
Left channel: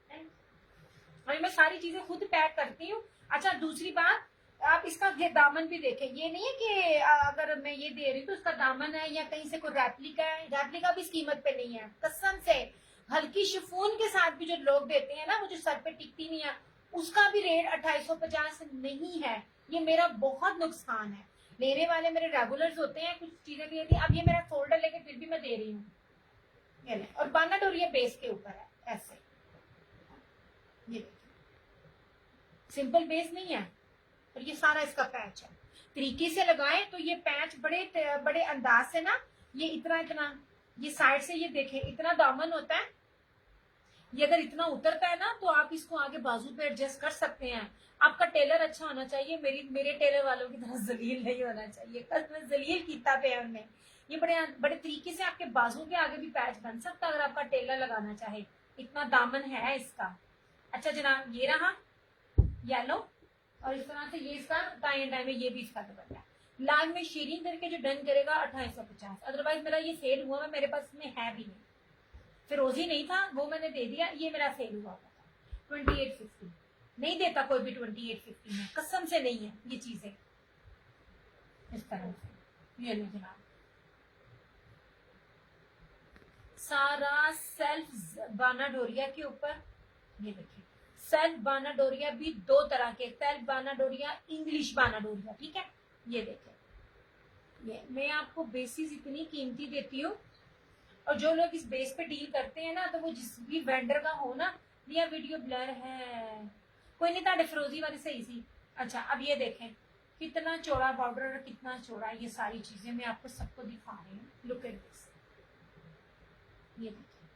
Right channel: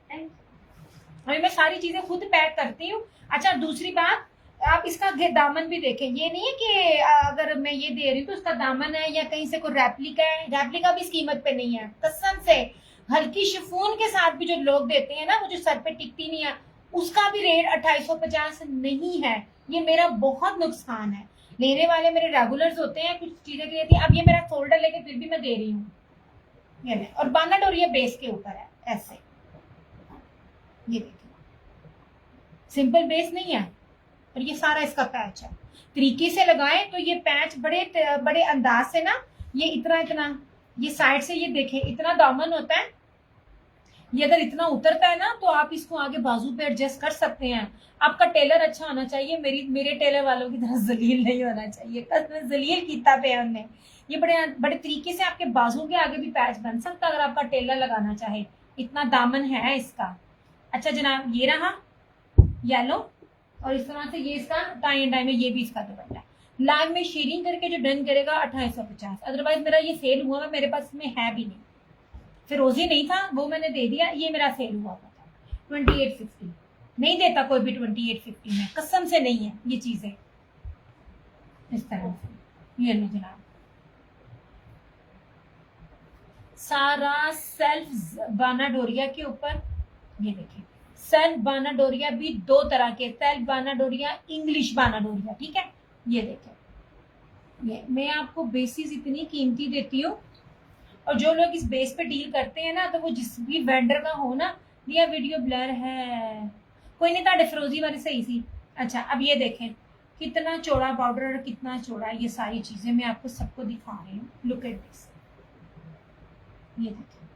अभी मैं सारी चीजें खुद पैक करती हूँ। अच्छा दूसरी बात, आप इसका दामन भी देखें, ये नहीं है कि अगर मैं ये दे रही हूँ तो उसका दामन है या कहीं से कोई रेप्लिका है। रेप्लिका भी इस कीमत पे नहीं है कसम से। हल्की शिफॉन के साथ भी जो लोग देते हैं ना, वो जो सर पे टिकती नहीं है, उसका भी रेट 2850 नहीं है। ये मेरा बहुत नुकसान है। लेने वाले मेरे रेगुलर्स होते हैं, कुछ चीजें के लिए। अब ये मेरा फोल्डर लेके फिर भी मैं दे रही हूँ, ये ले। और बाना डोरिया बेस के ऊपर है ऐसे, ये देखिए, सिंपल बेस नहीं है, और ये सारा इसका पैच है। तरीके से लगाएं तो ये पैच बड़े बड़े अंदाज से ना, ये इतना ये साइड से ये देखें इतना दामन होता है। ये अगर इतना उतरता है ना तो आप इसको आगे बाजू पे एडजस्ट कर सकते हैं। आपका टेलर अच्छा होना चाहिए, मेरे टेलर वालों की तरह जलील नहीं होना चाहिए। जलील कीता पे हमने। ये बड़े बड़े तरीके से आपके बाजू के आगे भी पैच बन सकता है अगर आपका टेलर लगाना चाहे। इतना दामन है इसका। अच्छा जनाब, ये रहा येलो, और इस तरह से ये इसका टाई एंड डाई में ये भी इसका दुपट्टा। लाइव में शेयरिंग करके जो डन करेगा 2850। अदरवाइज मेरा ये सेल हुआ है, मेरे पास में है भी नहीं। फिरोजी नहीं था, वो मैंने दे दिया, ये मेरा सेल हुआ था 2850। नहीं देता कोई भी 2850 में, कसम से नहीं है ये चीजें इस तरह से। ये लो जनाब, सारा सेल्फ बाना डोरिया के ऊपर। ये देखिए, सेल्फ बाना डोरिया भी दो तरह के, सेल्फ बाना डोरिया, इंग्लिश बाना डोरिया, ठीक है। ये देखिए, ये मैं आपको बेसिस इतनी कीमती देती हूँ, और जो लोग इस बेस पे डील करते हैं ना, तो वो जिस भी वेंडर का हो ना। ये वीडियो ब्लर है, कोई नहीं, ताड़े फिरोजी वाली सही सी। अच्छा अब ये देखें कितना चौड़ा बॉर्डर और कितना चौड़ा, ये सारी चीजें मैं आपको सबको दिखा रही हूँ। लुक एट दिस, ये देखिए।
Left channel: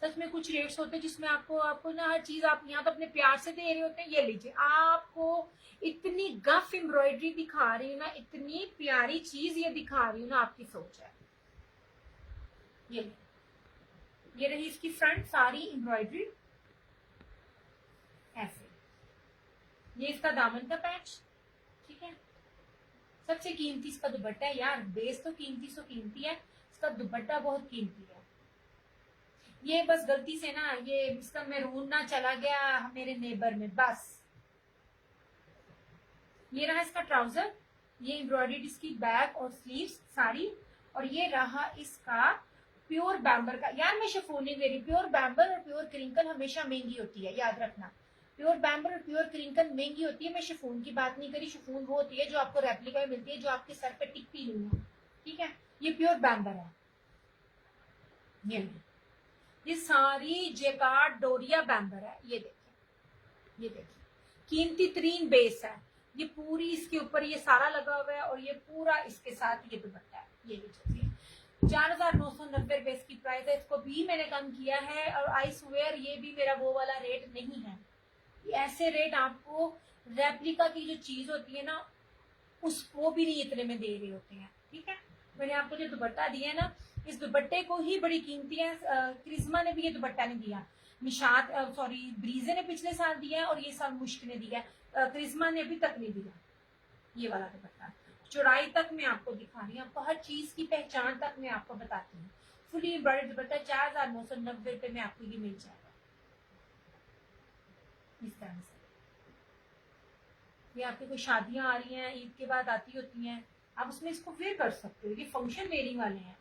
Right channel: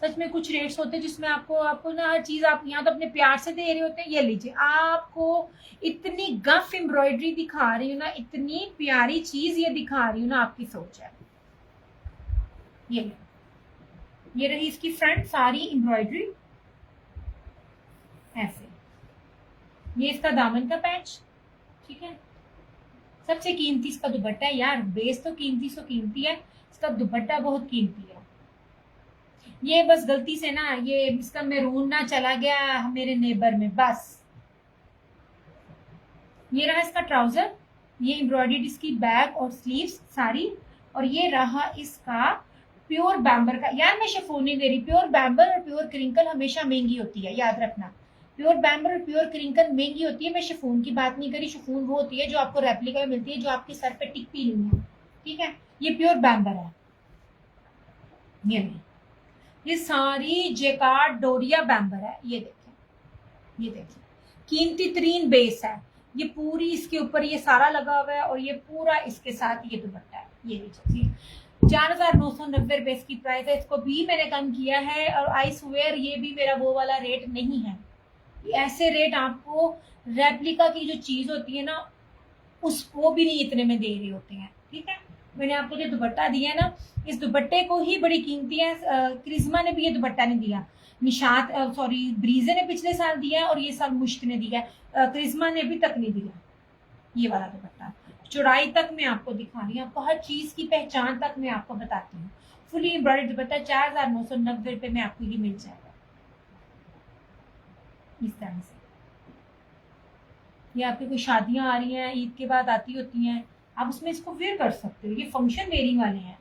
सच में कुछ रेट्स होते हैं जिसमें आपको ना हर चीज आप यहाँ तो अपने प्यार से दे रहे होते हैं। ये लीजिए, आपको इतनी गफ एम्ब्रॉयडरी दिखा रही हूँ ना, इतनी प्यारी चीज ये दिखा रही हूँ ना, आपकी सोच है। ये रही इसकी फ्रंट सारी एम्ब्रॉयडरी ऐसे। ये इसका दामन का पैच, ठीक है। सबसे कीमती इसका दुपट्टा है यार। बेस तो कीमती सो कीमती है, इसका दुपट्टा बहुत कीमती है। ये बस गलती से ना ये इसका मैरून ना चला गया मेरे नेबर में, बस। ये रहा इसका ट्राउजर, ये एम्ब्रॉयडरी इसकी बैक और स्लीव्स सारी, और ये रहा इसका प्योर बैम्बर का, यार मैं शिफॉन नहीं दे रही, प्योर बैम्बर और प्योर क्रिंकल हमेशा महंगी होती है, याद रखना। प्योर बैम्बर और प्योर क्रिंकल महंगी होती है, मैं शिफॉन की बात नहीं करी। शिफॉन वो होती है जो आपको रेप्लिका में मिलती है, जो आपके सर पे टिकती नहीं है, ठीक है। ये प्योर बैम्बर है। ये सारी जेकार्ड डोरिया बैम्बर है। ये देखिए, ये देखिए, कीमती तरीन बेस है। ये पूरी इसके ऊपर ये सारा लगा हुआ है और ये पूरा इसके साथ ये दुपट्टा है। ये देखिए 4,990 इसकी प्राइस है। इसको भी मैंने कम किया है और आई स्वेयर ये भी मेरा वो वाला रेट नहीं है। ऐसे रेट आपको रेप्लिका की जो चीज होती है ना, उसको भी नहीं इतने में दे रहे होते हैं, ठीक है। मैंने आपको जो दुपट्टा दिया है ना, इस दुपट्टे को ही बड़ी कीमती है। क्रिस्मा ने भी ये दुपट्टा नहीं दिया, निशात सॉरी ब्रीजे ने पिछले साल दिया है और ये साल मुश्क ने दिया है। क्रिस्मा ने अभी तक नहीं दिया ये वाला दुपट्टा। चौड़ाई तक मैं आपको दिखा रही हूँ, आपको हर चीज की पहचान तक मैं आपको बताती हूँ। फुली एम्ब्रॉयडर्ड दुपट्टा 4,990 रुपये में आपको ये मिल जाएगा इस तरह से। ये आपकी कोई शादियां आ रही हैं, ईद के बाद आती होती हैं, आप उसमें इसको वेयर कर सकते हो। ये फंक्शन वेयरिंग वाले हैं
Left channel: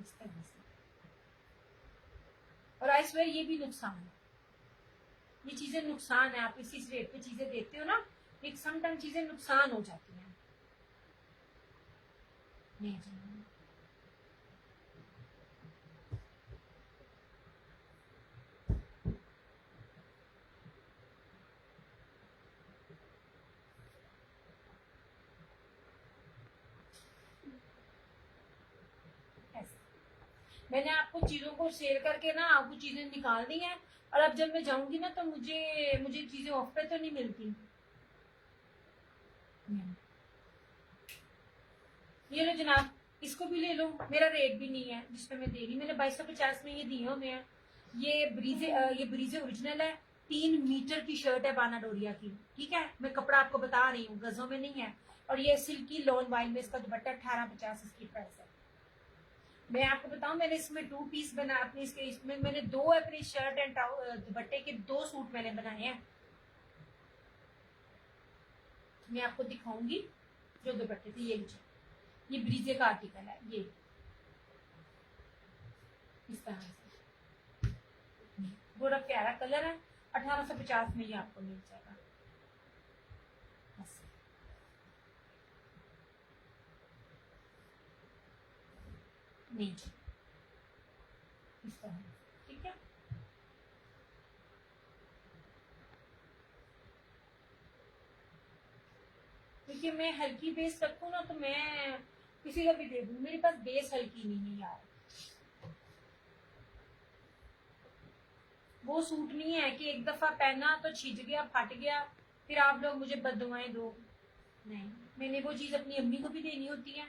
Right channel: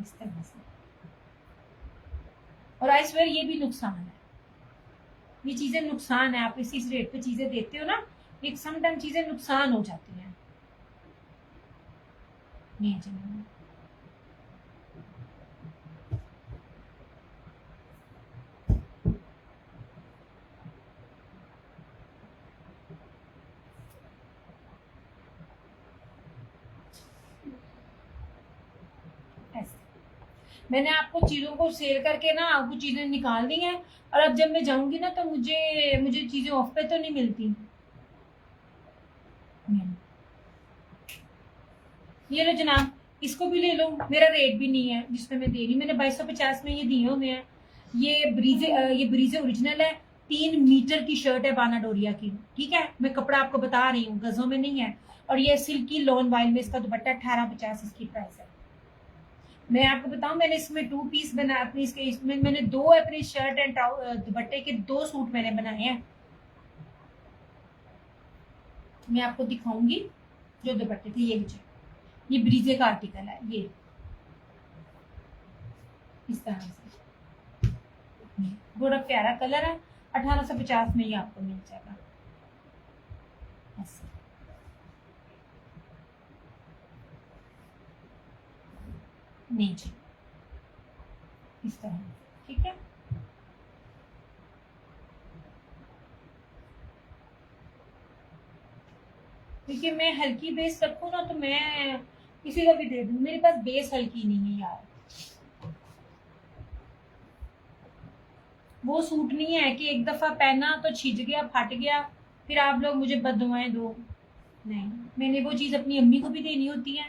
इस तरह से। और आई स्वेयर ये भी नुकसान है, ये चीजें नुकसान है। आप इसी रेट पे चीजें देते हो ना, एक समटाइम चीजें नुकसान हो जाती हैं। नहीं चलो, मैंने आपको चीजों को सेल करके ना आपको चीजें निकाल दी हैं, और अब जब मैं जाऊंगी ना तो मुझे मुझे चीजें ऑफ पे तो नहीं मिलती। ये लो जनाब, इसको भी ले लो, मेरा रेट भी नहीं है जिसमें मैं दे रही। मैंने 2250 में ये दिए हुए हैं। ये ब्रीजे ओरिजिनल है, 3 मीटर की शर्ट है बाना डोरिया की, ठीक है। मैं कपड़ा आपको बता रही हूँ, गजों में नहीं है। और ये सिल्की लॉन वाइल में इसका दुपट्टा 1850 इसकी प्राइस है। मैं आपको बताऊं, मैंने इसमें 2 पीस बना अपनी इसमें मैंने 2 अपनी शर्ट एंड दुपट्टे के 2 सूट मैंने बनाए हैं। मैं आपको दिखाऊंगी जो दुपट्टे थे। ये ब्रीजे का आर्टिकल है, ये इस तरह से बड़ा प्यारा कलर है। 1850 में ये आपको मिल जाएगा। ऐसे नहीं जी, इस तरह, ठीक है। क्योंकि मैं हल्की बेस रखूँ ना तो मैं किसी को भी दे दूँ, मेरे पास बेस हल्की नहीं है यार। वो सूट नहीं है कि एक दफा पहना तो छिज गया, फट गया, फिर आप लोग मुझे बददुआएं दो। नहीं, मैंने वो चीज अपनी अम्मी को भी देनी होती है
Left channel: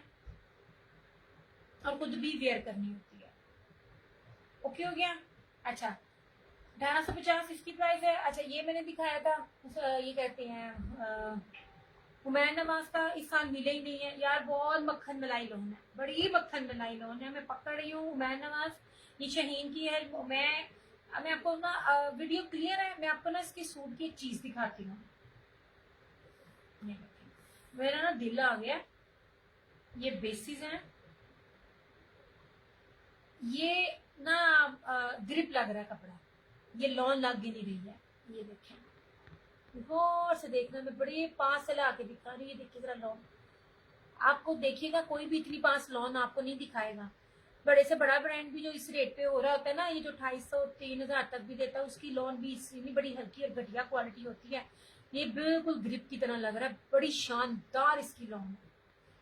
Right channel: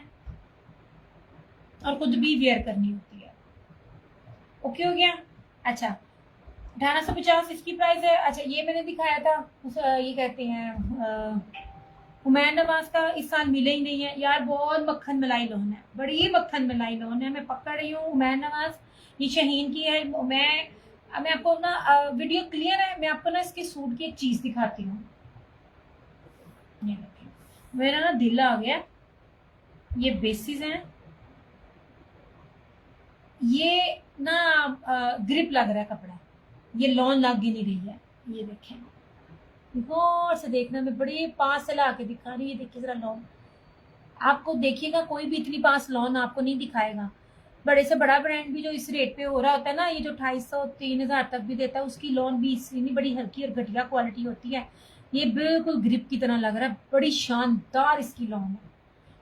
और खुद भी वेयर करनी होती है। ओके हो गया। अच्छा 1850 इसकी प्राइस है। अच्छा ये मैंने दिखाया था ये कहते हैं हुमैन नवाज का, इस साल मिले ही नहीं है यार। बहुत मक्खन मलाई लोन है, बड़ी मक्खन मलाई लोन है। मैं पकड़ रही हूँ हुमैन नवाज, ये शहीन की है। मैं आपको ना वीडियो क्लियर है, मैं आपको ना इसके सूट की एक चीज दिखाती हूँ। ये देखिए, मेरा ना दिल आ गया। ये बेसिस हैं, ये ना ग्रिप लग रहा है कपड़ा, ये लॉन लग ही नहीं रही है। ये देखें, गौर से देखना, मैं बड़ी पास से ला के दिखा रही है। देखिए जरा लॉन, आपको देखिएगा कोई भी इतनी पास लॉन आपको नहीं दिखाएगा। बड़े से बड़ा ब्रांड भी जो इस रेट पे हो रहा होता है ना, ये जो 250-3,000 तक भी देता है, उसकी लॉन भी इतनी बड़ी हल्की और घटिया क्वालिटी होती है। ये बिल्कुल ग्रिप की तरह लग रहा है, बड़ी शानदार इसकी लॉन है।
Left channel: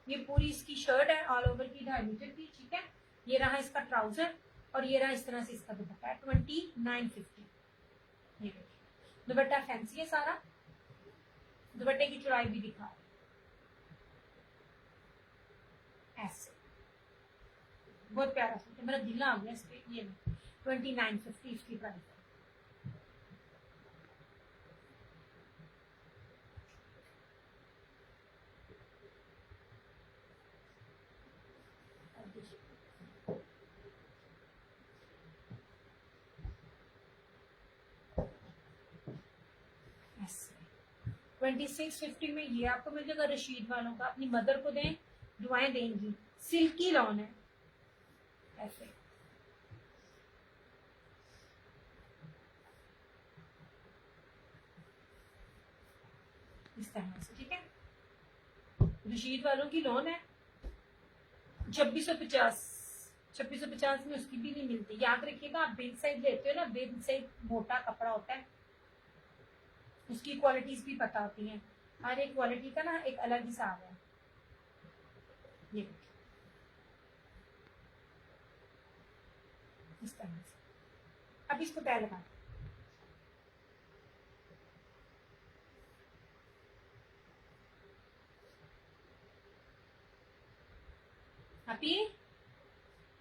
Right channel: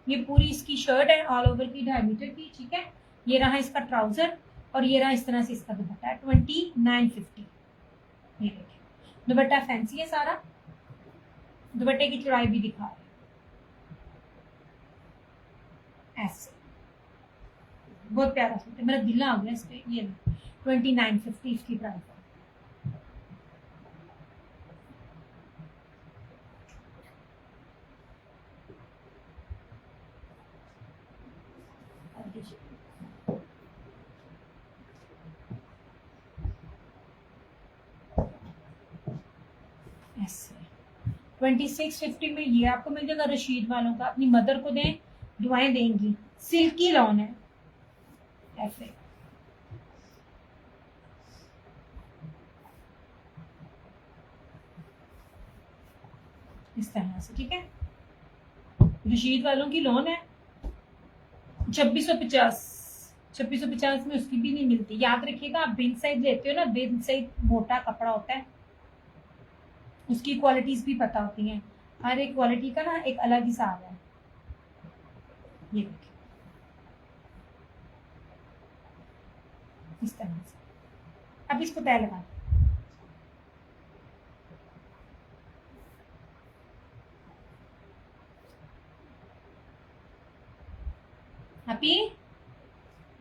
ये पूरी इसकी शर्ट है ऑल ओवर की 2.5 मीटर की, ठीक है। ये रहा इसका ट्राउजर और ये रहा इस तरह से इसका दुपट्टा है 2950। ये देखिए दुपट्टा फैंसी है सारा, दुपट्टे की चौड़ाई भी दिखा रहे ऐसे, बहुत प्यारा सूट है, मेरा दिल आ गया इस पे। ये 2950 इसकी प्राइस है। ऐसे 2650 में ये आपको मिल जाएगा। रशीद वालों का, अपनी मदर को दें, दुआएं देंगी। सिल्की लॉन है, ऐसे। इस तरह से, ठीक है। रशीद वालों की लोन है 2650। 2650 में उसकी भी नहीं मिलती। याद रखिएगा, आप बिन साइज लेते हो ना, बिन साइज मोटा कपड़ा होता है, उसकी क्वालिटीज भी पता होती हैं। हर एक क्वालिटी का ना एक अलग हिसाब है। ये देखिए इस तरह से। अब इसको तय लगा, हैप्पी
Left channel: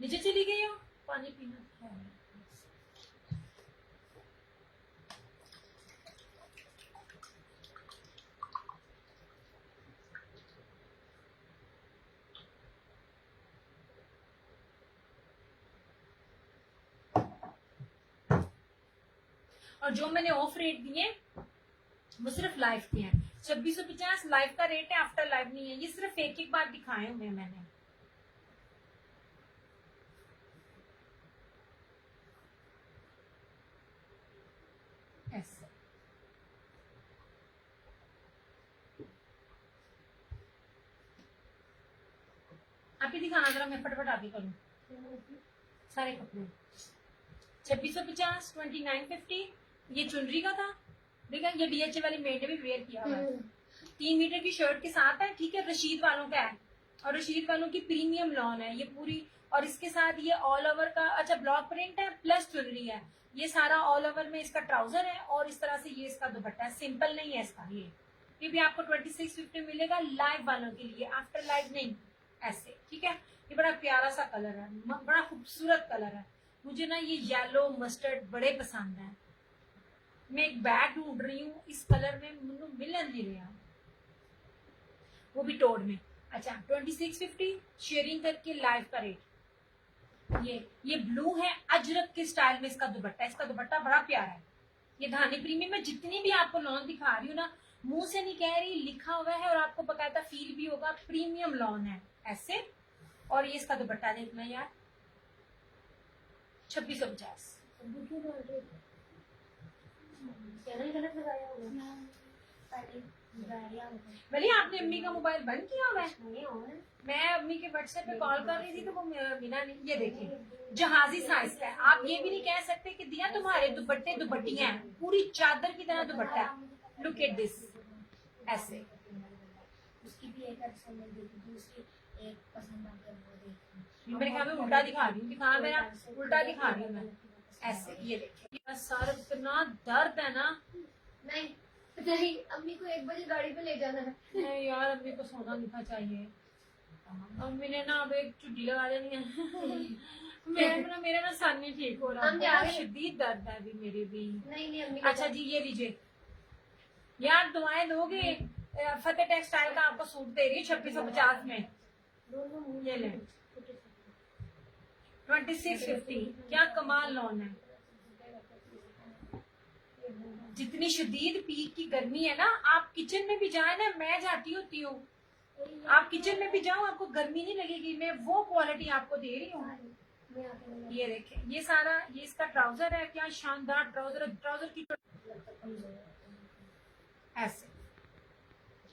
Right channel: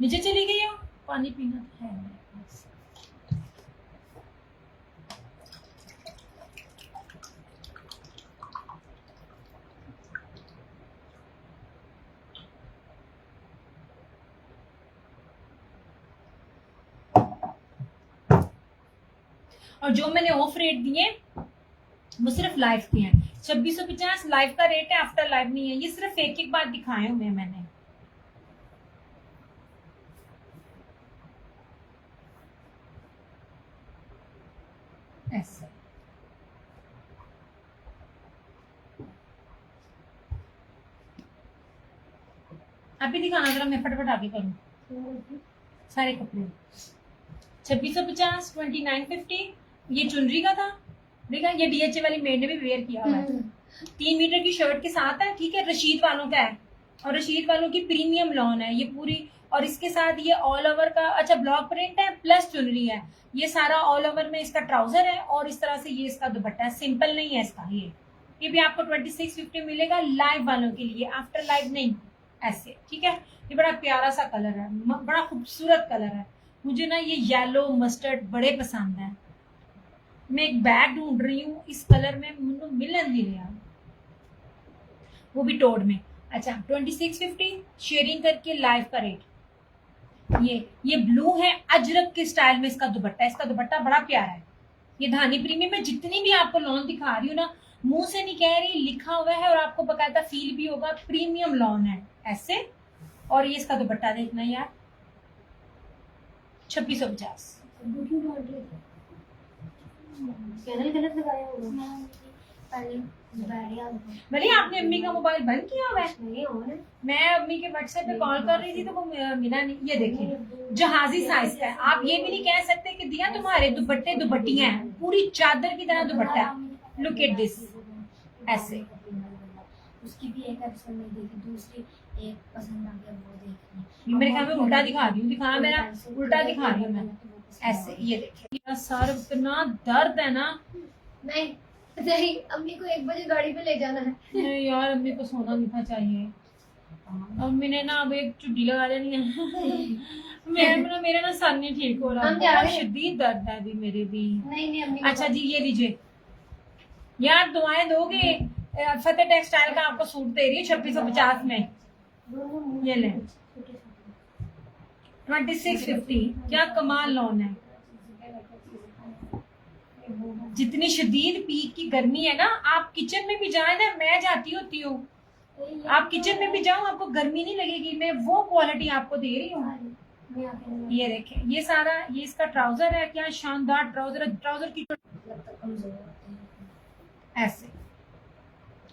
नीचे चली गई हो, पानी पीना है। और जो मैंने ऑफ रेट दिए वो सिर्फ लाइफ के हैं। 2650 लाइफ का रेट है, आफ्टर लाइफ नहीं है। ये सिर्फ एक एक बार दिखाए हुए हैं मैंने। ऐसे अभी दिखाना जरा, मैं फटाफट आगे करूँ। सारे कपड़े 2650, 2950। ये चुनरी का था, देखा, ये डीएचए वाली मेड ने भी वेयर किया हुआ है। 3 मीटर की शर्ट के साथ है, ठीक है। रशीद वालों का है, और रशीद वालों की प्रीमियम लॉन है ये पूरी। और इसके साथ ये ऑल ओवर का, अच्छा, ब्लॉक प्रिंट है प्लस चुनरी है। ये सारा ऑल ओवर में इसका ट्राउजर है, और इस तरह से ये इसका दुपट्टा है। सिंपल नहीं है इसका। ये भी आपको 2650 मिलेगा लाइव वालों के लिए, आफ्टर लाइव नहीं। ऐसे, ठीक है। ये बड़ा प्यारा सा कलर है, बड़ा खूबसूरत कलर है। मुझे ना ये येलो मस्टर्ड बड़े पसंद है। मैं एक बैग ढूंढ रही हूँ इस कलर में, मुझे मिल नहीं रहा, वो भी टोड में। अच्छा, 2650 शेयरिंग करके लाइव का रेट। ये ब्लू है, अजरक के स्टाइल में इसका दुपट्टा है। इसका दुपट्टा बड़ा प्यारा है। ये धानी प्रीमियम में जितनी भी आपको लॉन दिखा रही हूँ ना, मुंह से नहीं कह रही, लिखा हुआ है, और आपको बकायदा फील भी होगा, प्रीमियम लॉन है ऐसे। और ये इसका दुपट्टा देखना यार, 2650। गलत लगाया होगा। भले आपने अम्मी का मोबाइल बंद किया हुआ है? नहीं हो ना। मैं अम्मी के व्हाट्सएप पे कॉल कर रही थी तो वो मिला नहीं। ये देखिए जहाजी साइज का है। आप ये भी नहीं कह सकते कि दिया तुम्हारे दुपट्टे दुपट्टियां हैं, पूरी चादर की तरह दुपट्टा है। लुक एट दिस, ऐसे। उसकी भी एक एपिसोड में देखी, दूसरी एक पसंद आ गया वो देखी। मेरे काम में उल्टा दिखा रही हूँ, दिखा मेरा उल्टा दिखा रही हूँ मैं। ऐसे ये देखिए सर, इतना दर्द है ना। नहीं नहीं, अम्मी को 1 बजे गाड़ी पे ले जाना है। नहीं यार, अम्मी को सोना नहीं था चाहिए। अम्मी ने ना अब एक चुट्टी लगा देनी है। मेरा ना सर नहीं ठीक हो रहा, बहुत शदीद दर्द है अभी मेरे भी। नहीं अम्मी। अच्छा जी, ये लीजिए यार, दुआएं दोगे। फतेह टेक्सटाइल का आपको सूट दे रही है 2650 में। ये ले 2650। क्या कमाल लॉन है। जितनी शदीद पीक की गर्मी है ना, आप किचन में भी जाए ना, मैं जाती होती हूँ, आप किचन में भी जाओ, आपको गर्मी नहीं लगेगी। मैं वो क्वालिटी आपको दे रही हूँ। ये देखें, ये सारा, ये इसका ट्राउजर है। क्या शानदार ट्राउजर है। ट्राउजर की ऐसे,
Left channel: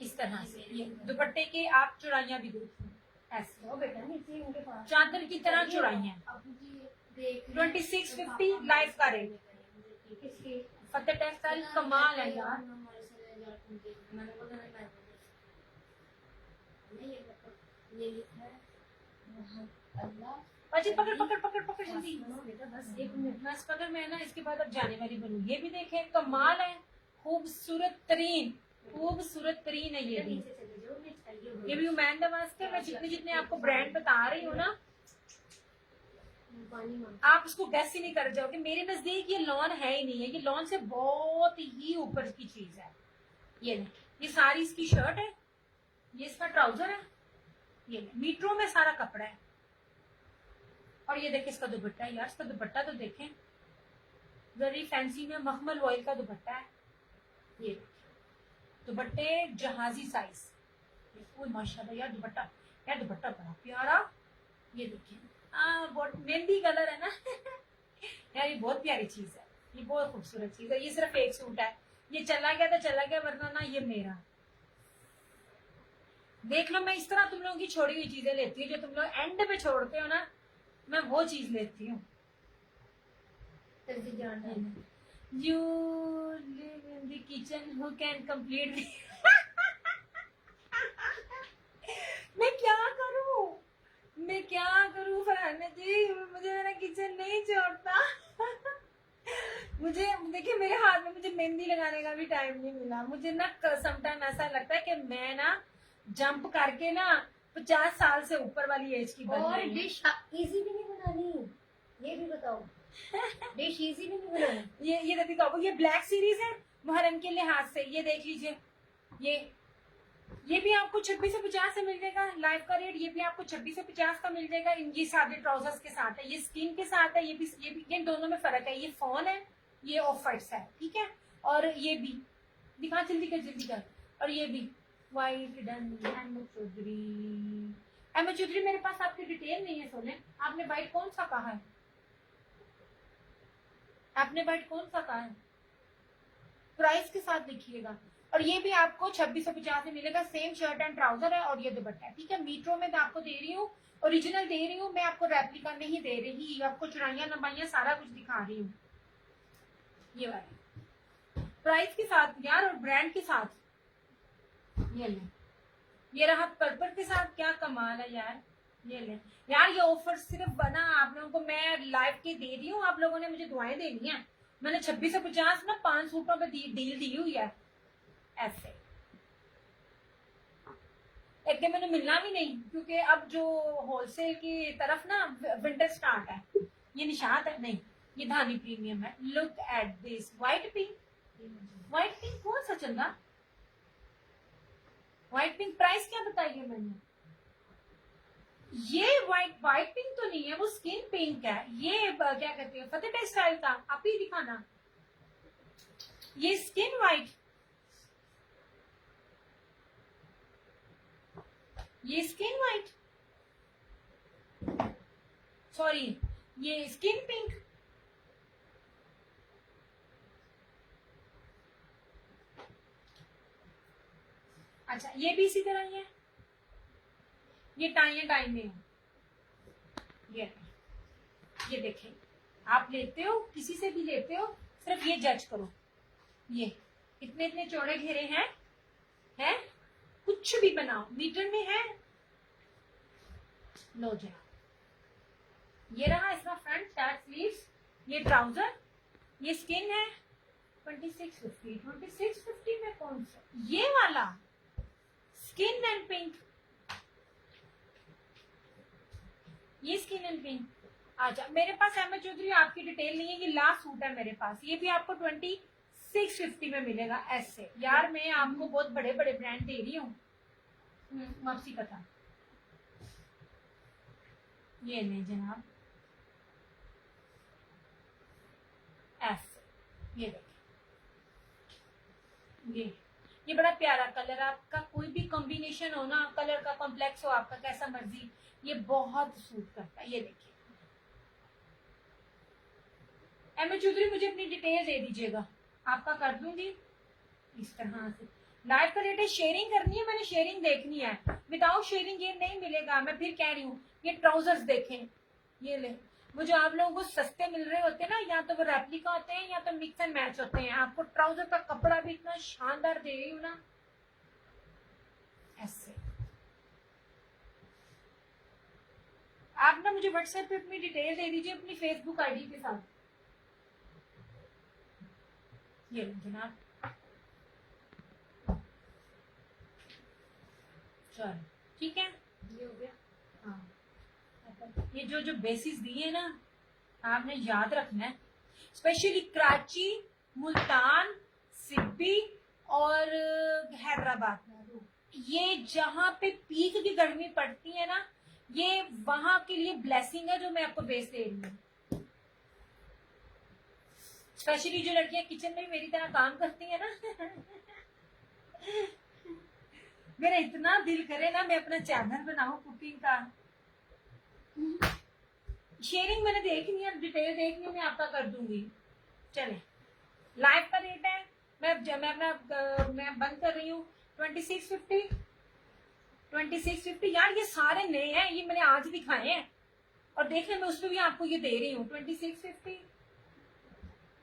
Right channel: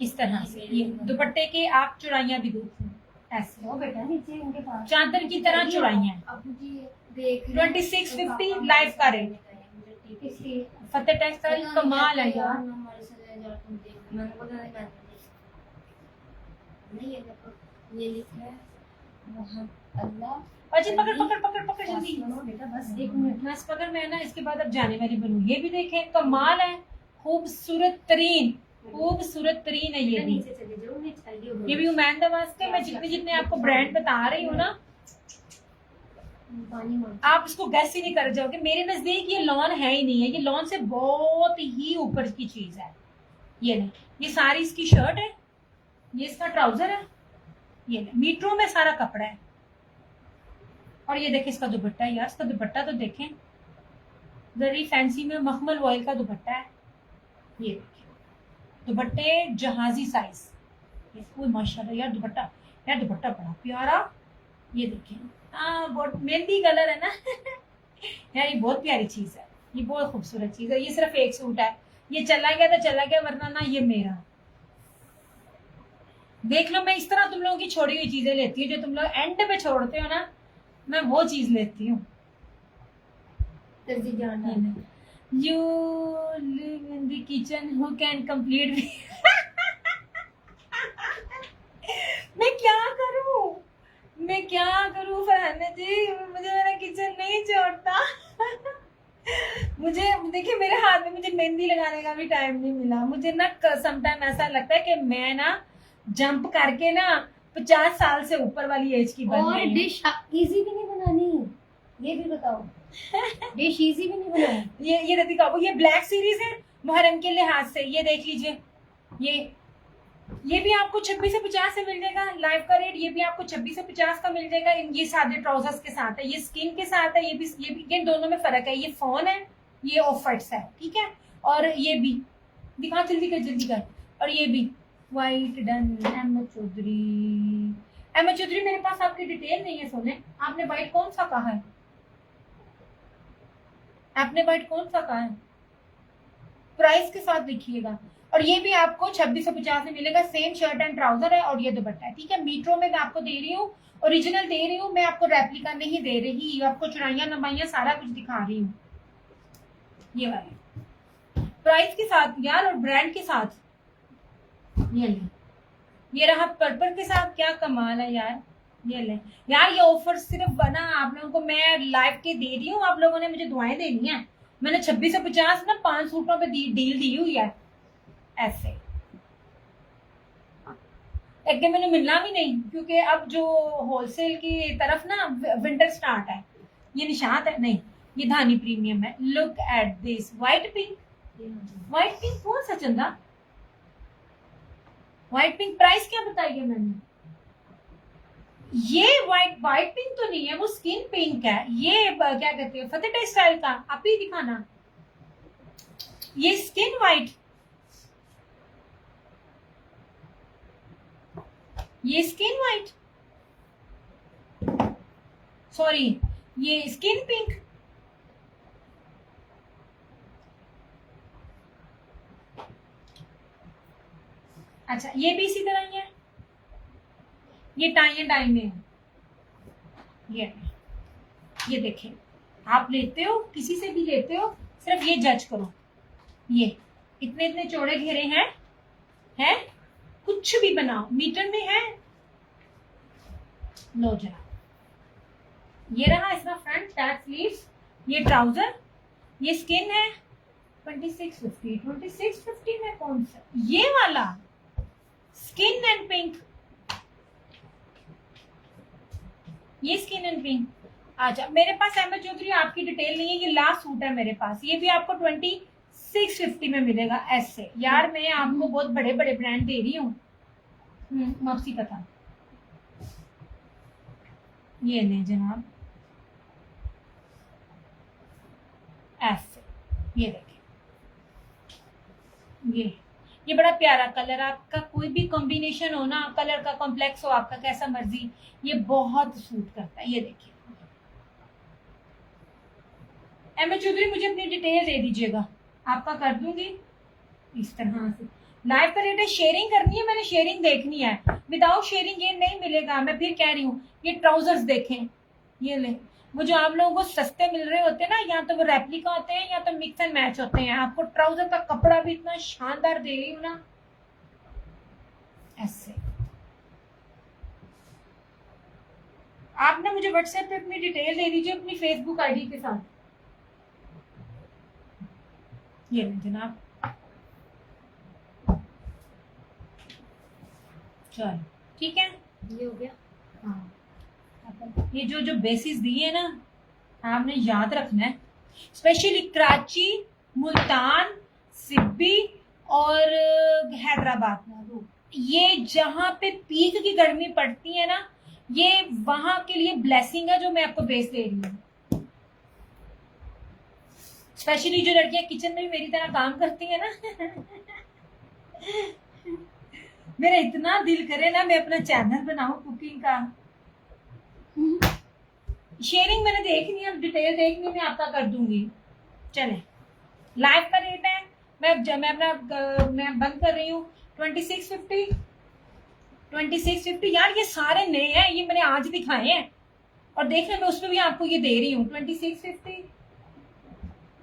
इस तरह से। ये दुपट्टे के आप चौड़ाइयाँ भी देखिए, ऐसे वो बेटा नीचे उनके पास चादर की तरह चौड़ाइयाँ। 2650 लाइफ का रेट। फतेह टेक्सटाइल कमाल है यार। ये लिखा है अल्लाह। अजी पकड़ पकड़ पकड़ पकड़ जल्दी। बेटा बस 1 मिनट। बस पकड़, मैं ना इसके बाद अब जाने वाली बनूं। ये भी देखें, कमाल है, खूबसूरत तरीन, खूबसूरत तरीन है ये भी। ये भी उमैन दवास के। मैं जितने जितने आपको ब्रांड बता रही हूँ ना, आप इसको गैस ही नहीं कर जाओगे। मेरे नजदीक ये लॉन है ही नहीं है, ये लॉन से बहुत ही ऊपर की चीज है। ये नहीं, ये सारी इसकी शर्ट है, ये इसका ट्राउजर है, ये मीटरों में सारा कपड़ा है। और ये देखें इसका दुपट्टा है यार, इसका दुपट्टा तो देखें, वेरी फैंसी में मखमल ऑयल का दुपट्टा है। ये देखिए दुपट्टे जहाजी साइज। कोई माशाल्लाह यार दुपट्टा, यार दुपट्टा बड़ा प्यारा, ये देखिए, हाँ बहुत मेहंदी कलर है ना। यार ये बहुत प्यारी चीज है, ये बहुत खूबसूरत चीज है। ये सिर्फ एक सूट है, ये चला गया तो चला गया, वरना ना ये मेरा। देख लो, मैं इस तरह तुम लोगों की छोड़ी हुई चीजें लेती हूँ, जो तुम लोग एंड पे छोड़ते हो ना, मैं वो चीज लेती हूँ। जल्दी जाना। You live in the kitchen, who can complete me? मैं क्या करूं, मैं क्या करूं फरहाना जी, मुझे मेरा किचन नहीं छोड़ता। मुझे देखिए, मेरे हाथ में मुझे मेहंदी लगाने का भी टाइम नहीं मिला। मुझे ना समटाइम ऐसा लगता है कि मैं ना जंप करके ना 50 साल से ऊपर वाली एज की बन और गई हूं। डिश इजी भी नहीं बनानी, ये भी बताओ। डिश इजी भी नहीं बनानी। ये रतिका, ये ब्लैक सीरीज है मुहर्रम के लिहाज से, ये देख लीजिए। ये भी आपको 26 से 50 से मिल जाएगा लाइव का रेट। ये भी आपको 26 से 50 का मिल जाएगा। ये सादे ट्राउजर्स के साथ है, ये स्किन के साथ है। ये दोनों में फर्क है। ये फोन है, ये ऑफ व्हाइट्स है, ठीक है। और ये भी दिखा, जल्दी कर जल्दी कर। और ये भी वाइट डन। अहमद चौधरी मेरे पास आपकी डिटेल नहीं है सोने। आपने वाइट कौन सा कहा है? आपने वाइट कौन सा कहा है? प्राइस के साथ लिखिएगा। और ये भी आपको 26 से 50 में मिलेगा। सेम शर्ट एंड ट्राउजर है और ये दुपट्टा है, ठीक है। मीटरों में मैं आपको दे रही हूँ, ओरिजिनल दे रही हूँ मैं आपको, रेप्लिका नहीं दे रही। आपको चुराइयां लंबाइयां सारा कुछ दिखा रही हूँ। ये वाले प्राइस के साथ यार, और ब्रांड के साथ। ये ले, ये रहा पर्पल के साथ। क्या कमाल है यार, ये ले यार। ये ऑफर सिर्फ बना आप लोगों को मैं लाइव के दे रही हूँ। आप लोगों ने मुझे दुआएं देनी है। मैंने 26 से 50 ना 5 सूटों पे डील दी हुई है ऐसे। एक दिन मैंने मिलना भी नहीं, क्योंकि अब जो होलसेल की तरफ ना विंटर स्टार्ट है। ये निशात है नहीं, ये धानी प्रीमियम है। Look at this white pink. White pink कौन सा चंदा? व्हाइट पिंक प्राइस क्या बताइए मैंने? ये व्हाइट पिंक तो नहीं है, वो स्किन पिंक है। ये क्या कहते हैं, फतेह स्टाइल का। आप ही दिखाना, ये स्किन व्हाइट, ये स्किन व्हाइट, सॉरी ये स्किन पिंक। अच्छा, ये भी इसी तरह ही है। ये टाई एंड डाई में है। ये देखें, आप लेते हो किसी से भी लेते हो, सिर्फ ये जज करो। ये इतने इतने चौड़े घेरे हैं कुछ भी बनाओ मीटर में है। लो जरा, ये रहा इसका फ्रंट टैच स्लीव्स। ये ट्राउजर, ये स्किन है। 2650 में कौन सा? ये वाला स्किन एंड पिंक, ये स्किन एंड पिंक। अच्छा, मेरे पास अहमद चौधरी आपकी डिटेल नहीं है। ये लास्ट सूट है मेरे पास, ये भी आपको 2650 में मिलेगा ऐसे। यार मैं आपको बहुत बड़े बड़े ब्रांड दे रही हूँ। माफी पता। ये ले जनाब ऐसे, ये देखिए। ये बड़ा प्यारा कलर। आपका कोई भी कॉम्बिनेशन हो ना, कलर का कॉम्प्लेक्स हो आपका कैसा मर्जी, ये बहुत सूट करता है। ये देखिए, अहमद चौधरी मुझे अपनी डिटेल दे दीजिएगा, आपका कर दूंगी इस तरह से। लाइव का रेट है, शेयरिंग करनी है, मैंने शेयरिंग देखनी है। विदाउट शेयरिंग ये नहीं मिलेगा। मैं फिर कह रही हूँ, ये ट्राउजर्स देखें, ये ले। वो जो आप लोगों को सस्ते मिल रहे होते हैं ना, या तो वो रेप्लिका होते हैं या तो मिक्स एंड मैच होते हैं। आपको ट्राउजर का कपड़ा भी इतना शानदार दे रही हूँ ना ऐसे। आप ना मुझे व्हाट्सएप पे अपनी डिटेल दे दीजिए अपनी फेसबुक आईडी के साथ। ये जनाब, चल ठीक है, ये हो गया। हाँ, ये जो बेसिस दिए ना, आपने याद रखना है। स्पेशली कराची, मुल्तान, सिब्बी और हैदराबाद में, ये जहाँ पे पीक की गर्मी पड़ती है ना, ये वहां के लिए ब्लेसिंग है जो मैं आपको बेस दे रही हूँ। स्पेशली जो लड़कियां किचन में मेरी तरह काम करती है ना, मेरा इतना दिल करे ना मैं अपना चैनल बनाऊं कुकिंग का। शेयरिंग मैंने देखनी है, डिटेल देखनी मैं आपका कर दूंगी। चले, लाइव का रेट है, मैं अपना मैं बंद कर रही हूँ 2650। 2650 यार ये सारे नए हैं, ये मैंने आज दिखाए हैं और देखने में उसमें भी आपको ये दे रही हूँ 2650।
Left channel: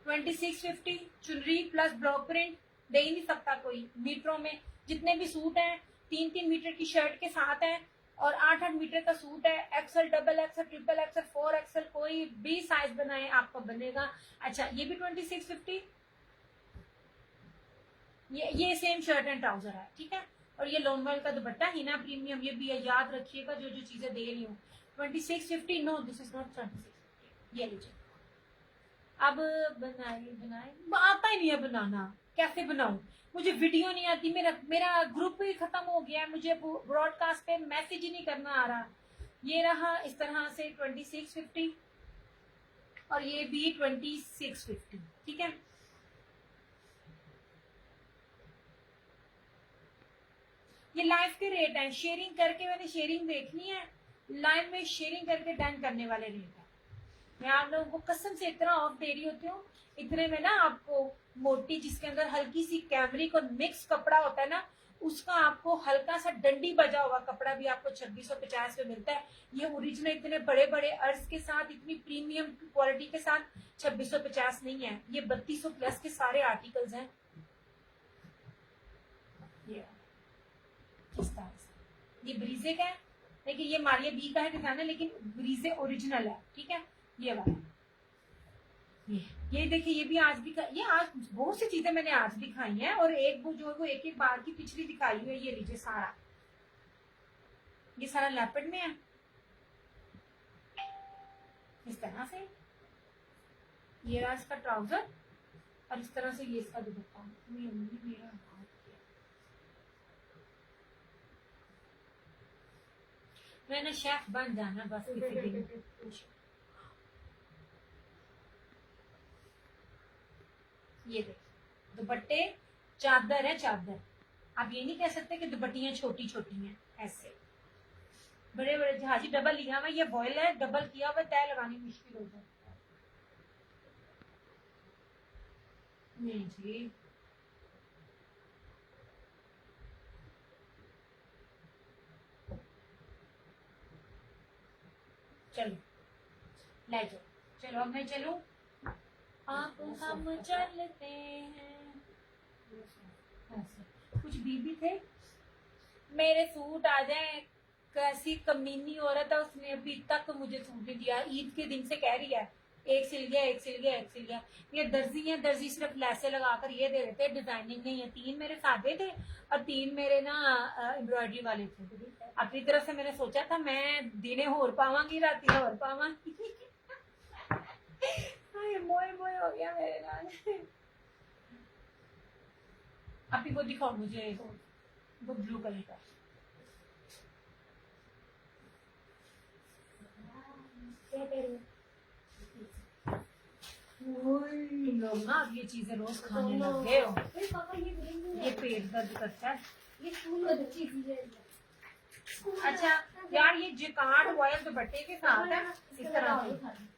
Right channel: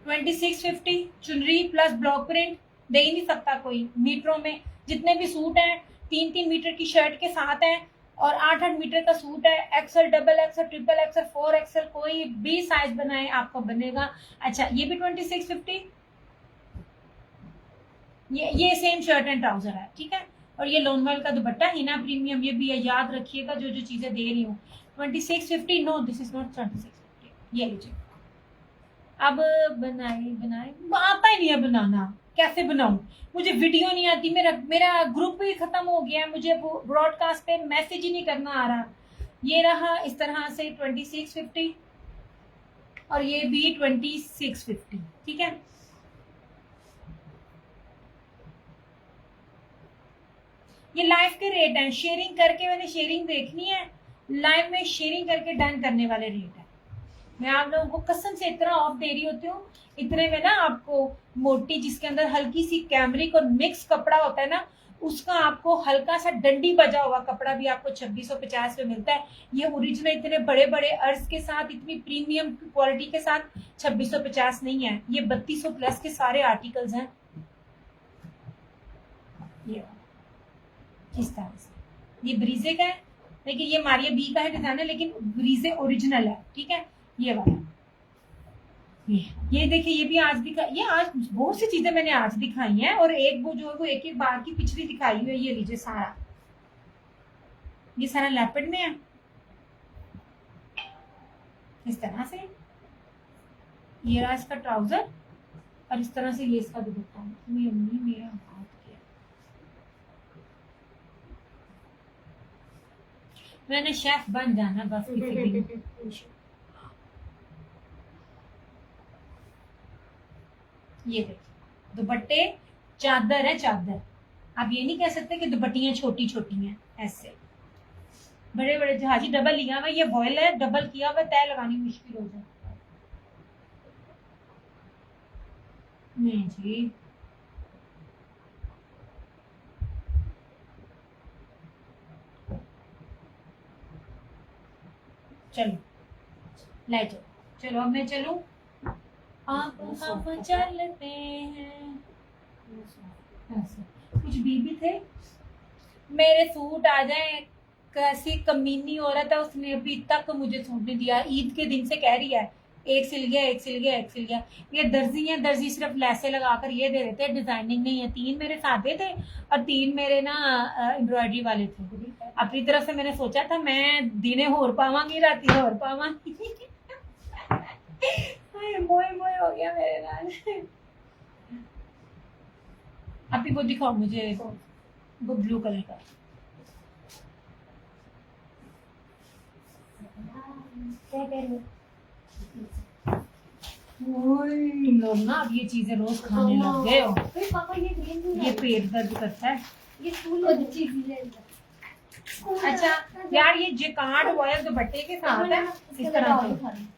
2650 चुनरी प्लस ब्लॉक प्रिंट दे ही नहीं सकता कोई। मीटरों में जितने भी सूट हैं 3-3 मीटर की शर्ट के साथ हैं और 8-8 मीटर का सूट है। XL, double XL, triple XL, 4XL कोई भी साइज बनाए आपको बनेगा। अच्छा ये भी 2650, ये सेम शर्ट एंड ट्राउजर है, ठीक है। और ये लोनवेल का दुपट्टा हिना प्रीमियम, ये भी है, याद रखिएगा जो जो चीजें दे रही हूँ। 2650, नो दिस इज नॉट 2650, ये लीजिए। अब बनाए आता ही नहीं है बनाना, कैसे बनाऊं? मुझे वीडियो नहीं आती, मेरा ग्रुप ही खत्म हो गया है, मुझे ब्रॉडकास्ट पे मैसेज ही नहीं करना आ रहा। ये रहा इस तरह से 2650 और ये भी 2650, ठीक है। ये लाइव के रेट हैं, शेयरिंग करके मैंने शेयरिंग देखनी है, लाइव में शेयरिंग करके डन करने वाले रेट है। मैं आप लोगों को कसम से इतना ऑफ दे रही होती हूँ, इतने में ना आपको मोटी जिसके अंदर हल्की सी कैमरिक और मिक्स कपड़ा होता है ना, उसका आपको हल्का सा डंडी बजा हुआ कपड़ा भी आपको 2650 में मिलता है। ये ओरिजिनल इतने बड़े बड़े अर्ज के साथ, इतनी प्रीमियम क्वालिटी के साथ 2650 नहीं है, ये 3200 प्लस के सारे आर्टिकल्स हैं। ये इस तरह से ये ब्रीजे का है, लेकिन ये मारिया बी का है डिजाइन है, लेकिन ब्रीजे ओरिजिनल है, ठीक है। ये वाला ये देखिए, ये भी आज दिखा, ये आज बहुत सी चीजें मैंने आज दिखाई हैं और एक वो जो वो एक एक बार की पिछली दिखाई हुई है। ये लीजिए सारा, ये सारा लेपर्ड में है इस तरह से। ये रहा इसका ट्राउजर और इस तरह से ये इसका दुपट्टा। मेरा हाथ क्या, मैंने शेफ बन जाना बस किसी दिन। ये देखिए दुपट्टे, चादर है चादर। आप ये नहीं कह सकते कि दुपट्टियां छोटी छोटी हैं, ऐसे बड़े बड़े जहाजी। डबल लिया हुआ, ये बॉयल है, डबल किया हुआ, तय लगानी मुश्किल हो जाती है। नहीं जी, चलो ले जाओ, चलो अब मैं चलूं। आप हम चलते हैं। कुछ बीबी थे, मेरे सूट आ जाए। कैसी कमीनी औरत है, उसने अभी तक मुझे सूट नहीं दिया। ईद के दिन से कह रही है एक सिल गया, एक सिल गया, एक सिल गया। ये दर्जी है, दर्जी सिर्फ लैसे लगाकर ये दे देते हैं, डिजाइनिंग नहीं है। 3 मेरे सादे थे और 3 मेरे ना एम्ब्रॉयडरी वाले थे। अपनी तरफ से मैंने सोचा था मैं दिने होर पावांगी, राती होर पावांगी। मोए मोए हो गया मेरे नाल। अभी वो दिखाओ मुझे, वो ब्लू कलर का। क्या कह रही लोग ना अब ये चीजें रोज खाने लग गए हो। पापा ये ग्रीन ये पेट दर्द करता है। ये स्कूल अच्छी चीज है। अच्छा यार, ये जिकार्ड रॉयल दुपट्टे के साथ है इस तरह से।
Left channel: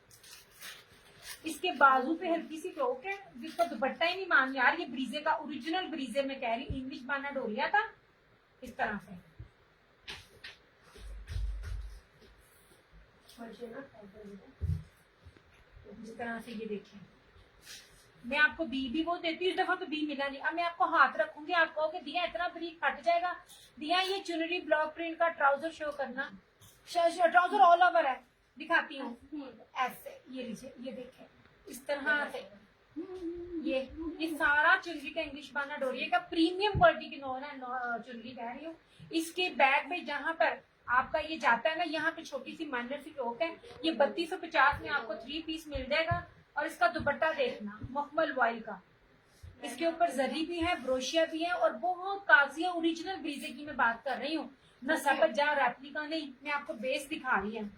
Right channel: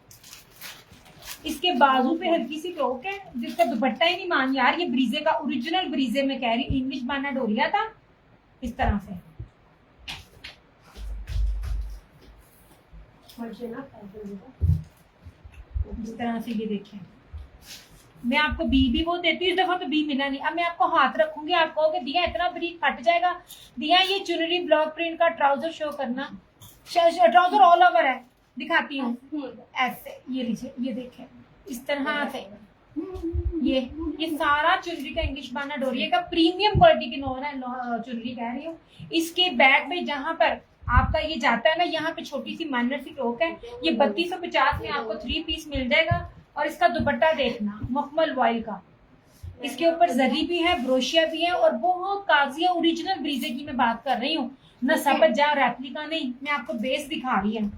इसके बाजू पे हल्की सी टोक है जिसका दुपट्टा ही नहीं मान। यार ये ब्रीजे का ओरिजिनल ब्रीजे में कह रही, इंग्लिश बाना डोरिया था इस तरह से। इस तरह से ये देखें, मैं आपको बी भी वो देती हूँ, इस दफा तो बी मिला नहीं। अब मैं आपको हाथ रखूंगी, आप कहोगे दिया इतना बरीक फट जाएगा। दिया ये चुनरी ब्लॉक प्रिंट का ट्राउजर शो करना, ट्राउजर ऑल ओवर है, दिखाती हूँ ऐसे। ये लीजिए, ये देखें इस तरह से। ये सारा चुनरी का इंग्लिश बाना डोरिया का प्रीमियम क्वालिटी की चुनरी कह रही हूँ। इसके बैग में जहां पर आपका ये जाता है ना, यहाँ पे छोटी सी माइनर सी टोक है। ये 3250 में आपको 3 पीस मिल जाएगा। और इसका दुपट्टा देखना मखमल वॉयल का, इसके ऊपर जरी भी है, ब्रोशिया भी है और बहुत काजिया ओरिजिनल ब्रीजे की मैं बात कर रही हूँ ना, सबत जा रेप्लिका नहीं। मैं आपको बेस दिखा रही हूँ।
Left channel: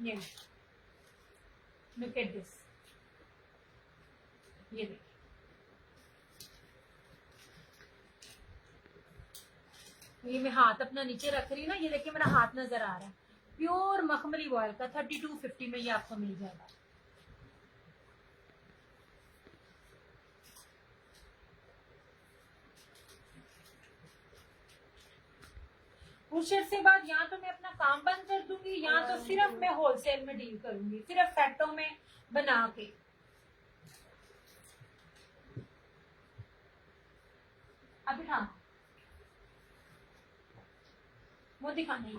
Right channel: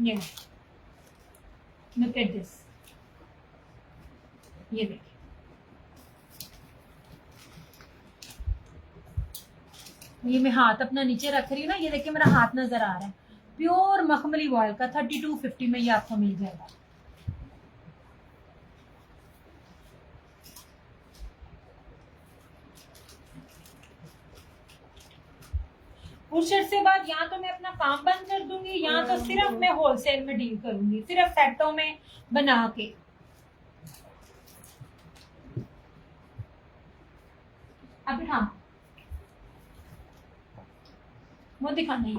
ये लुक एट दिस, ये देखिए ये मैं हाथ अपना नीचे रख रही हूँ ना, ये देखिए मेरा हाथ नजर आ रहा है। प्योर मखमली वॉयल का 3250 में ये आपको मिल जाएगा। उस शर्ट से बाद या तो मैं अपना काम बंद कर दूंगी या तो सिर्फ मैं होलसेल में डील करूंगी, सिर्फ सेटों में बना के। अब बिठा वो दिखाना है,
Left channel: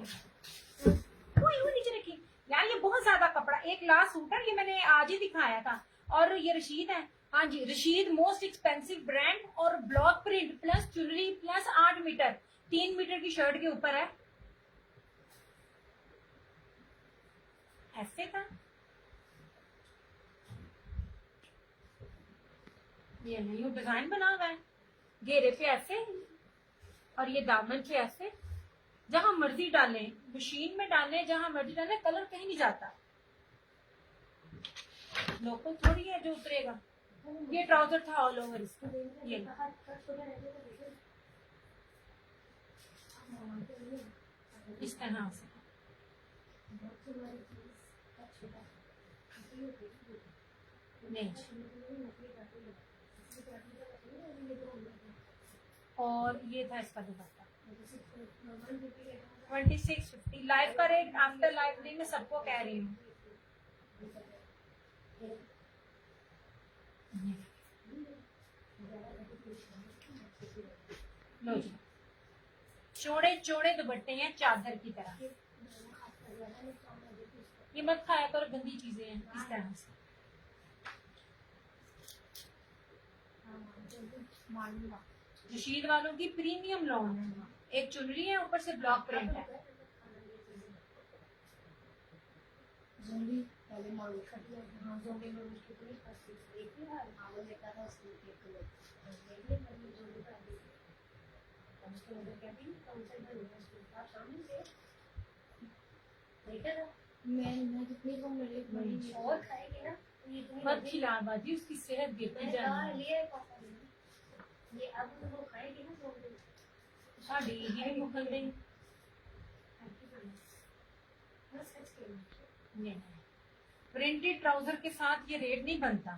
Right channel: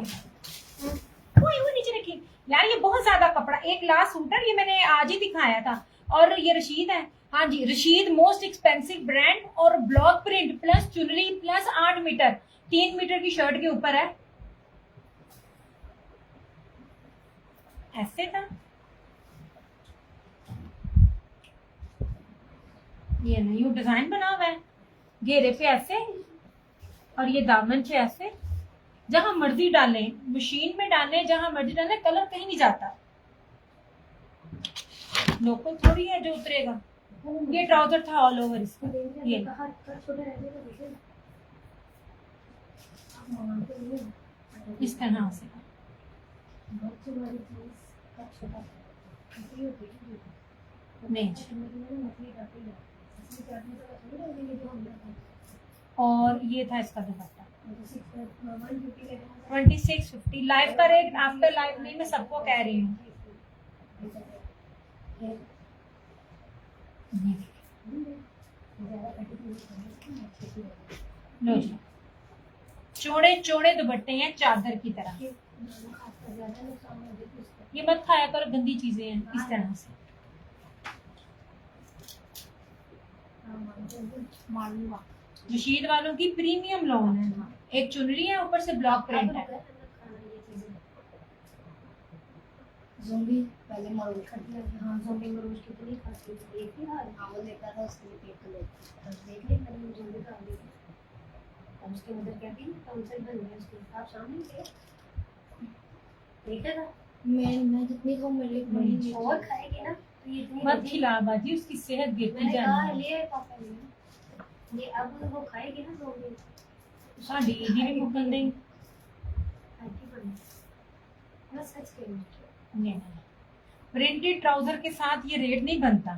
वो नीचे रखी यार। ये बहुत ज्यादा कपड़ा, एक लास्ट सूट है, ये मैंने आज ही दिखाया था। और ये रशीद है, हाँ जी रशीद मोस्ट एक्सपेंसिव ब्रांड, और ब्लॉक प्रिंट प्लस चुनरी प्लस 8 मीटर 3 मीटर की शर्ट के ऊपर है। ऐसे था ये नहीं, डिजाइन बना हुआ है घेरे पे ऐसे, और ये दामन पे ऐसे। जहां मर्जी डालें, मशीन में डालें, जहां मर्जी डालें, कलर कहीं नहीं जाता। लोकल थोड़ी है जो उतरेगा। ये ट्राउजर था ऑल ओवर इसका, ये इस तरह से। नहीं और ये था इसका दुपट्टा 2650। लाइव का रेट आफ्टर लाइव नहीं, मैं सबको कह रही हूँ। लो जी, चौड़े चौड़े दुपट्टे हैं चादर की तरह। ये मत खाया करो, गंदी चीजें हैं इस तरह से। रशीद वालों की प्रीमियम लॉन है, एक चुनरी है ऊपर से ब्लॉक प्रिंट है। ज़ोंबी पहले मरूज खड़ी है। हाँ ज़ोंबी मरूज कितनी खाती है, एक ही हाल हाँ वो देखा था उसके लिए पेट को बस देख ले मैंने ज़ोंबी का देखा। और उसके मदर क्या थी काउंसिल बन गया उसके आप सामने थे देखेगा। मैं जितनी खाऊं मेरे लिए और खाएगी ना तो ये इतनी मत खिला बाजी, उसकी सेहत गिरती मैंने कहा जाएगी। ले पापा ने ये अब वो खाएगी ना ज़ोंबी साडी दी भी मुकन नहीं। बस सच कह नहीं प्रिंटेड ट्राउजर के साथ ये रेट नहीं बनता।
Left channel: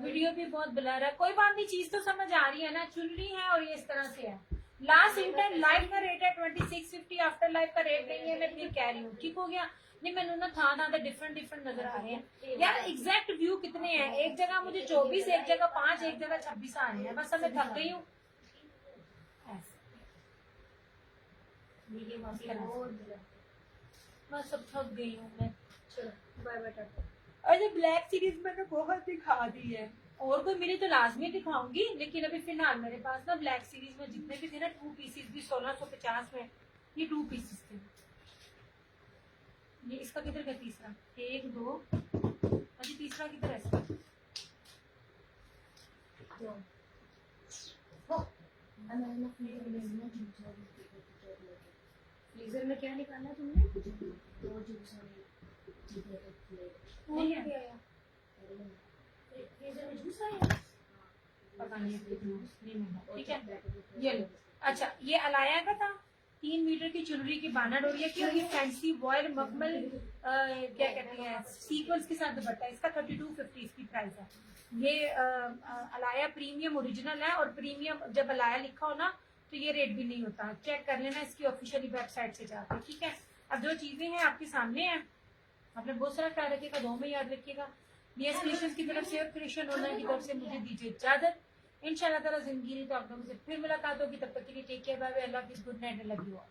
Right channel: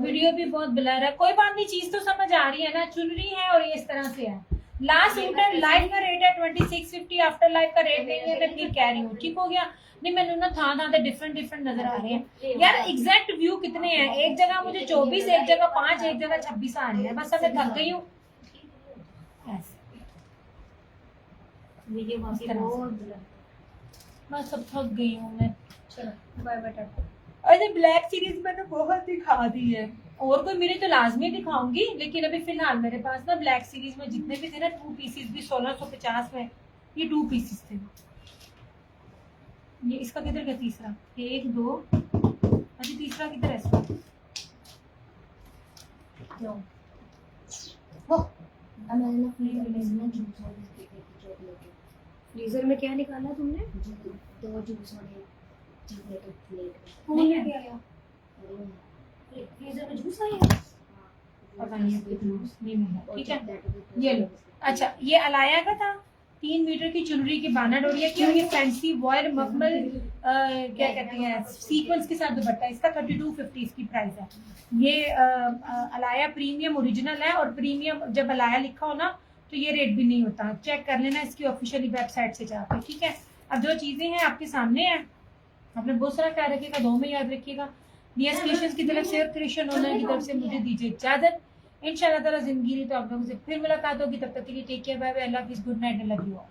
वीडियो भी बहुत ब्लर है, कोई बात नहीं, चीज तो समझ आ रही है ना। चुनरी है और ये इस तरह से है। लास्ट सूट लाइव का रेट है 2650, आफ्टर लाइव का रेट नहीं है। मैं फिर कह रही हूँ, ठीक हो गया। नहीं मैंने ना था डिफरेंट डिफरेंट नजर आ रहे हैं यार। एग्जैक्ट व्यू कितने हैं, एक जगह मुझे 24, एक जगह 5, एक जगह 26 आ रही है। बस अब मैं थक गई हूँ। बस अब थक गई हूँ मैं। चलो बाय बेटा। अरे ब्लैक सीरीज मैंने बहुत दिखा दी है, और कोई मेरी तो लाजमी दिखाऊंगी, लेकिन अभी फिलहाल मेरे पास ना ब्लैक सीरीज में जितने भी थे ना 2 पीसेस भी 1650 में, ये 2 पीसेस थे। ये इसका किधर का तीसरा, 1 2, अभी तीसरा किधर है इसका? फ्रीजर में क्या निकाला तुमने? 2 जूस वाले नहीं है फ्रीजर में जूस आया पता नहीं, नहीं मिला। ठीक है ये लो। अच्छा ये अलाया का था, 3 मीटर की चुनरी की बाना डोरिया की, और ये फैंसी वॉयल मखमल क्या कहते हैं सीक्वेंस के साथ दुपट्टा। इसका 3250 इसकी प्राइस है। ये अलाया प्रीमियम ओरिजिनल है, और प्रीमियम जब अलाया लिखा हो ना तो ये रेट भी नहीं होता। चेक कर लेना इसकी ऑफिशियली वेबसाइट से जाकर। ठीक है, अब जो चीजें हैं आपके सामने हैं, आपने बहुत सारा ख्याल रखिएगा, 2 में याद रखिएगा। नियस क्रिएशंस की तरफ से और क्रिएशन ऑनलाइन की तरफ से मुझे दीजिए इजाजत। इंशाल्लाह ताला जिंदगी नहीं तो आप लोगों से फिर मुलाकात होगी। तब तक के लिए टेक केयर, बाय बाय, अल्लाह हाफिज़, good night, love you all.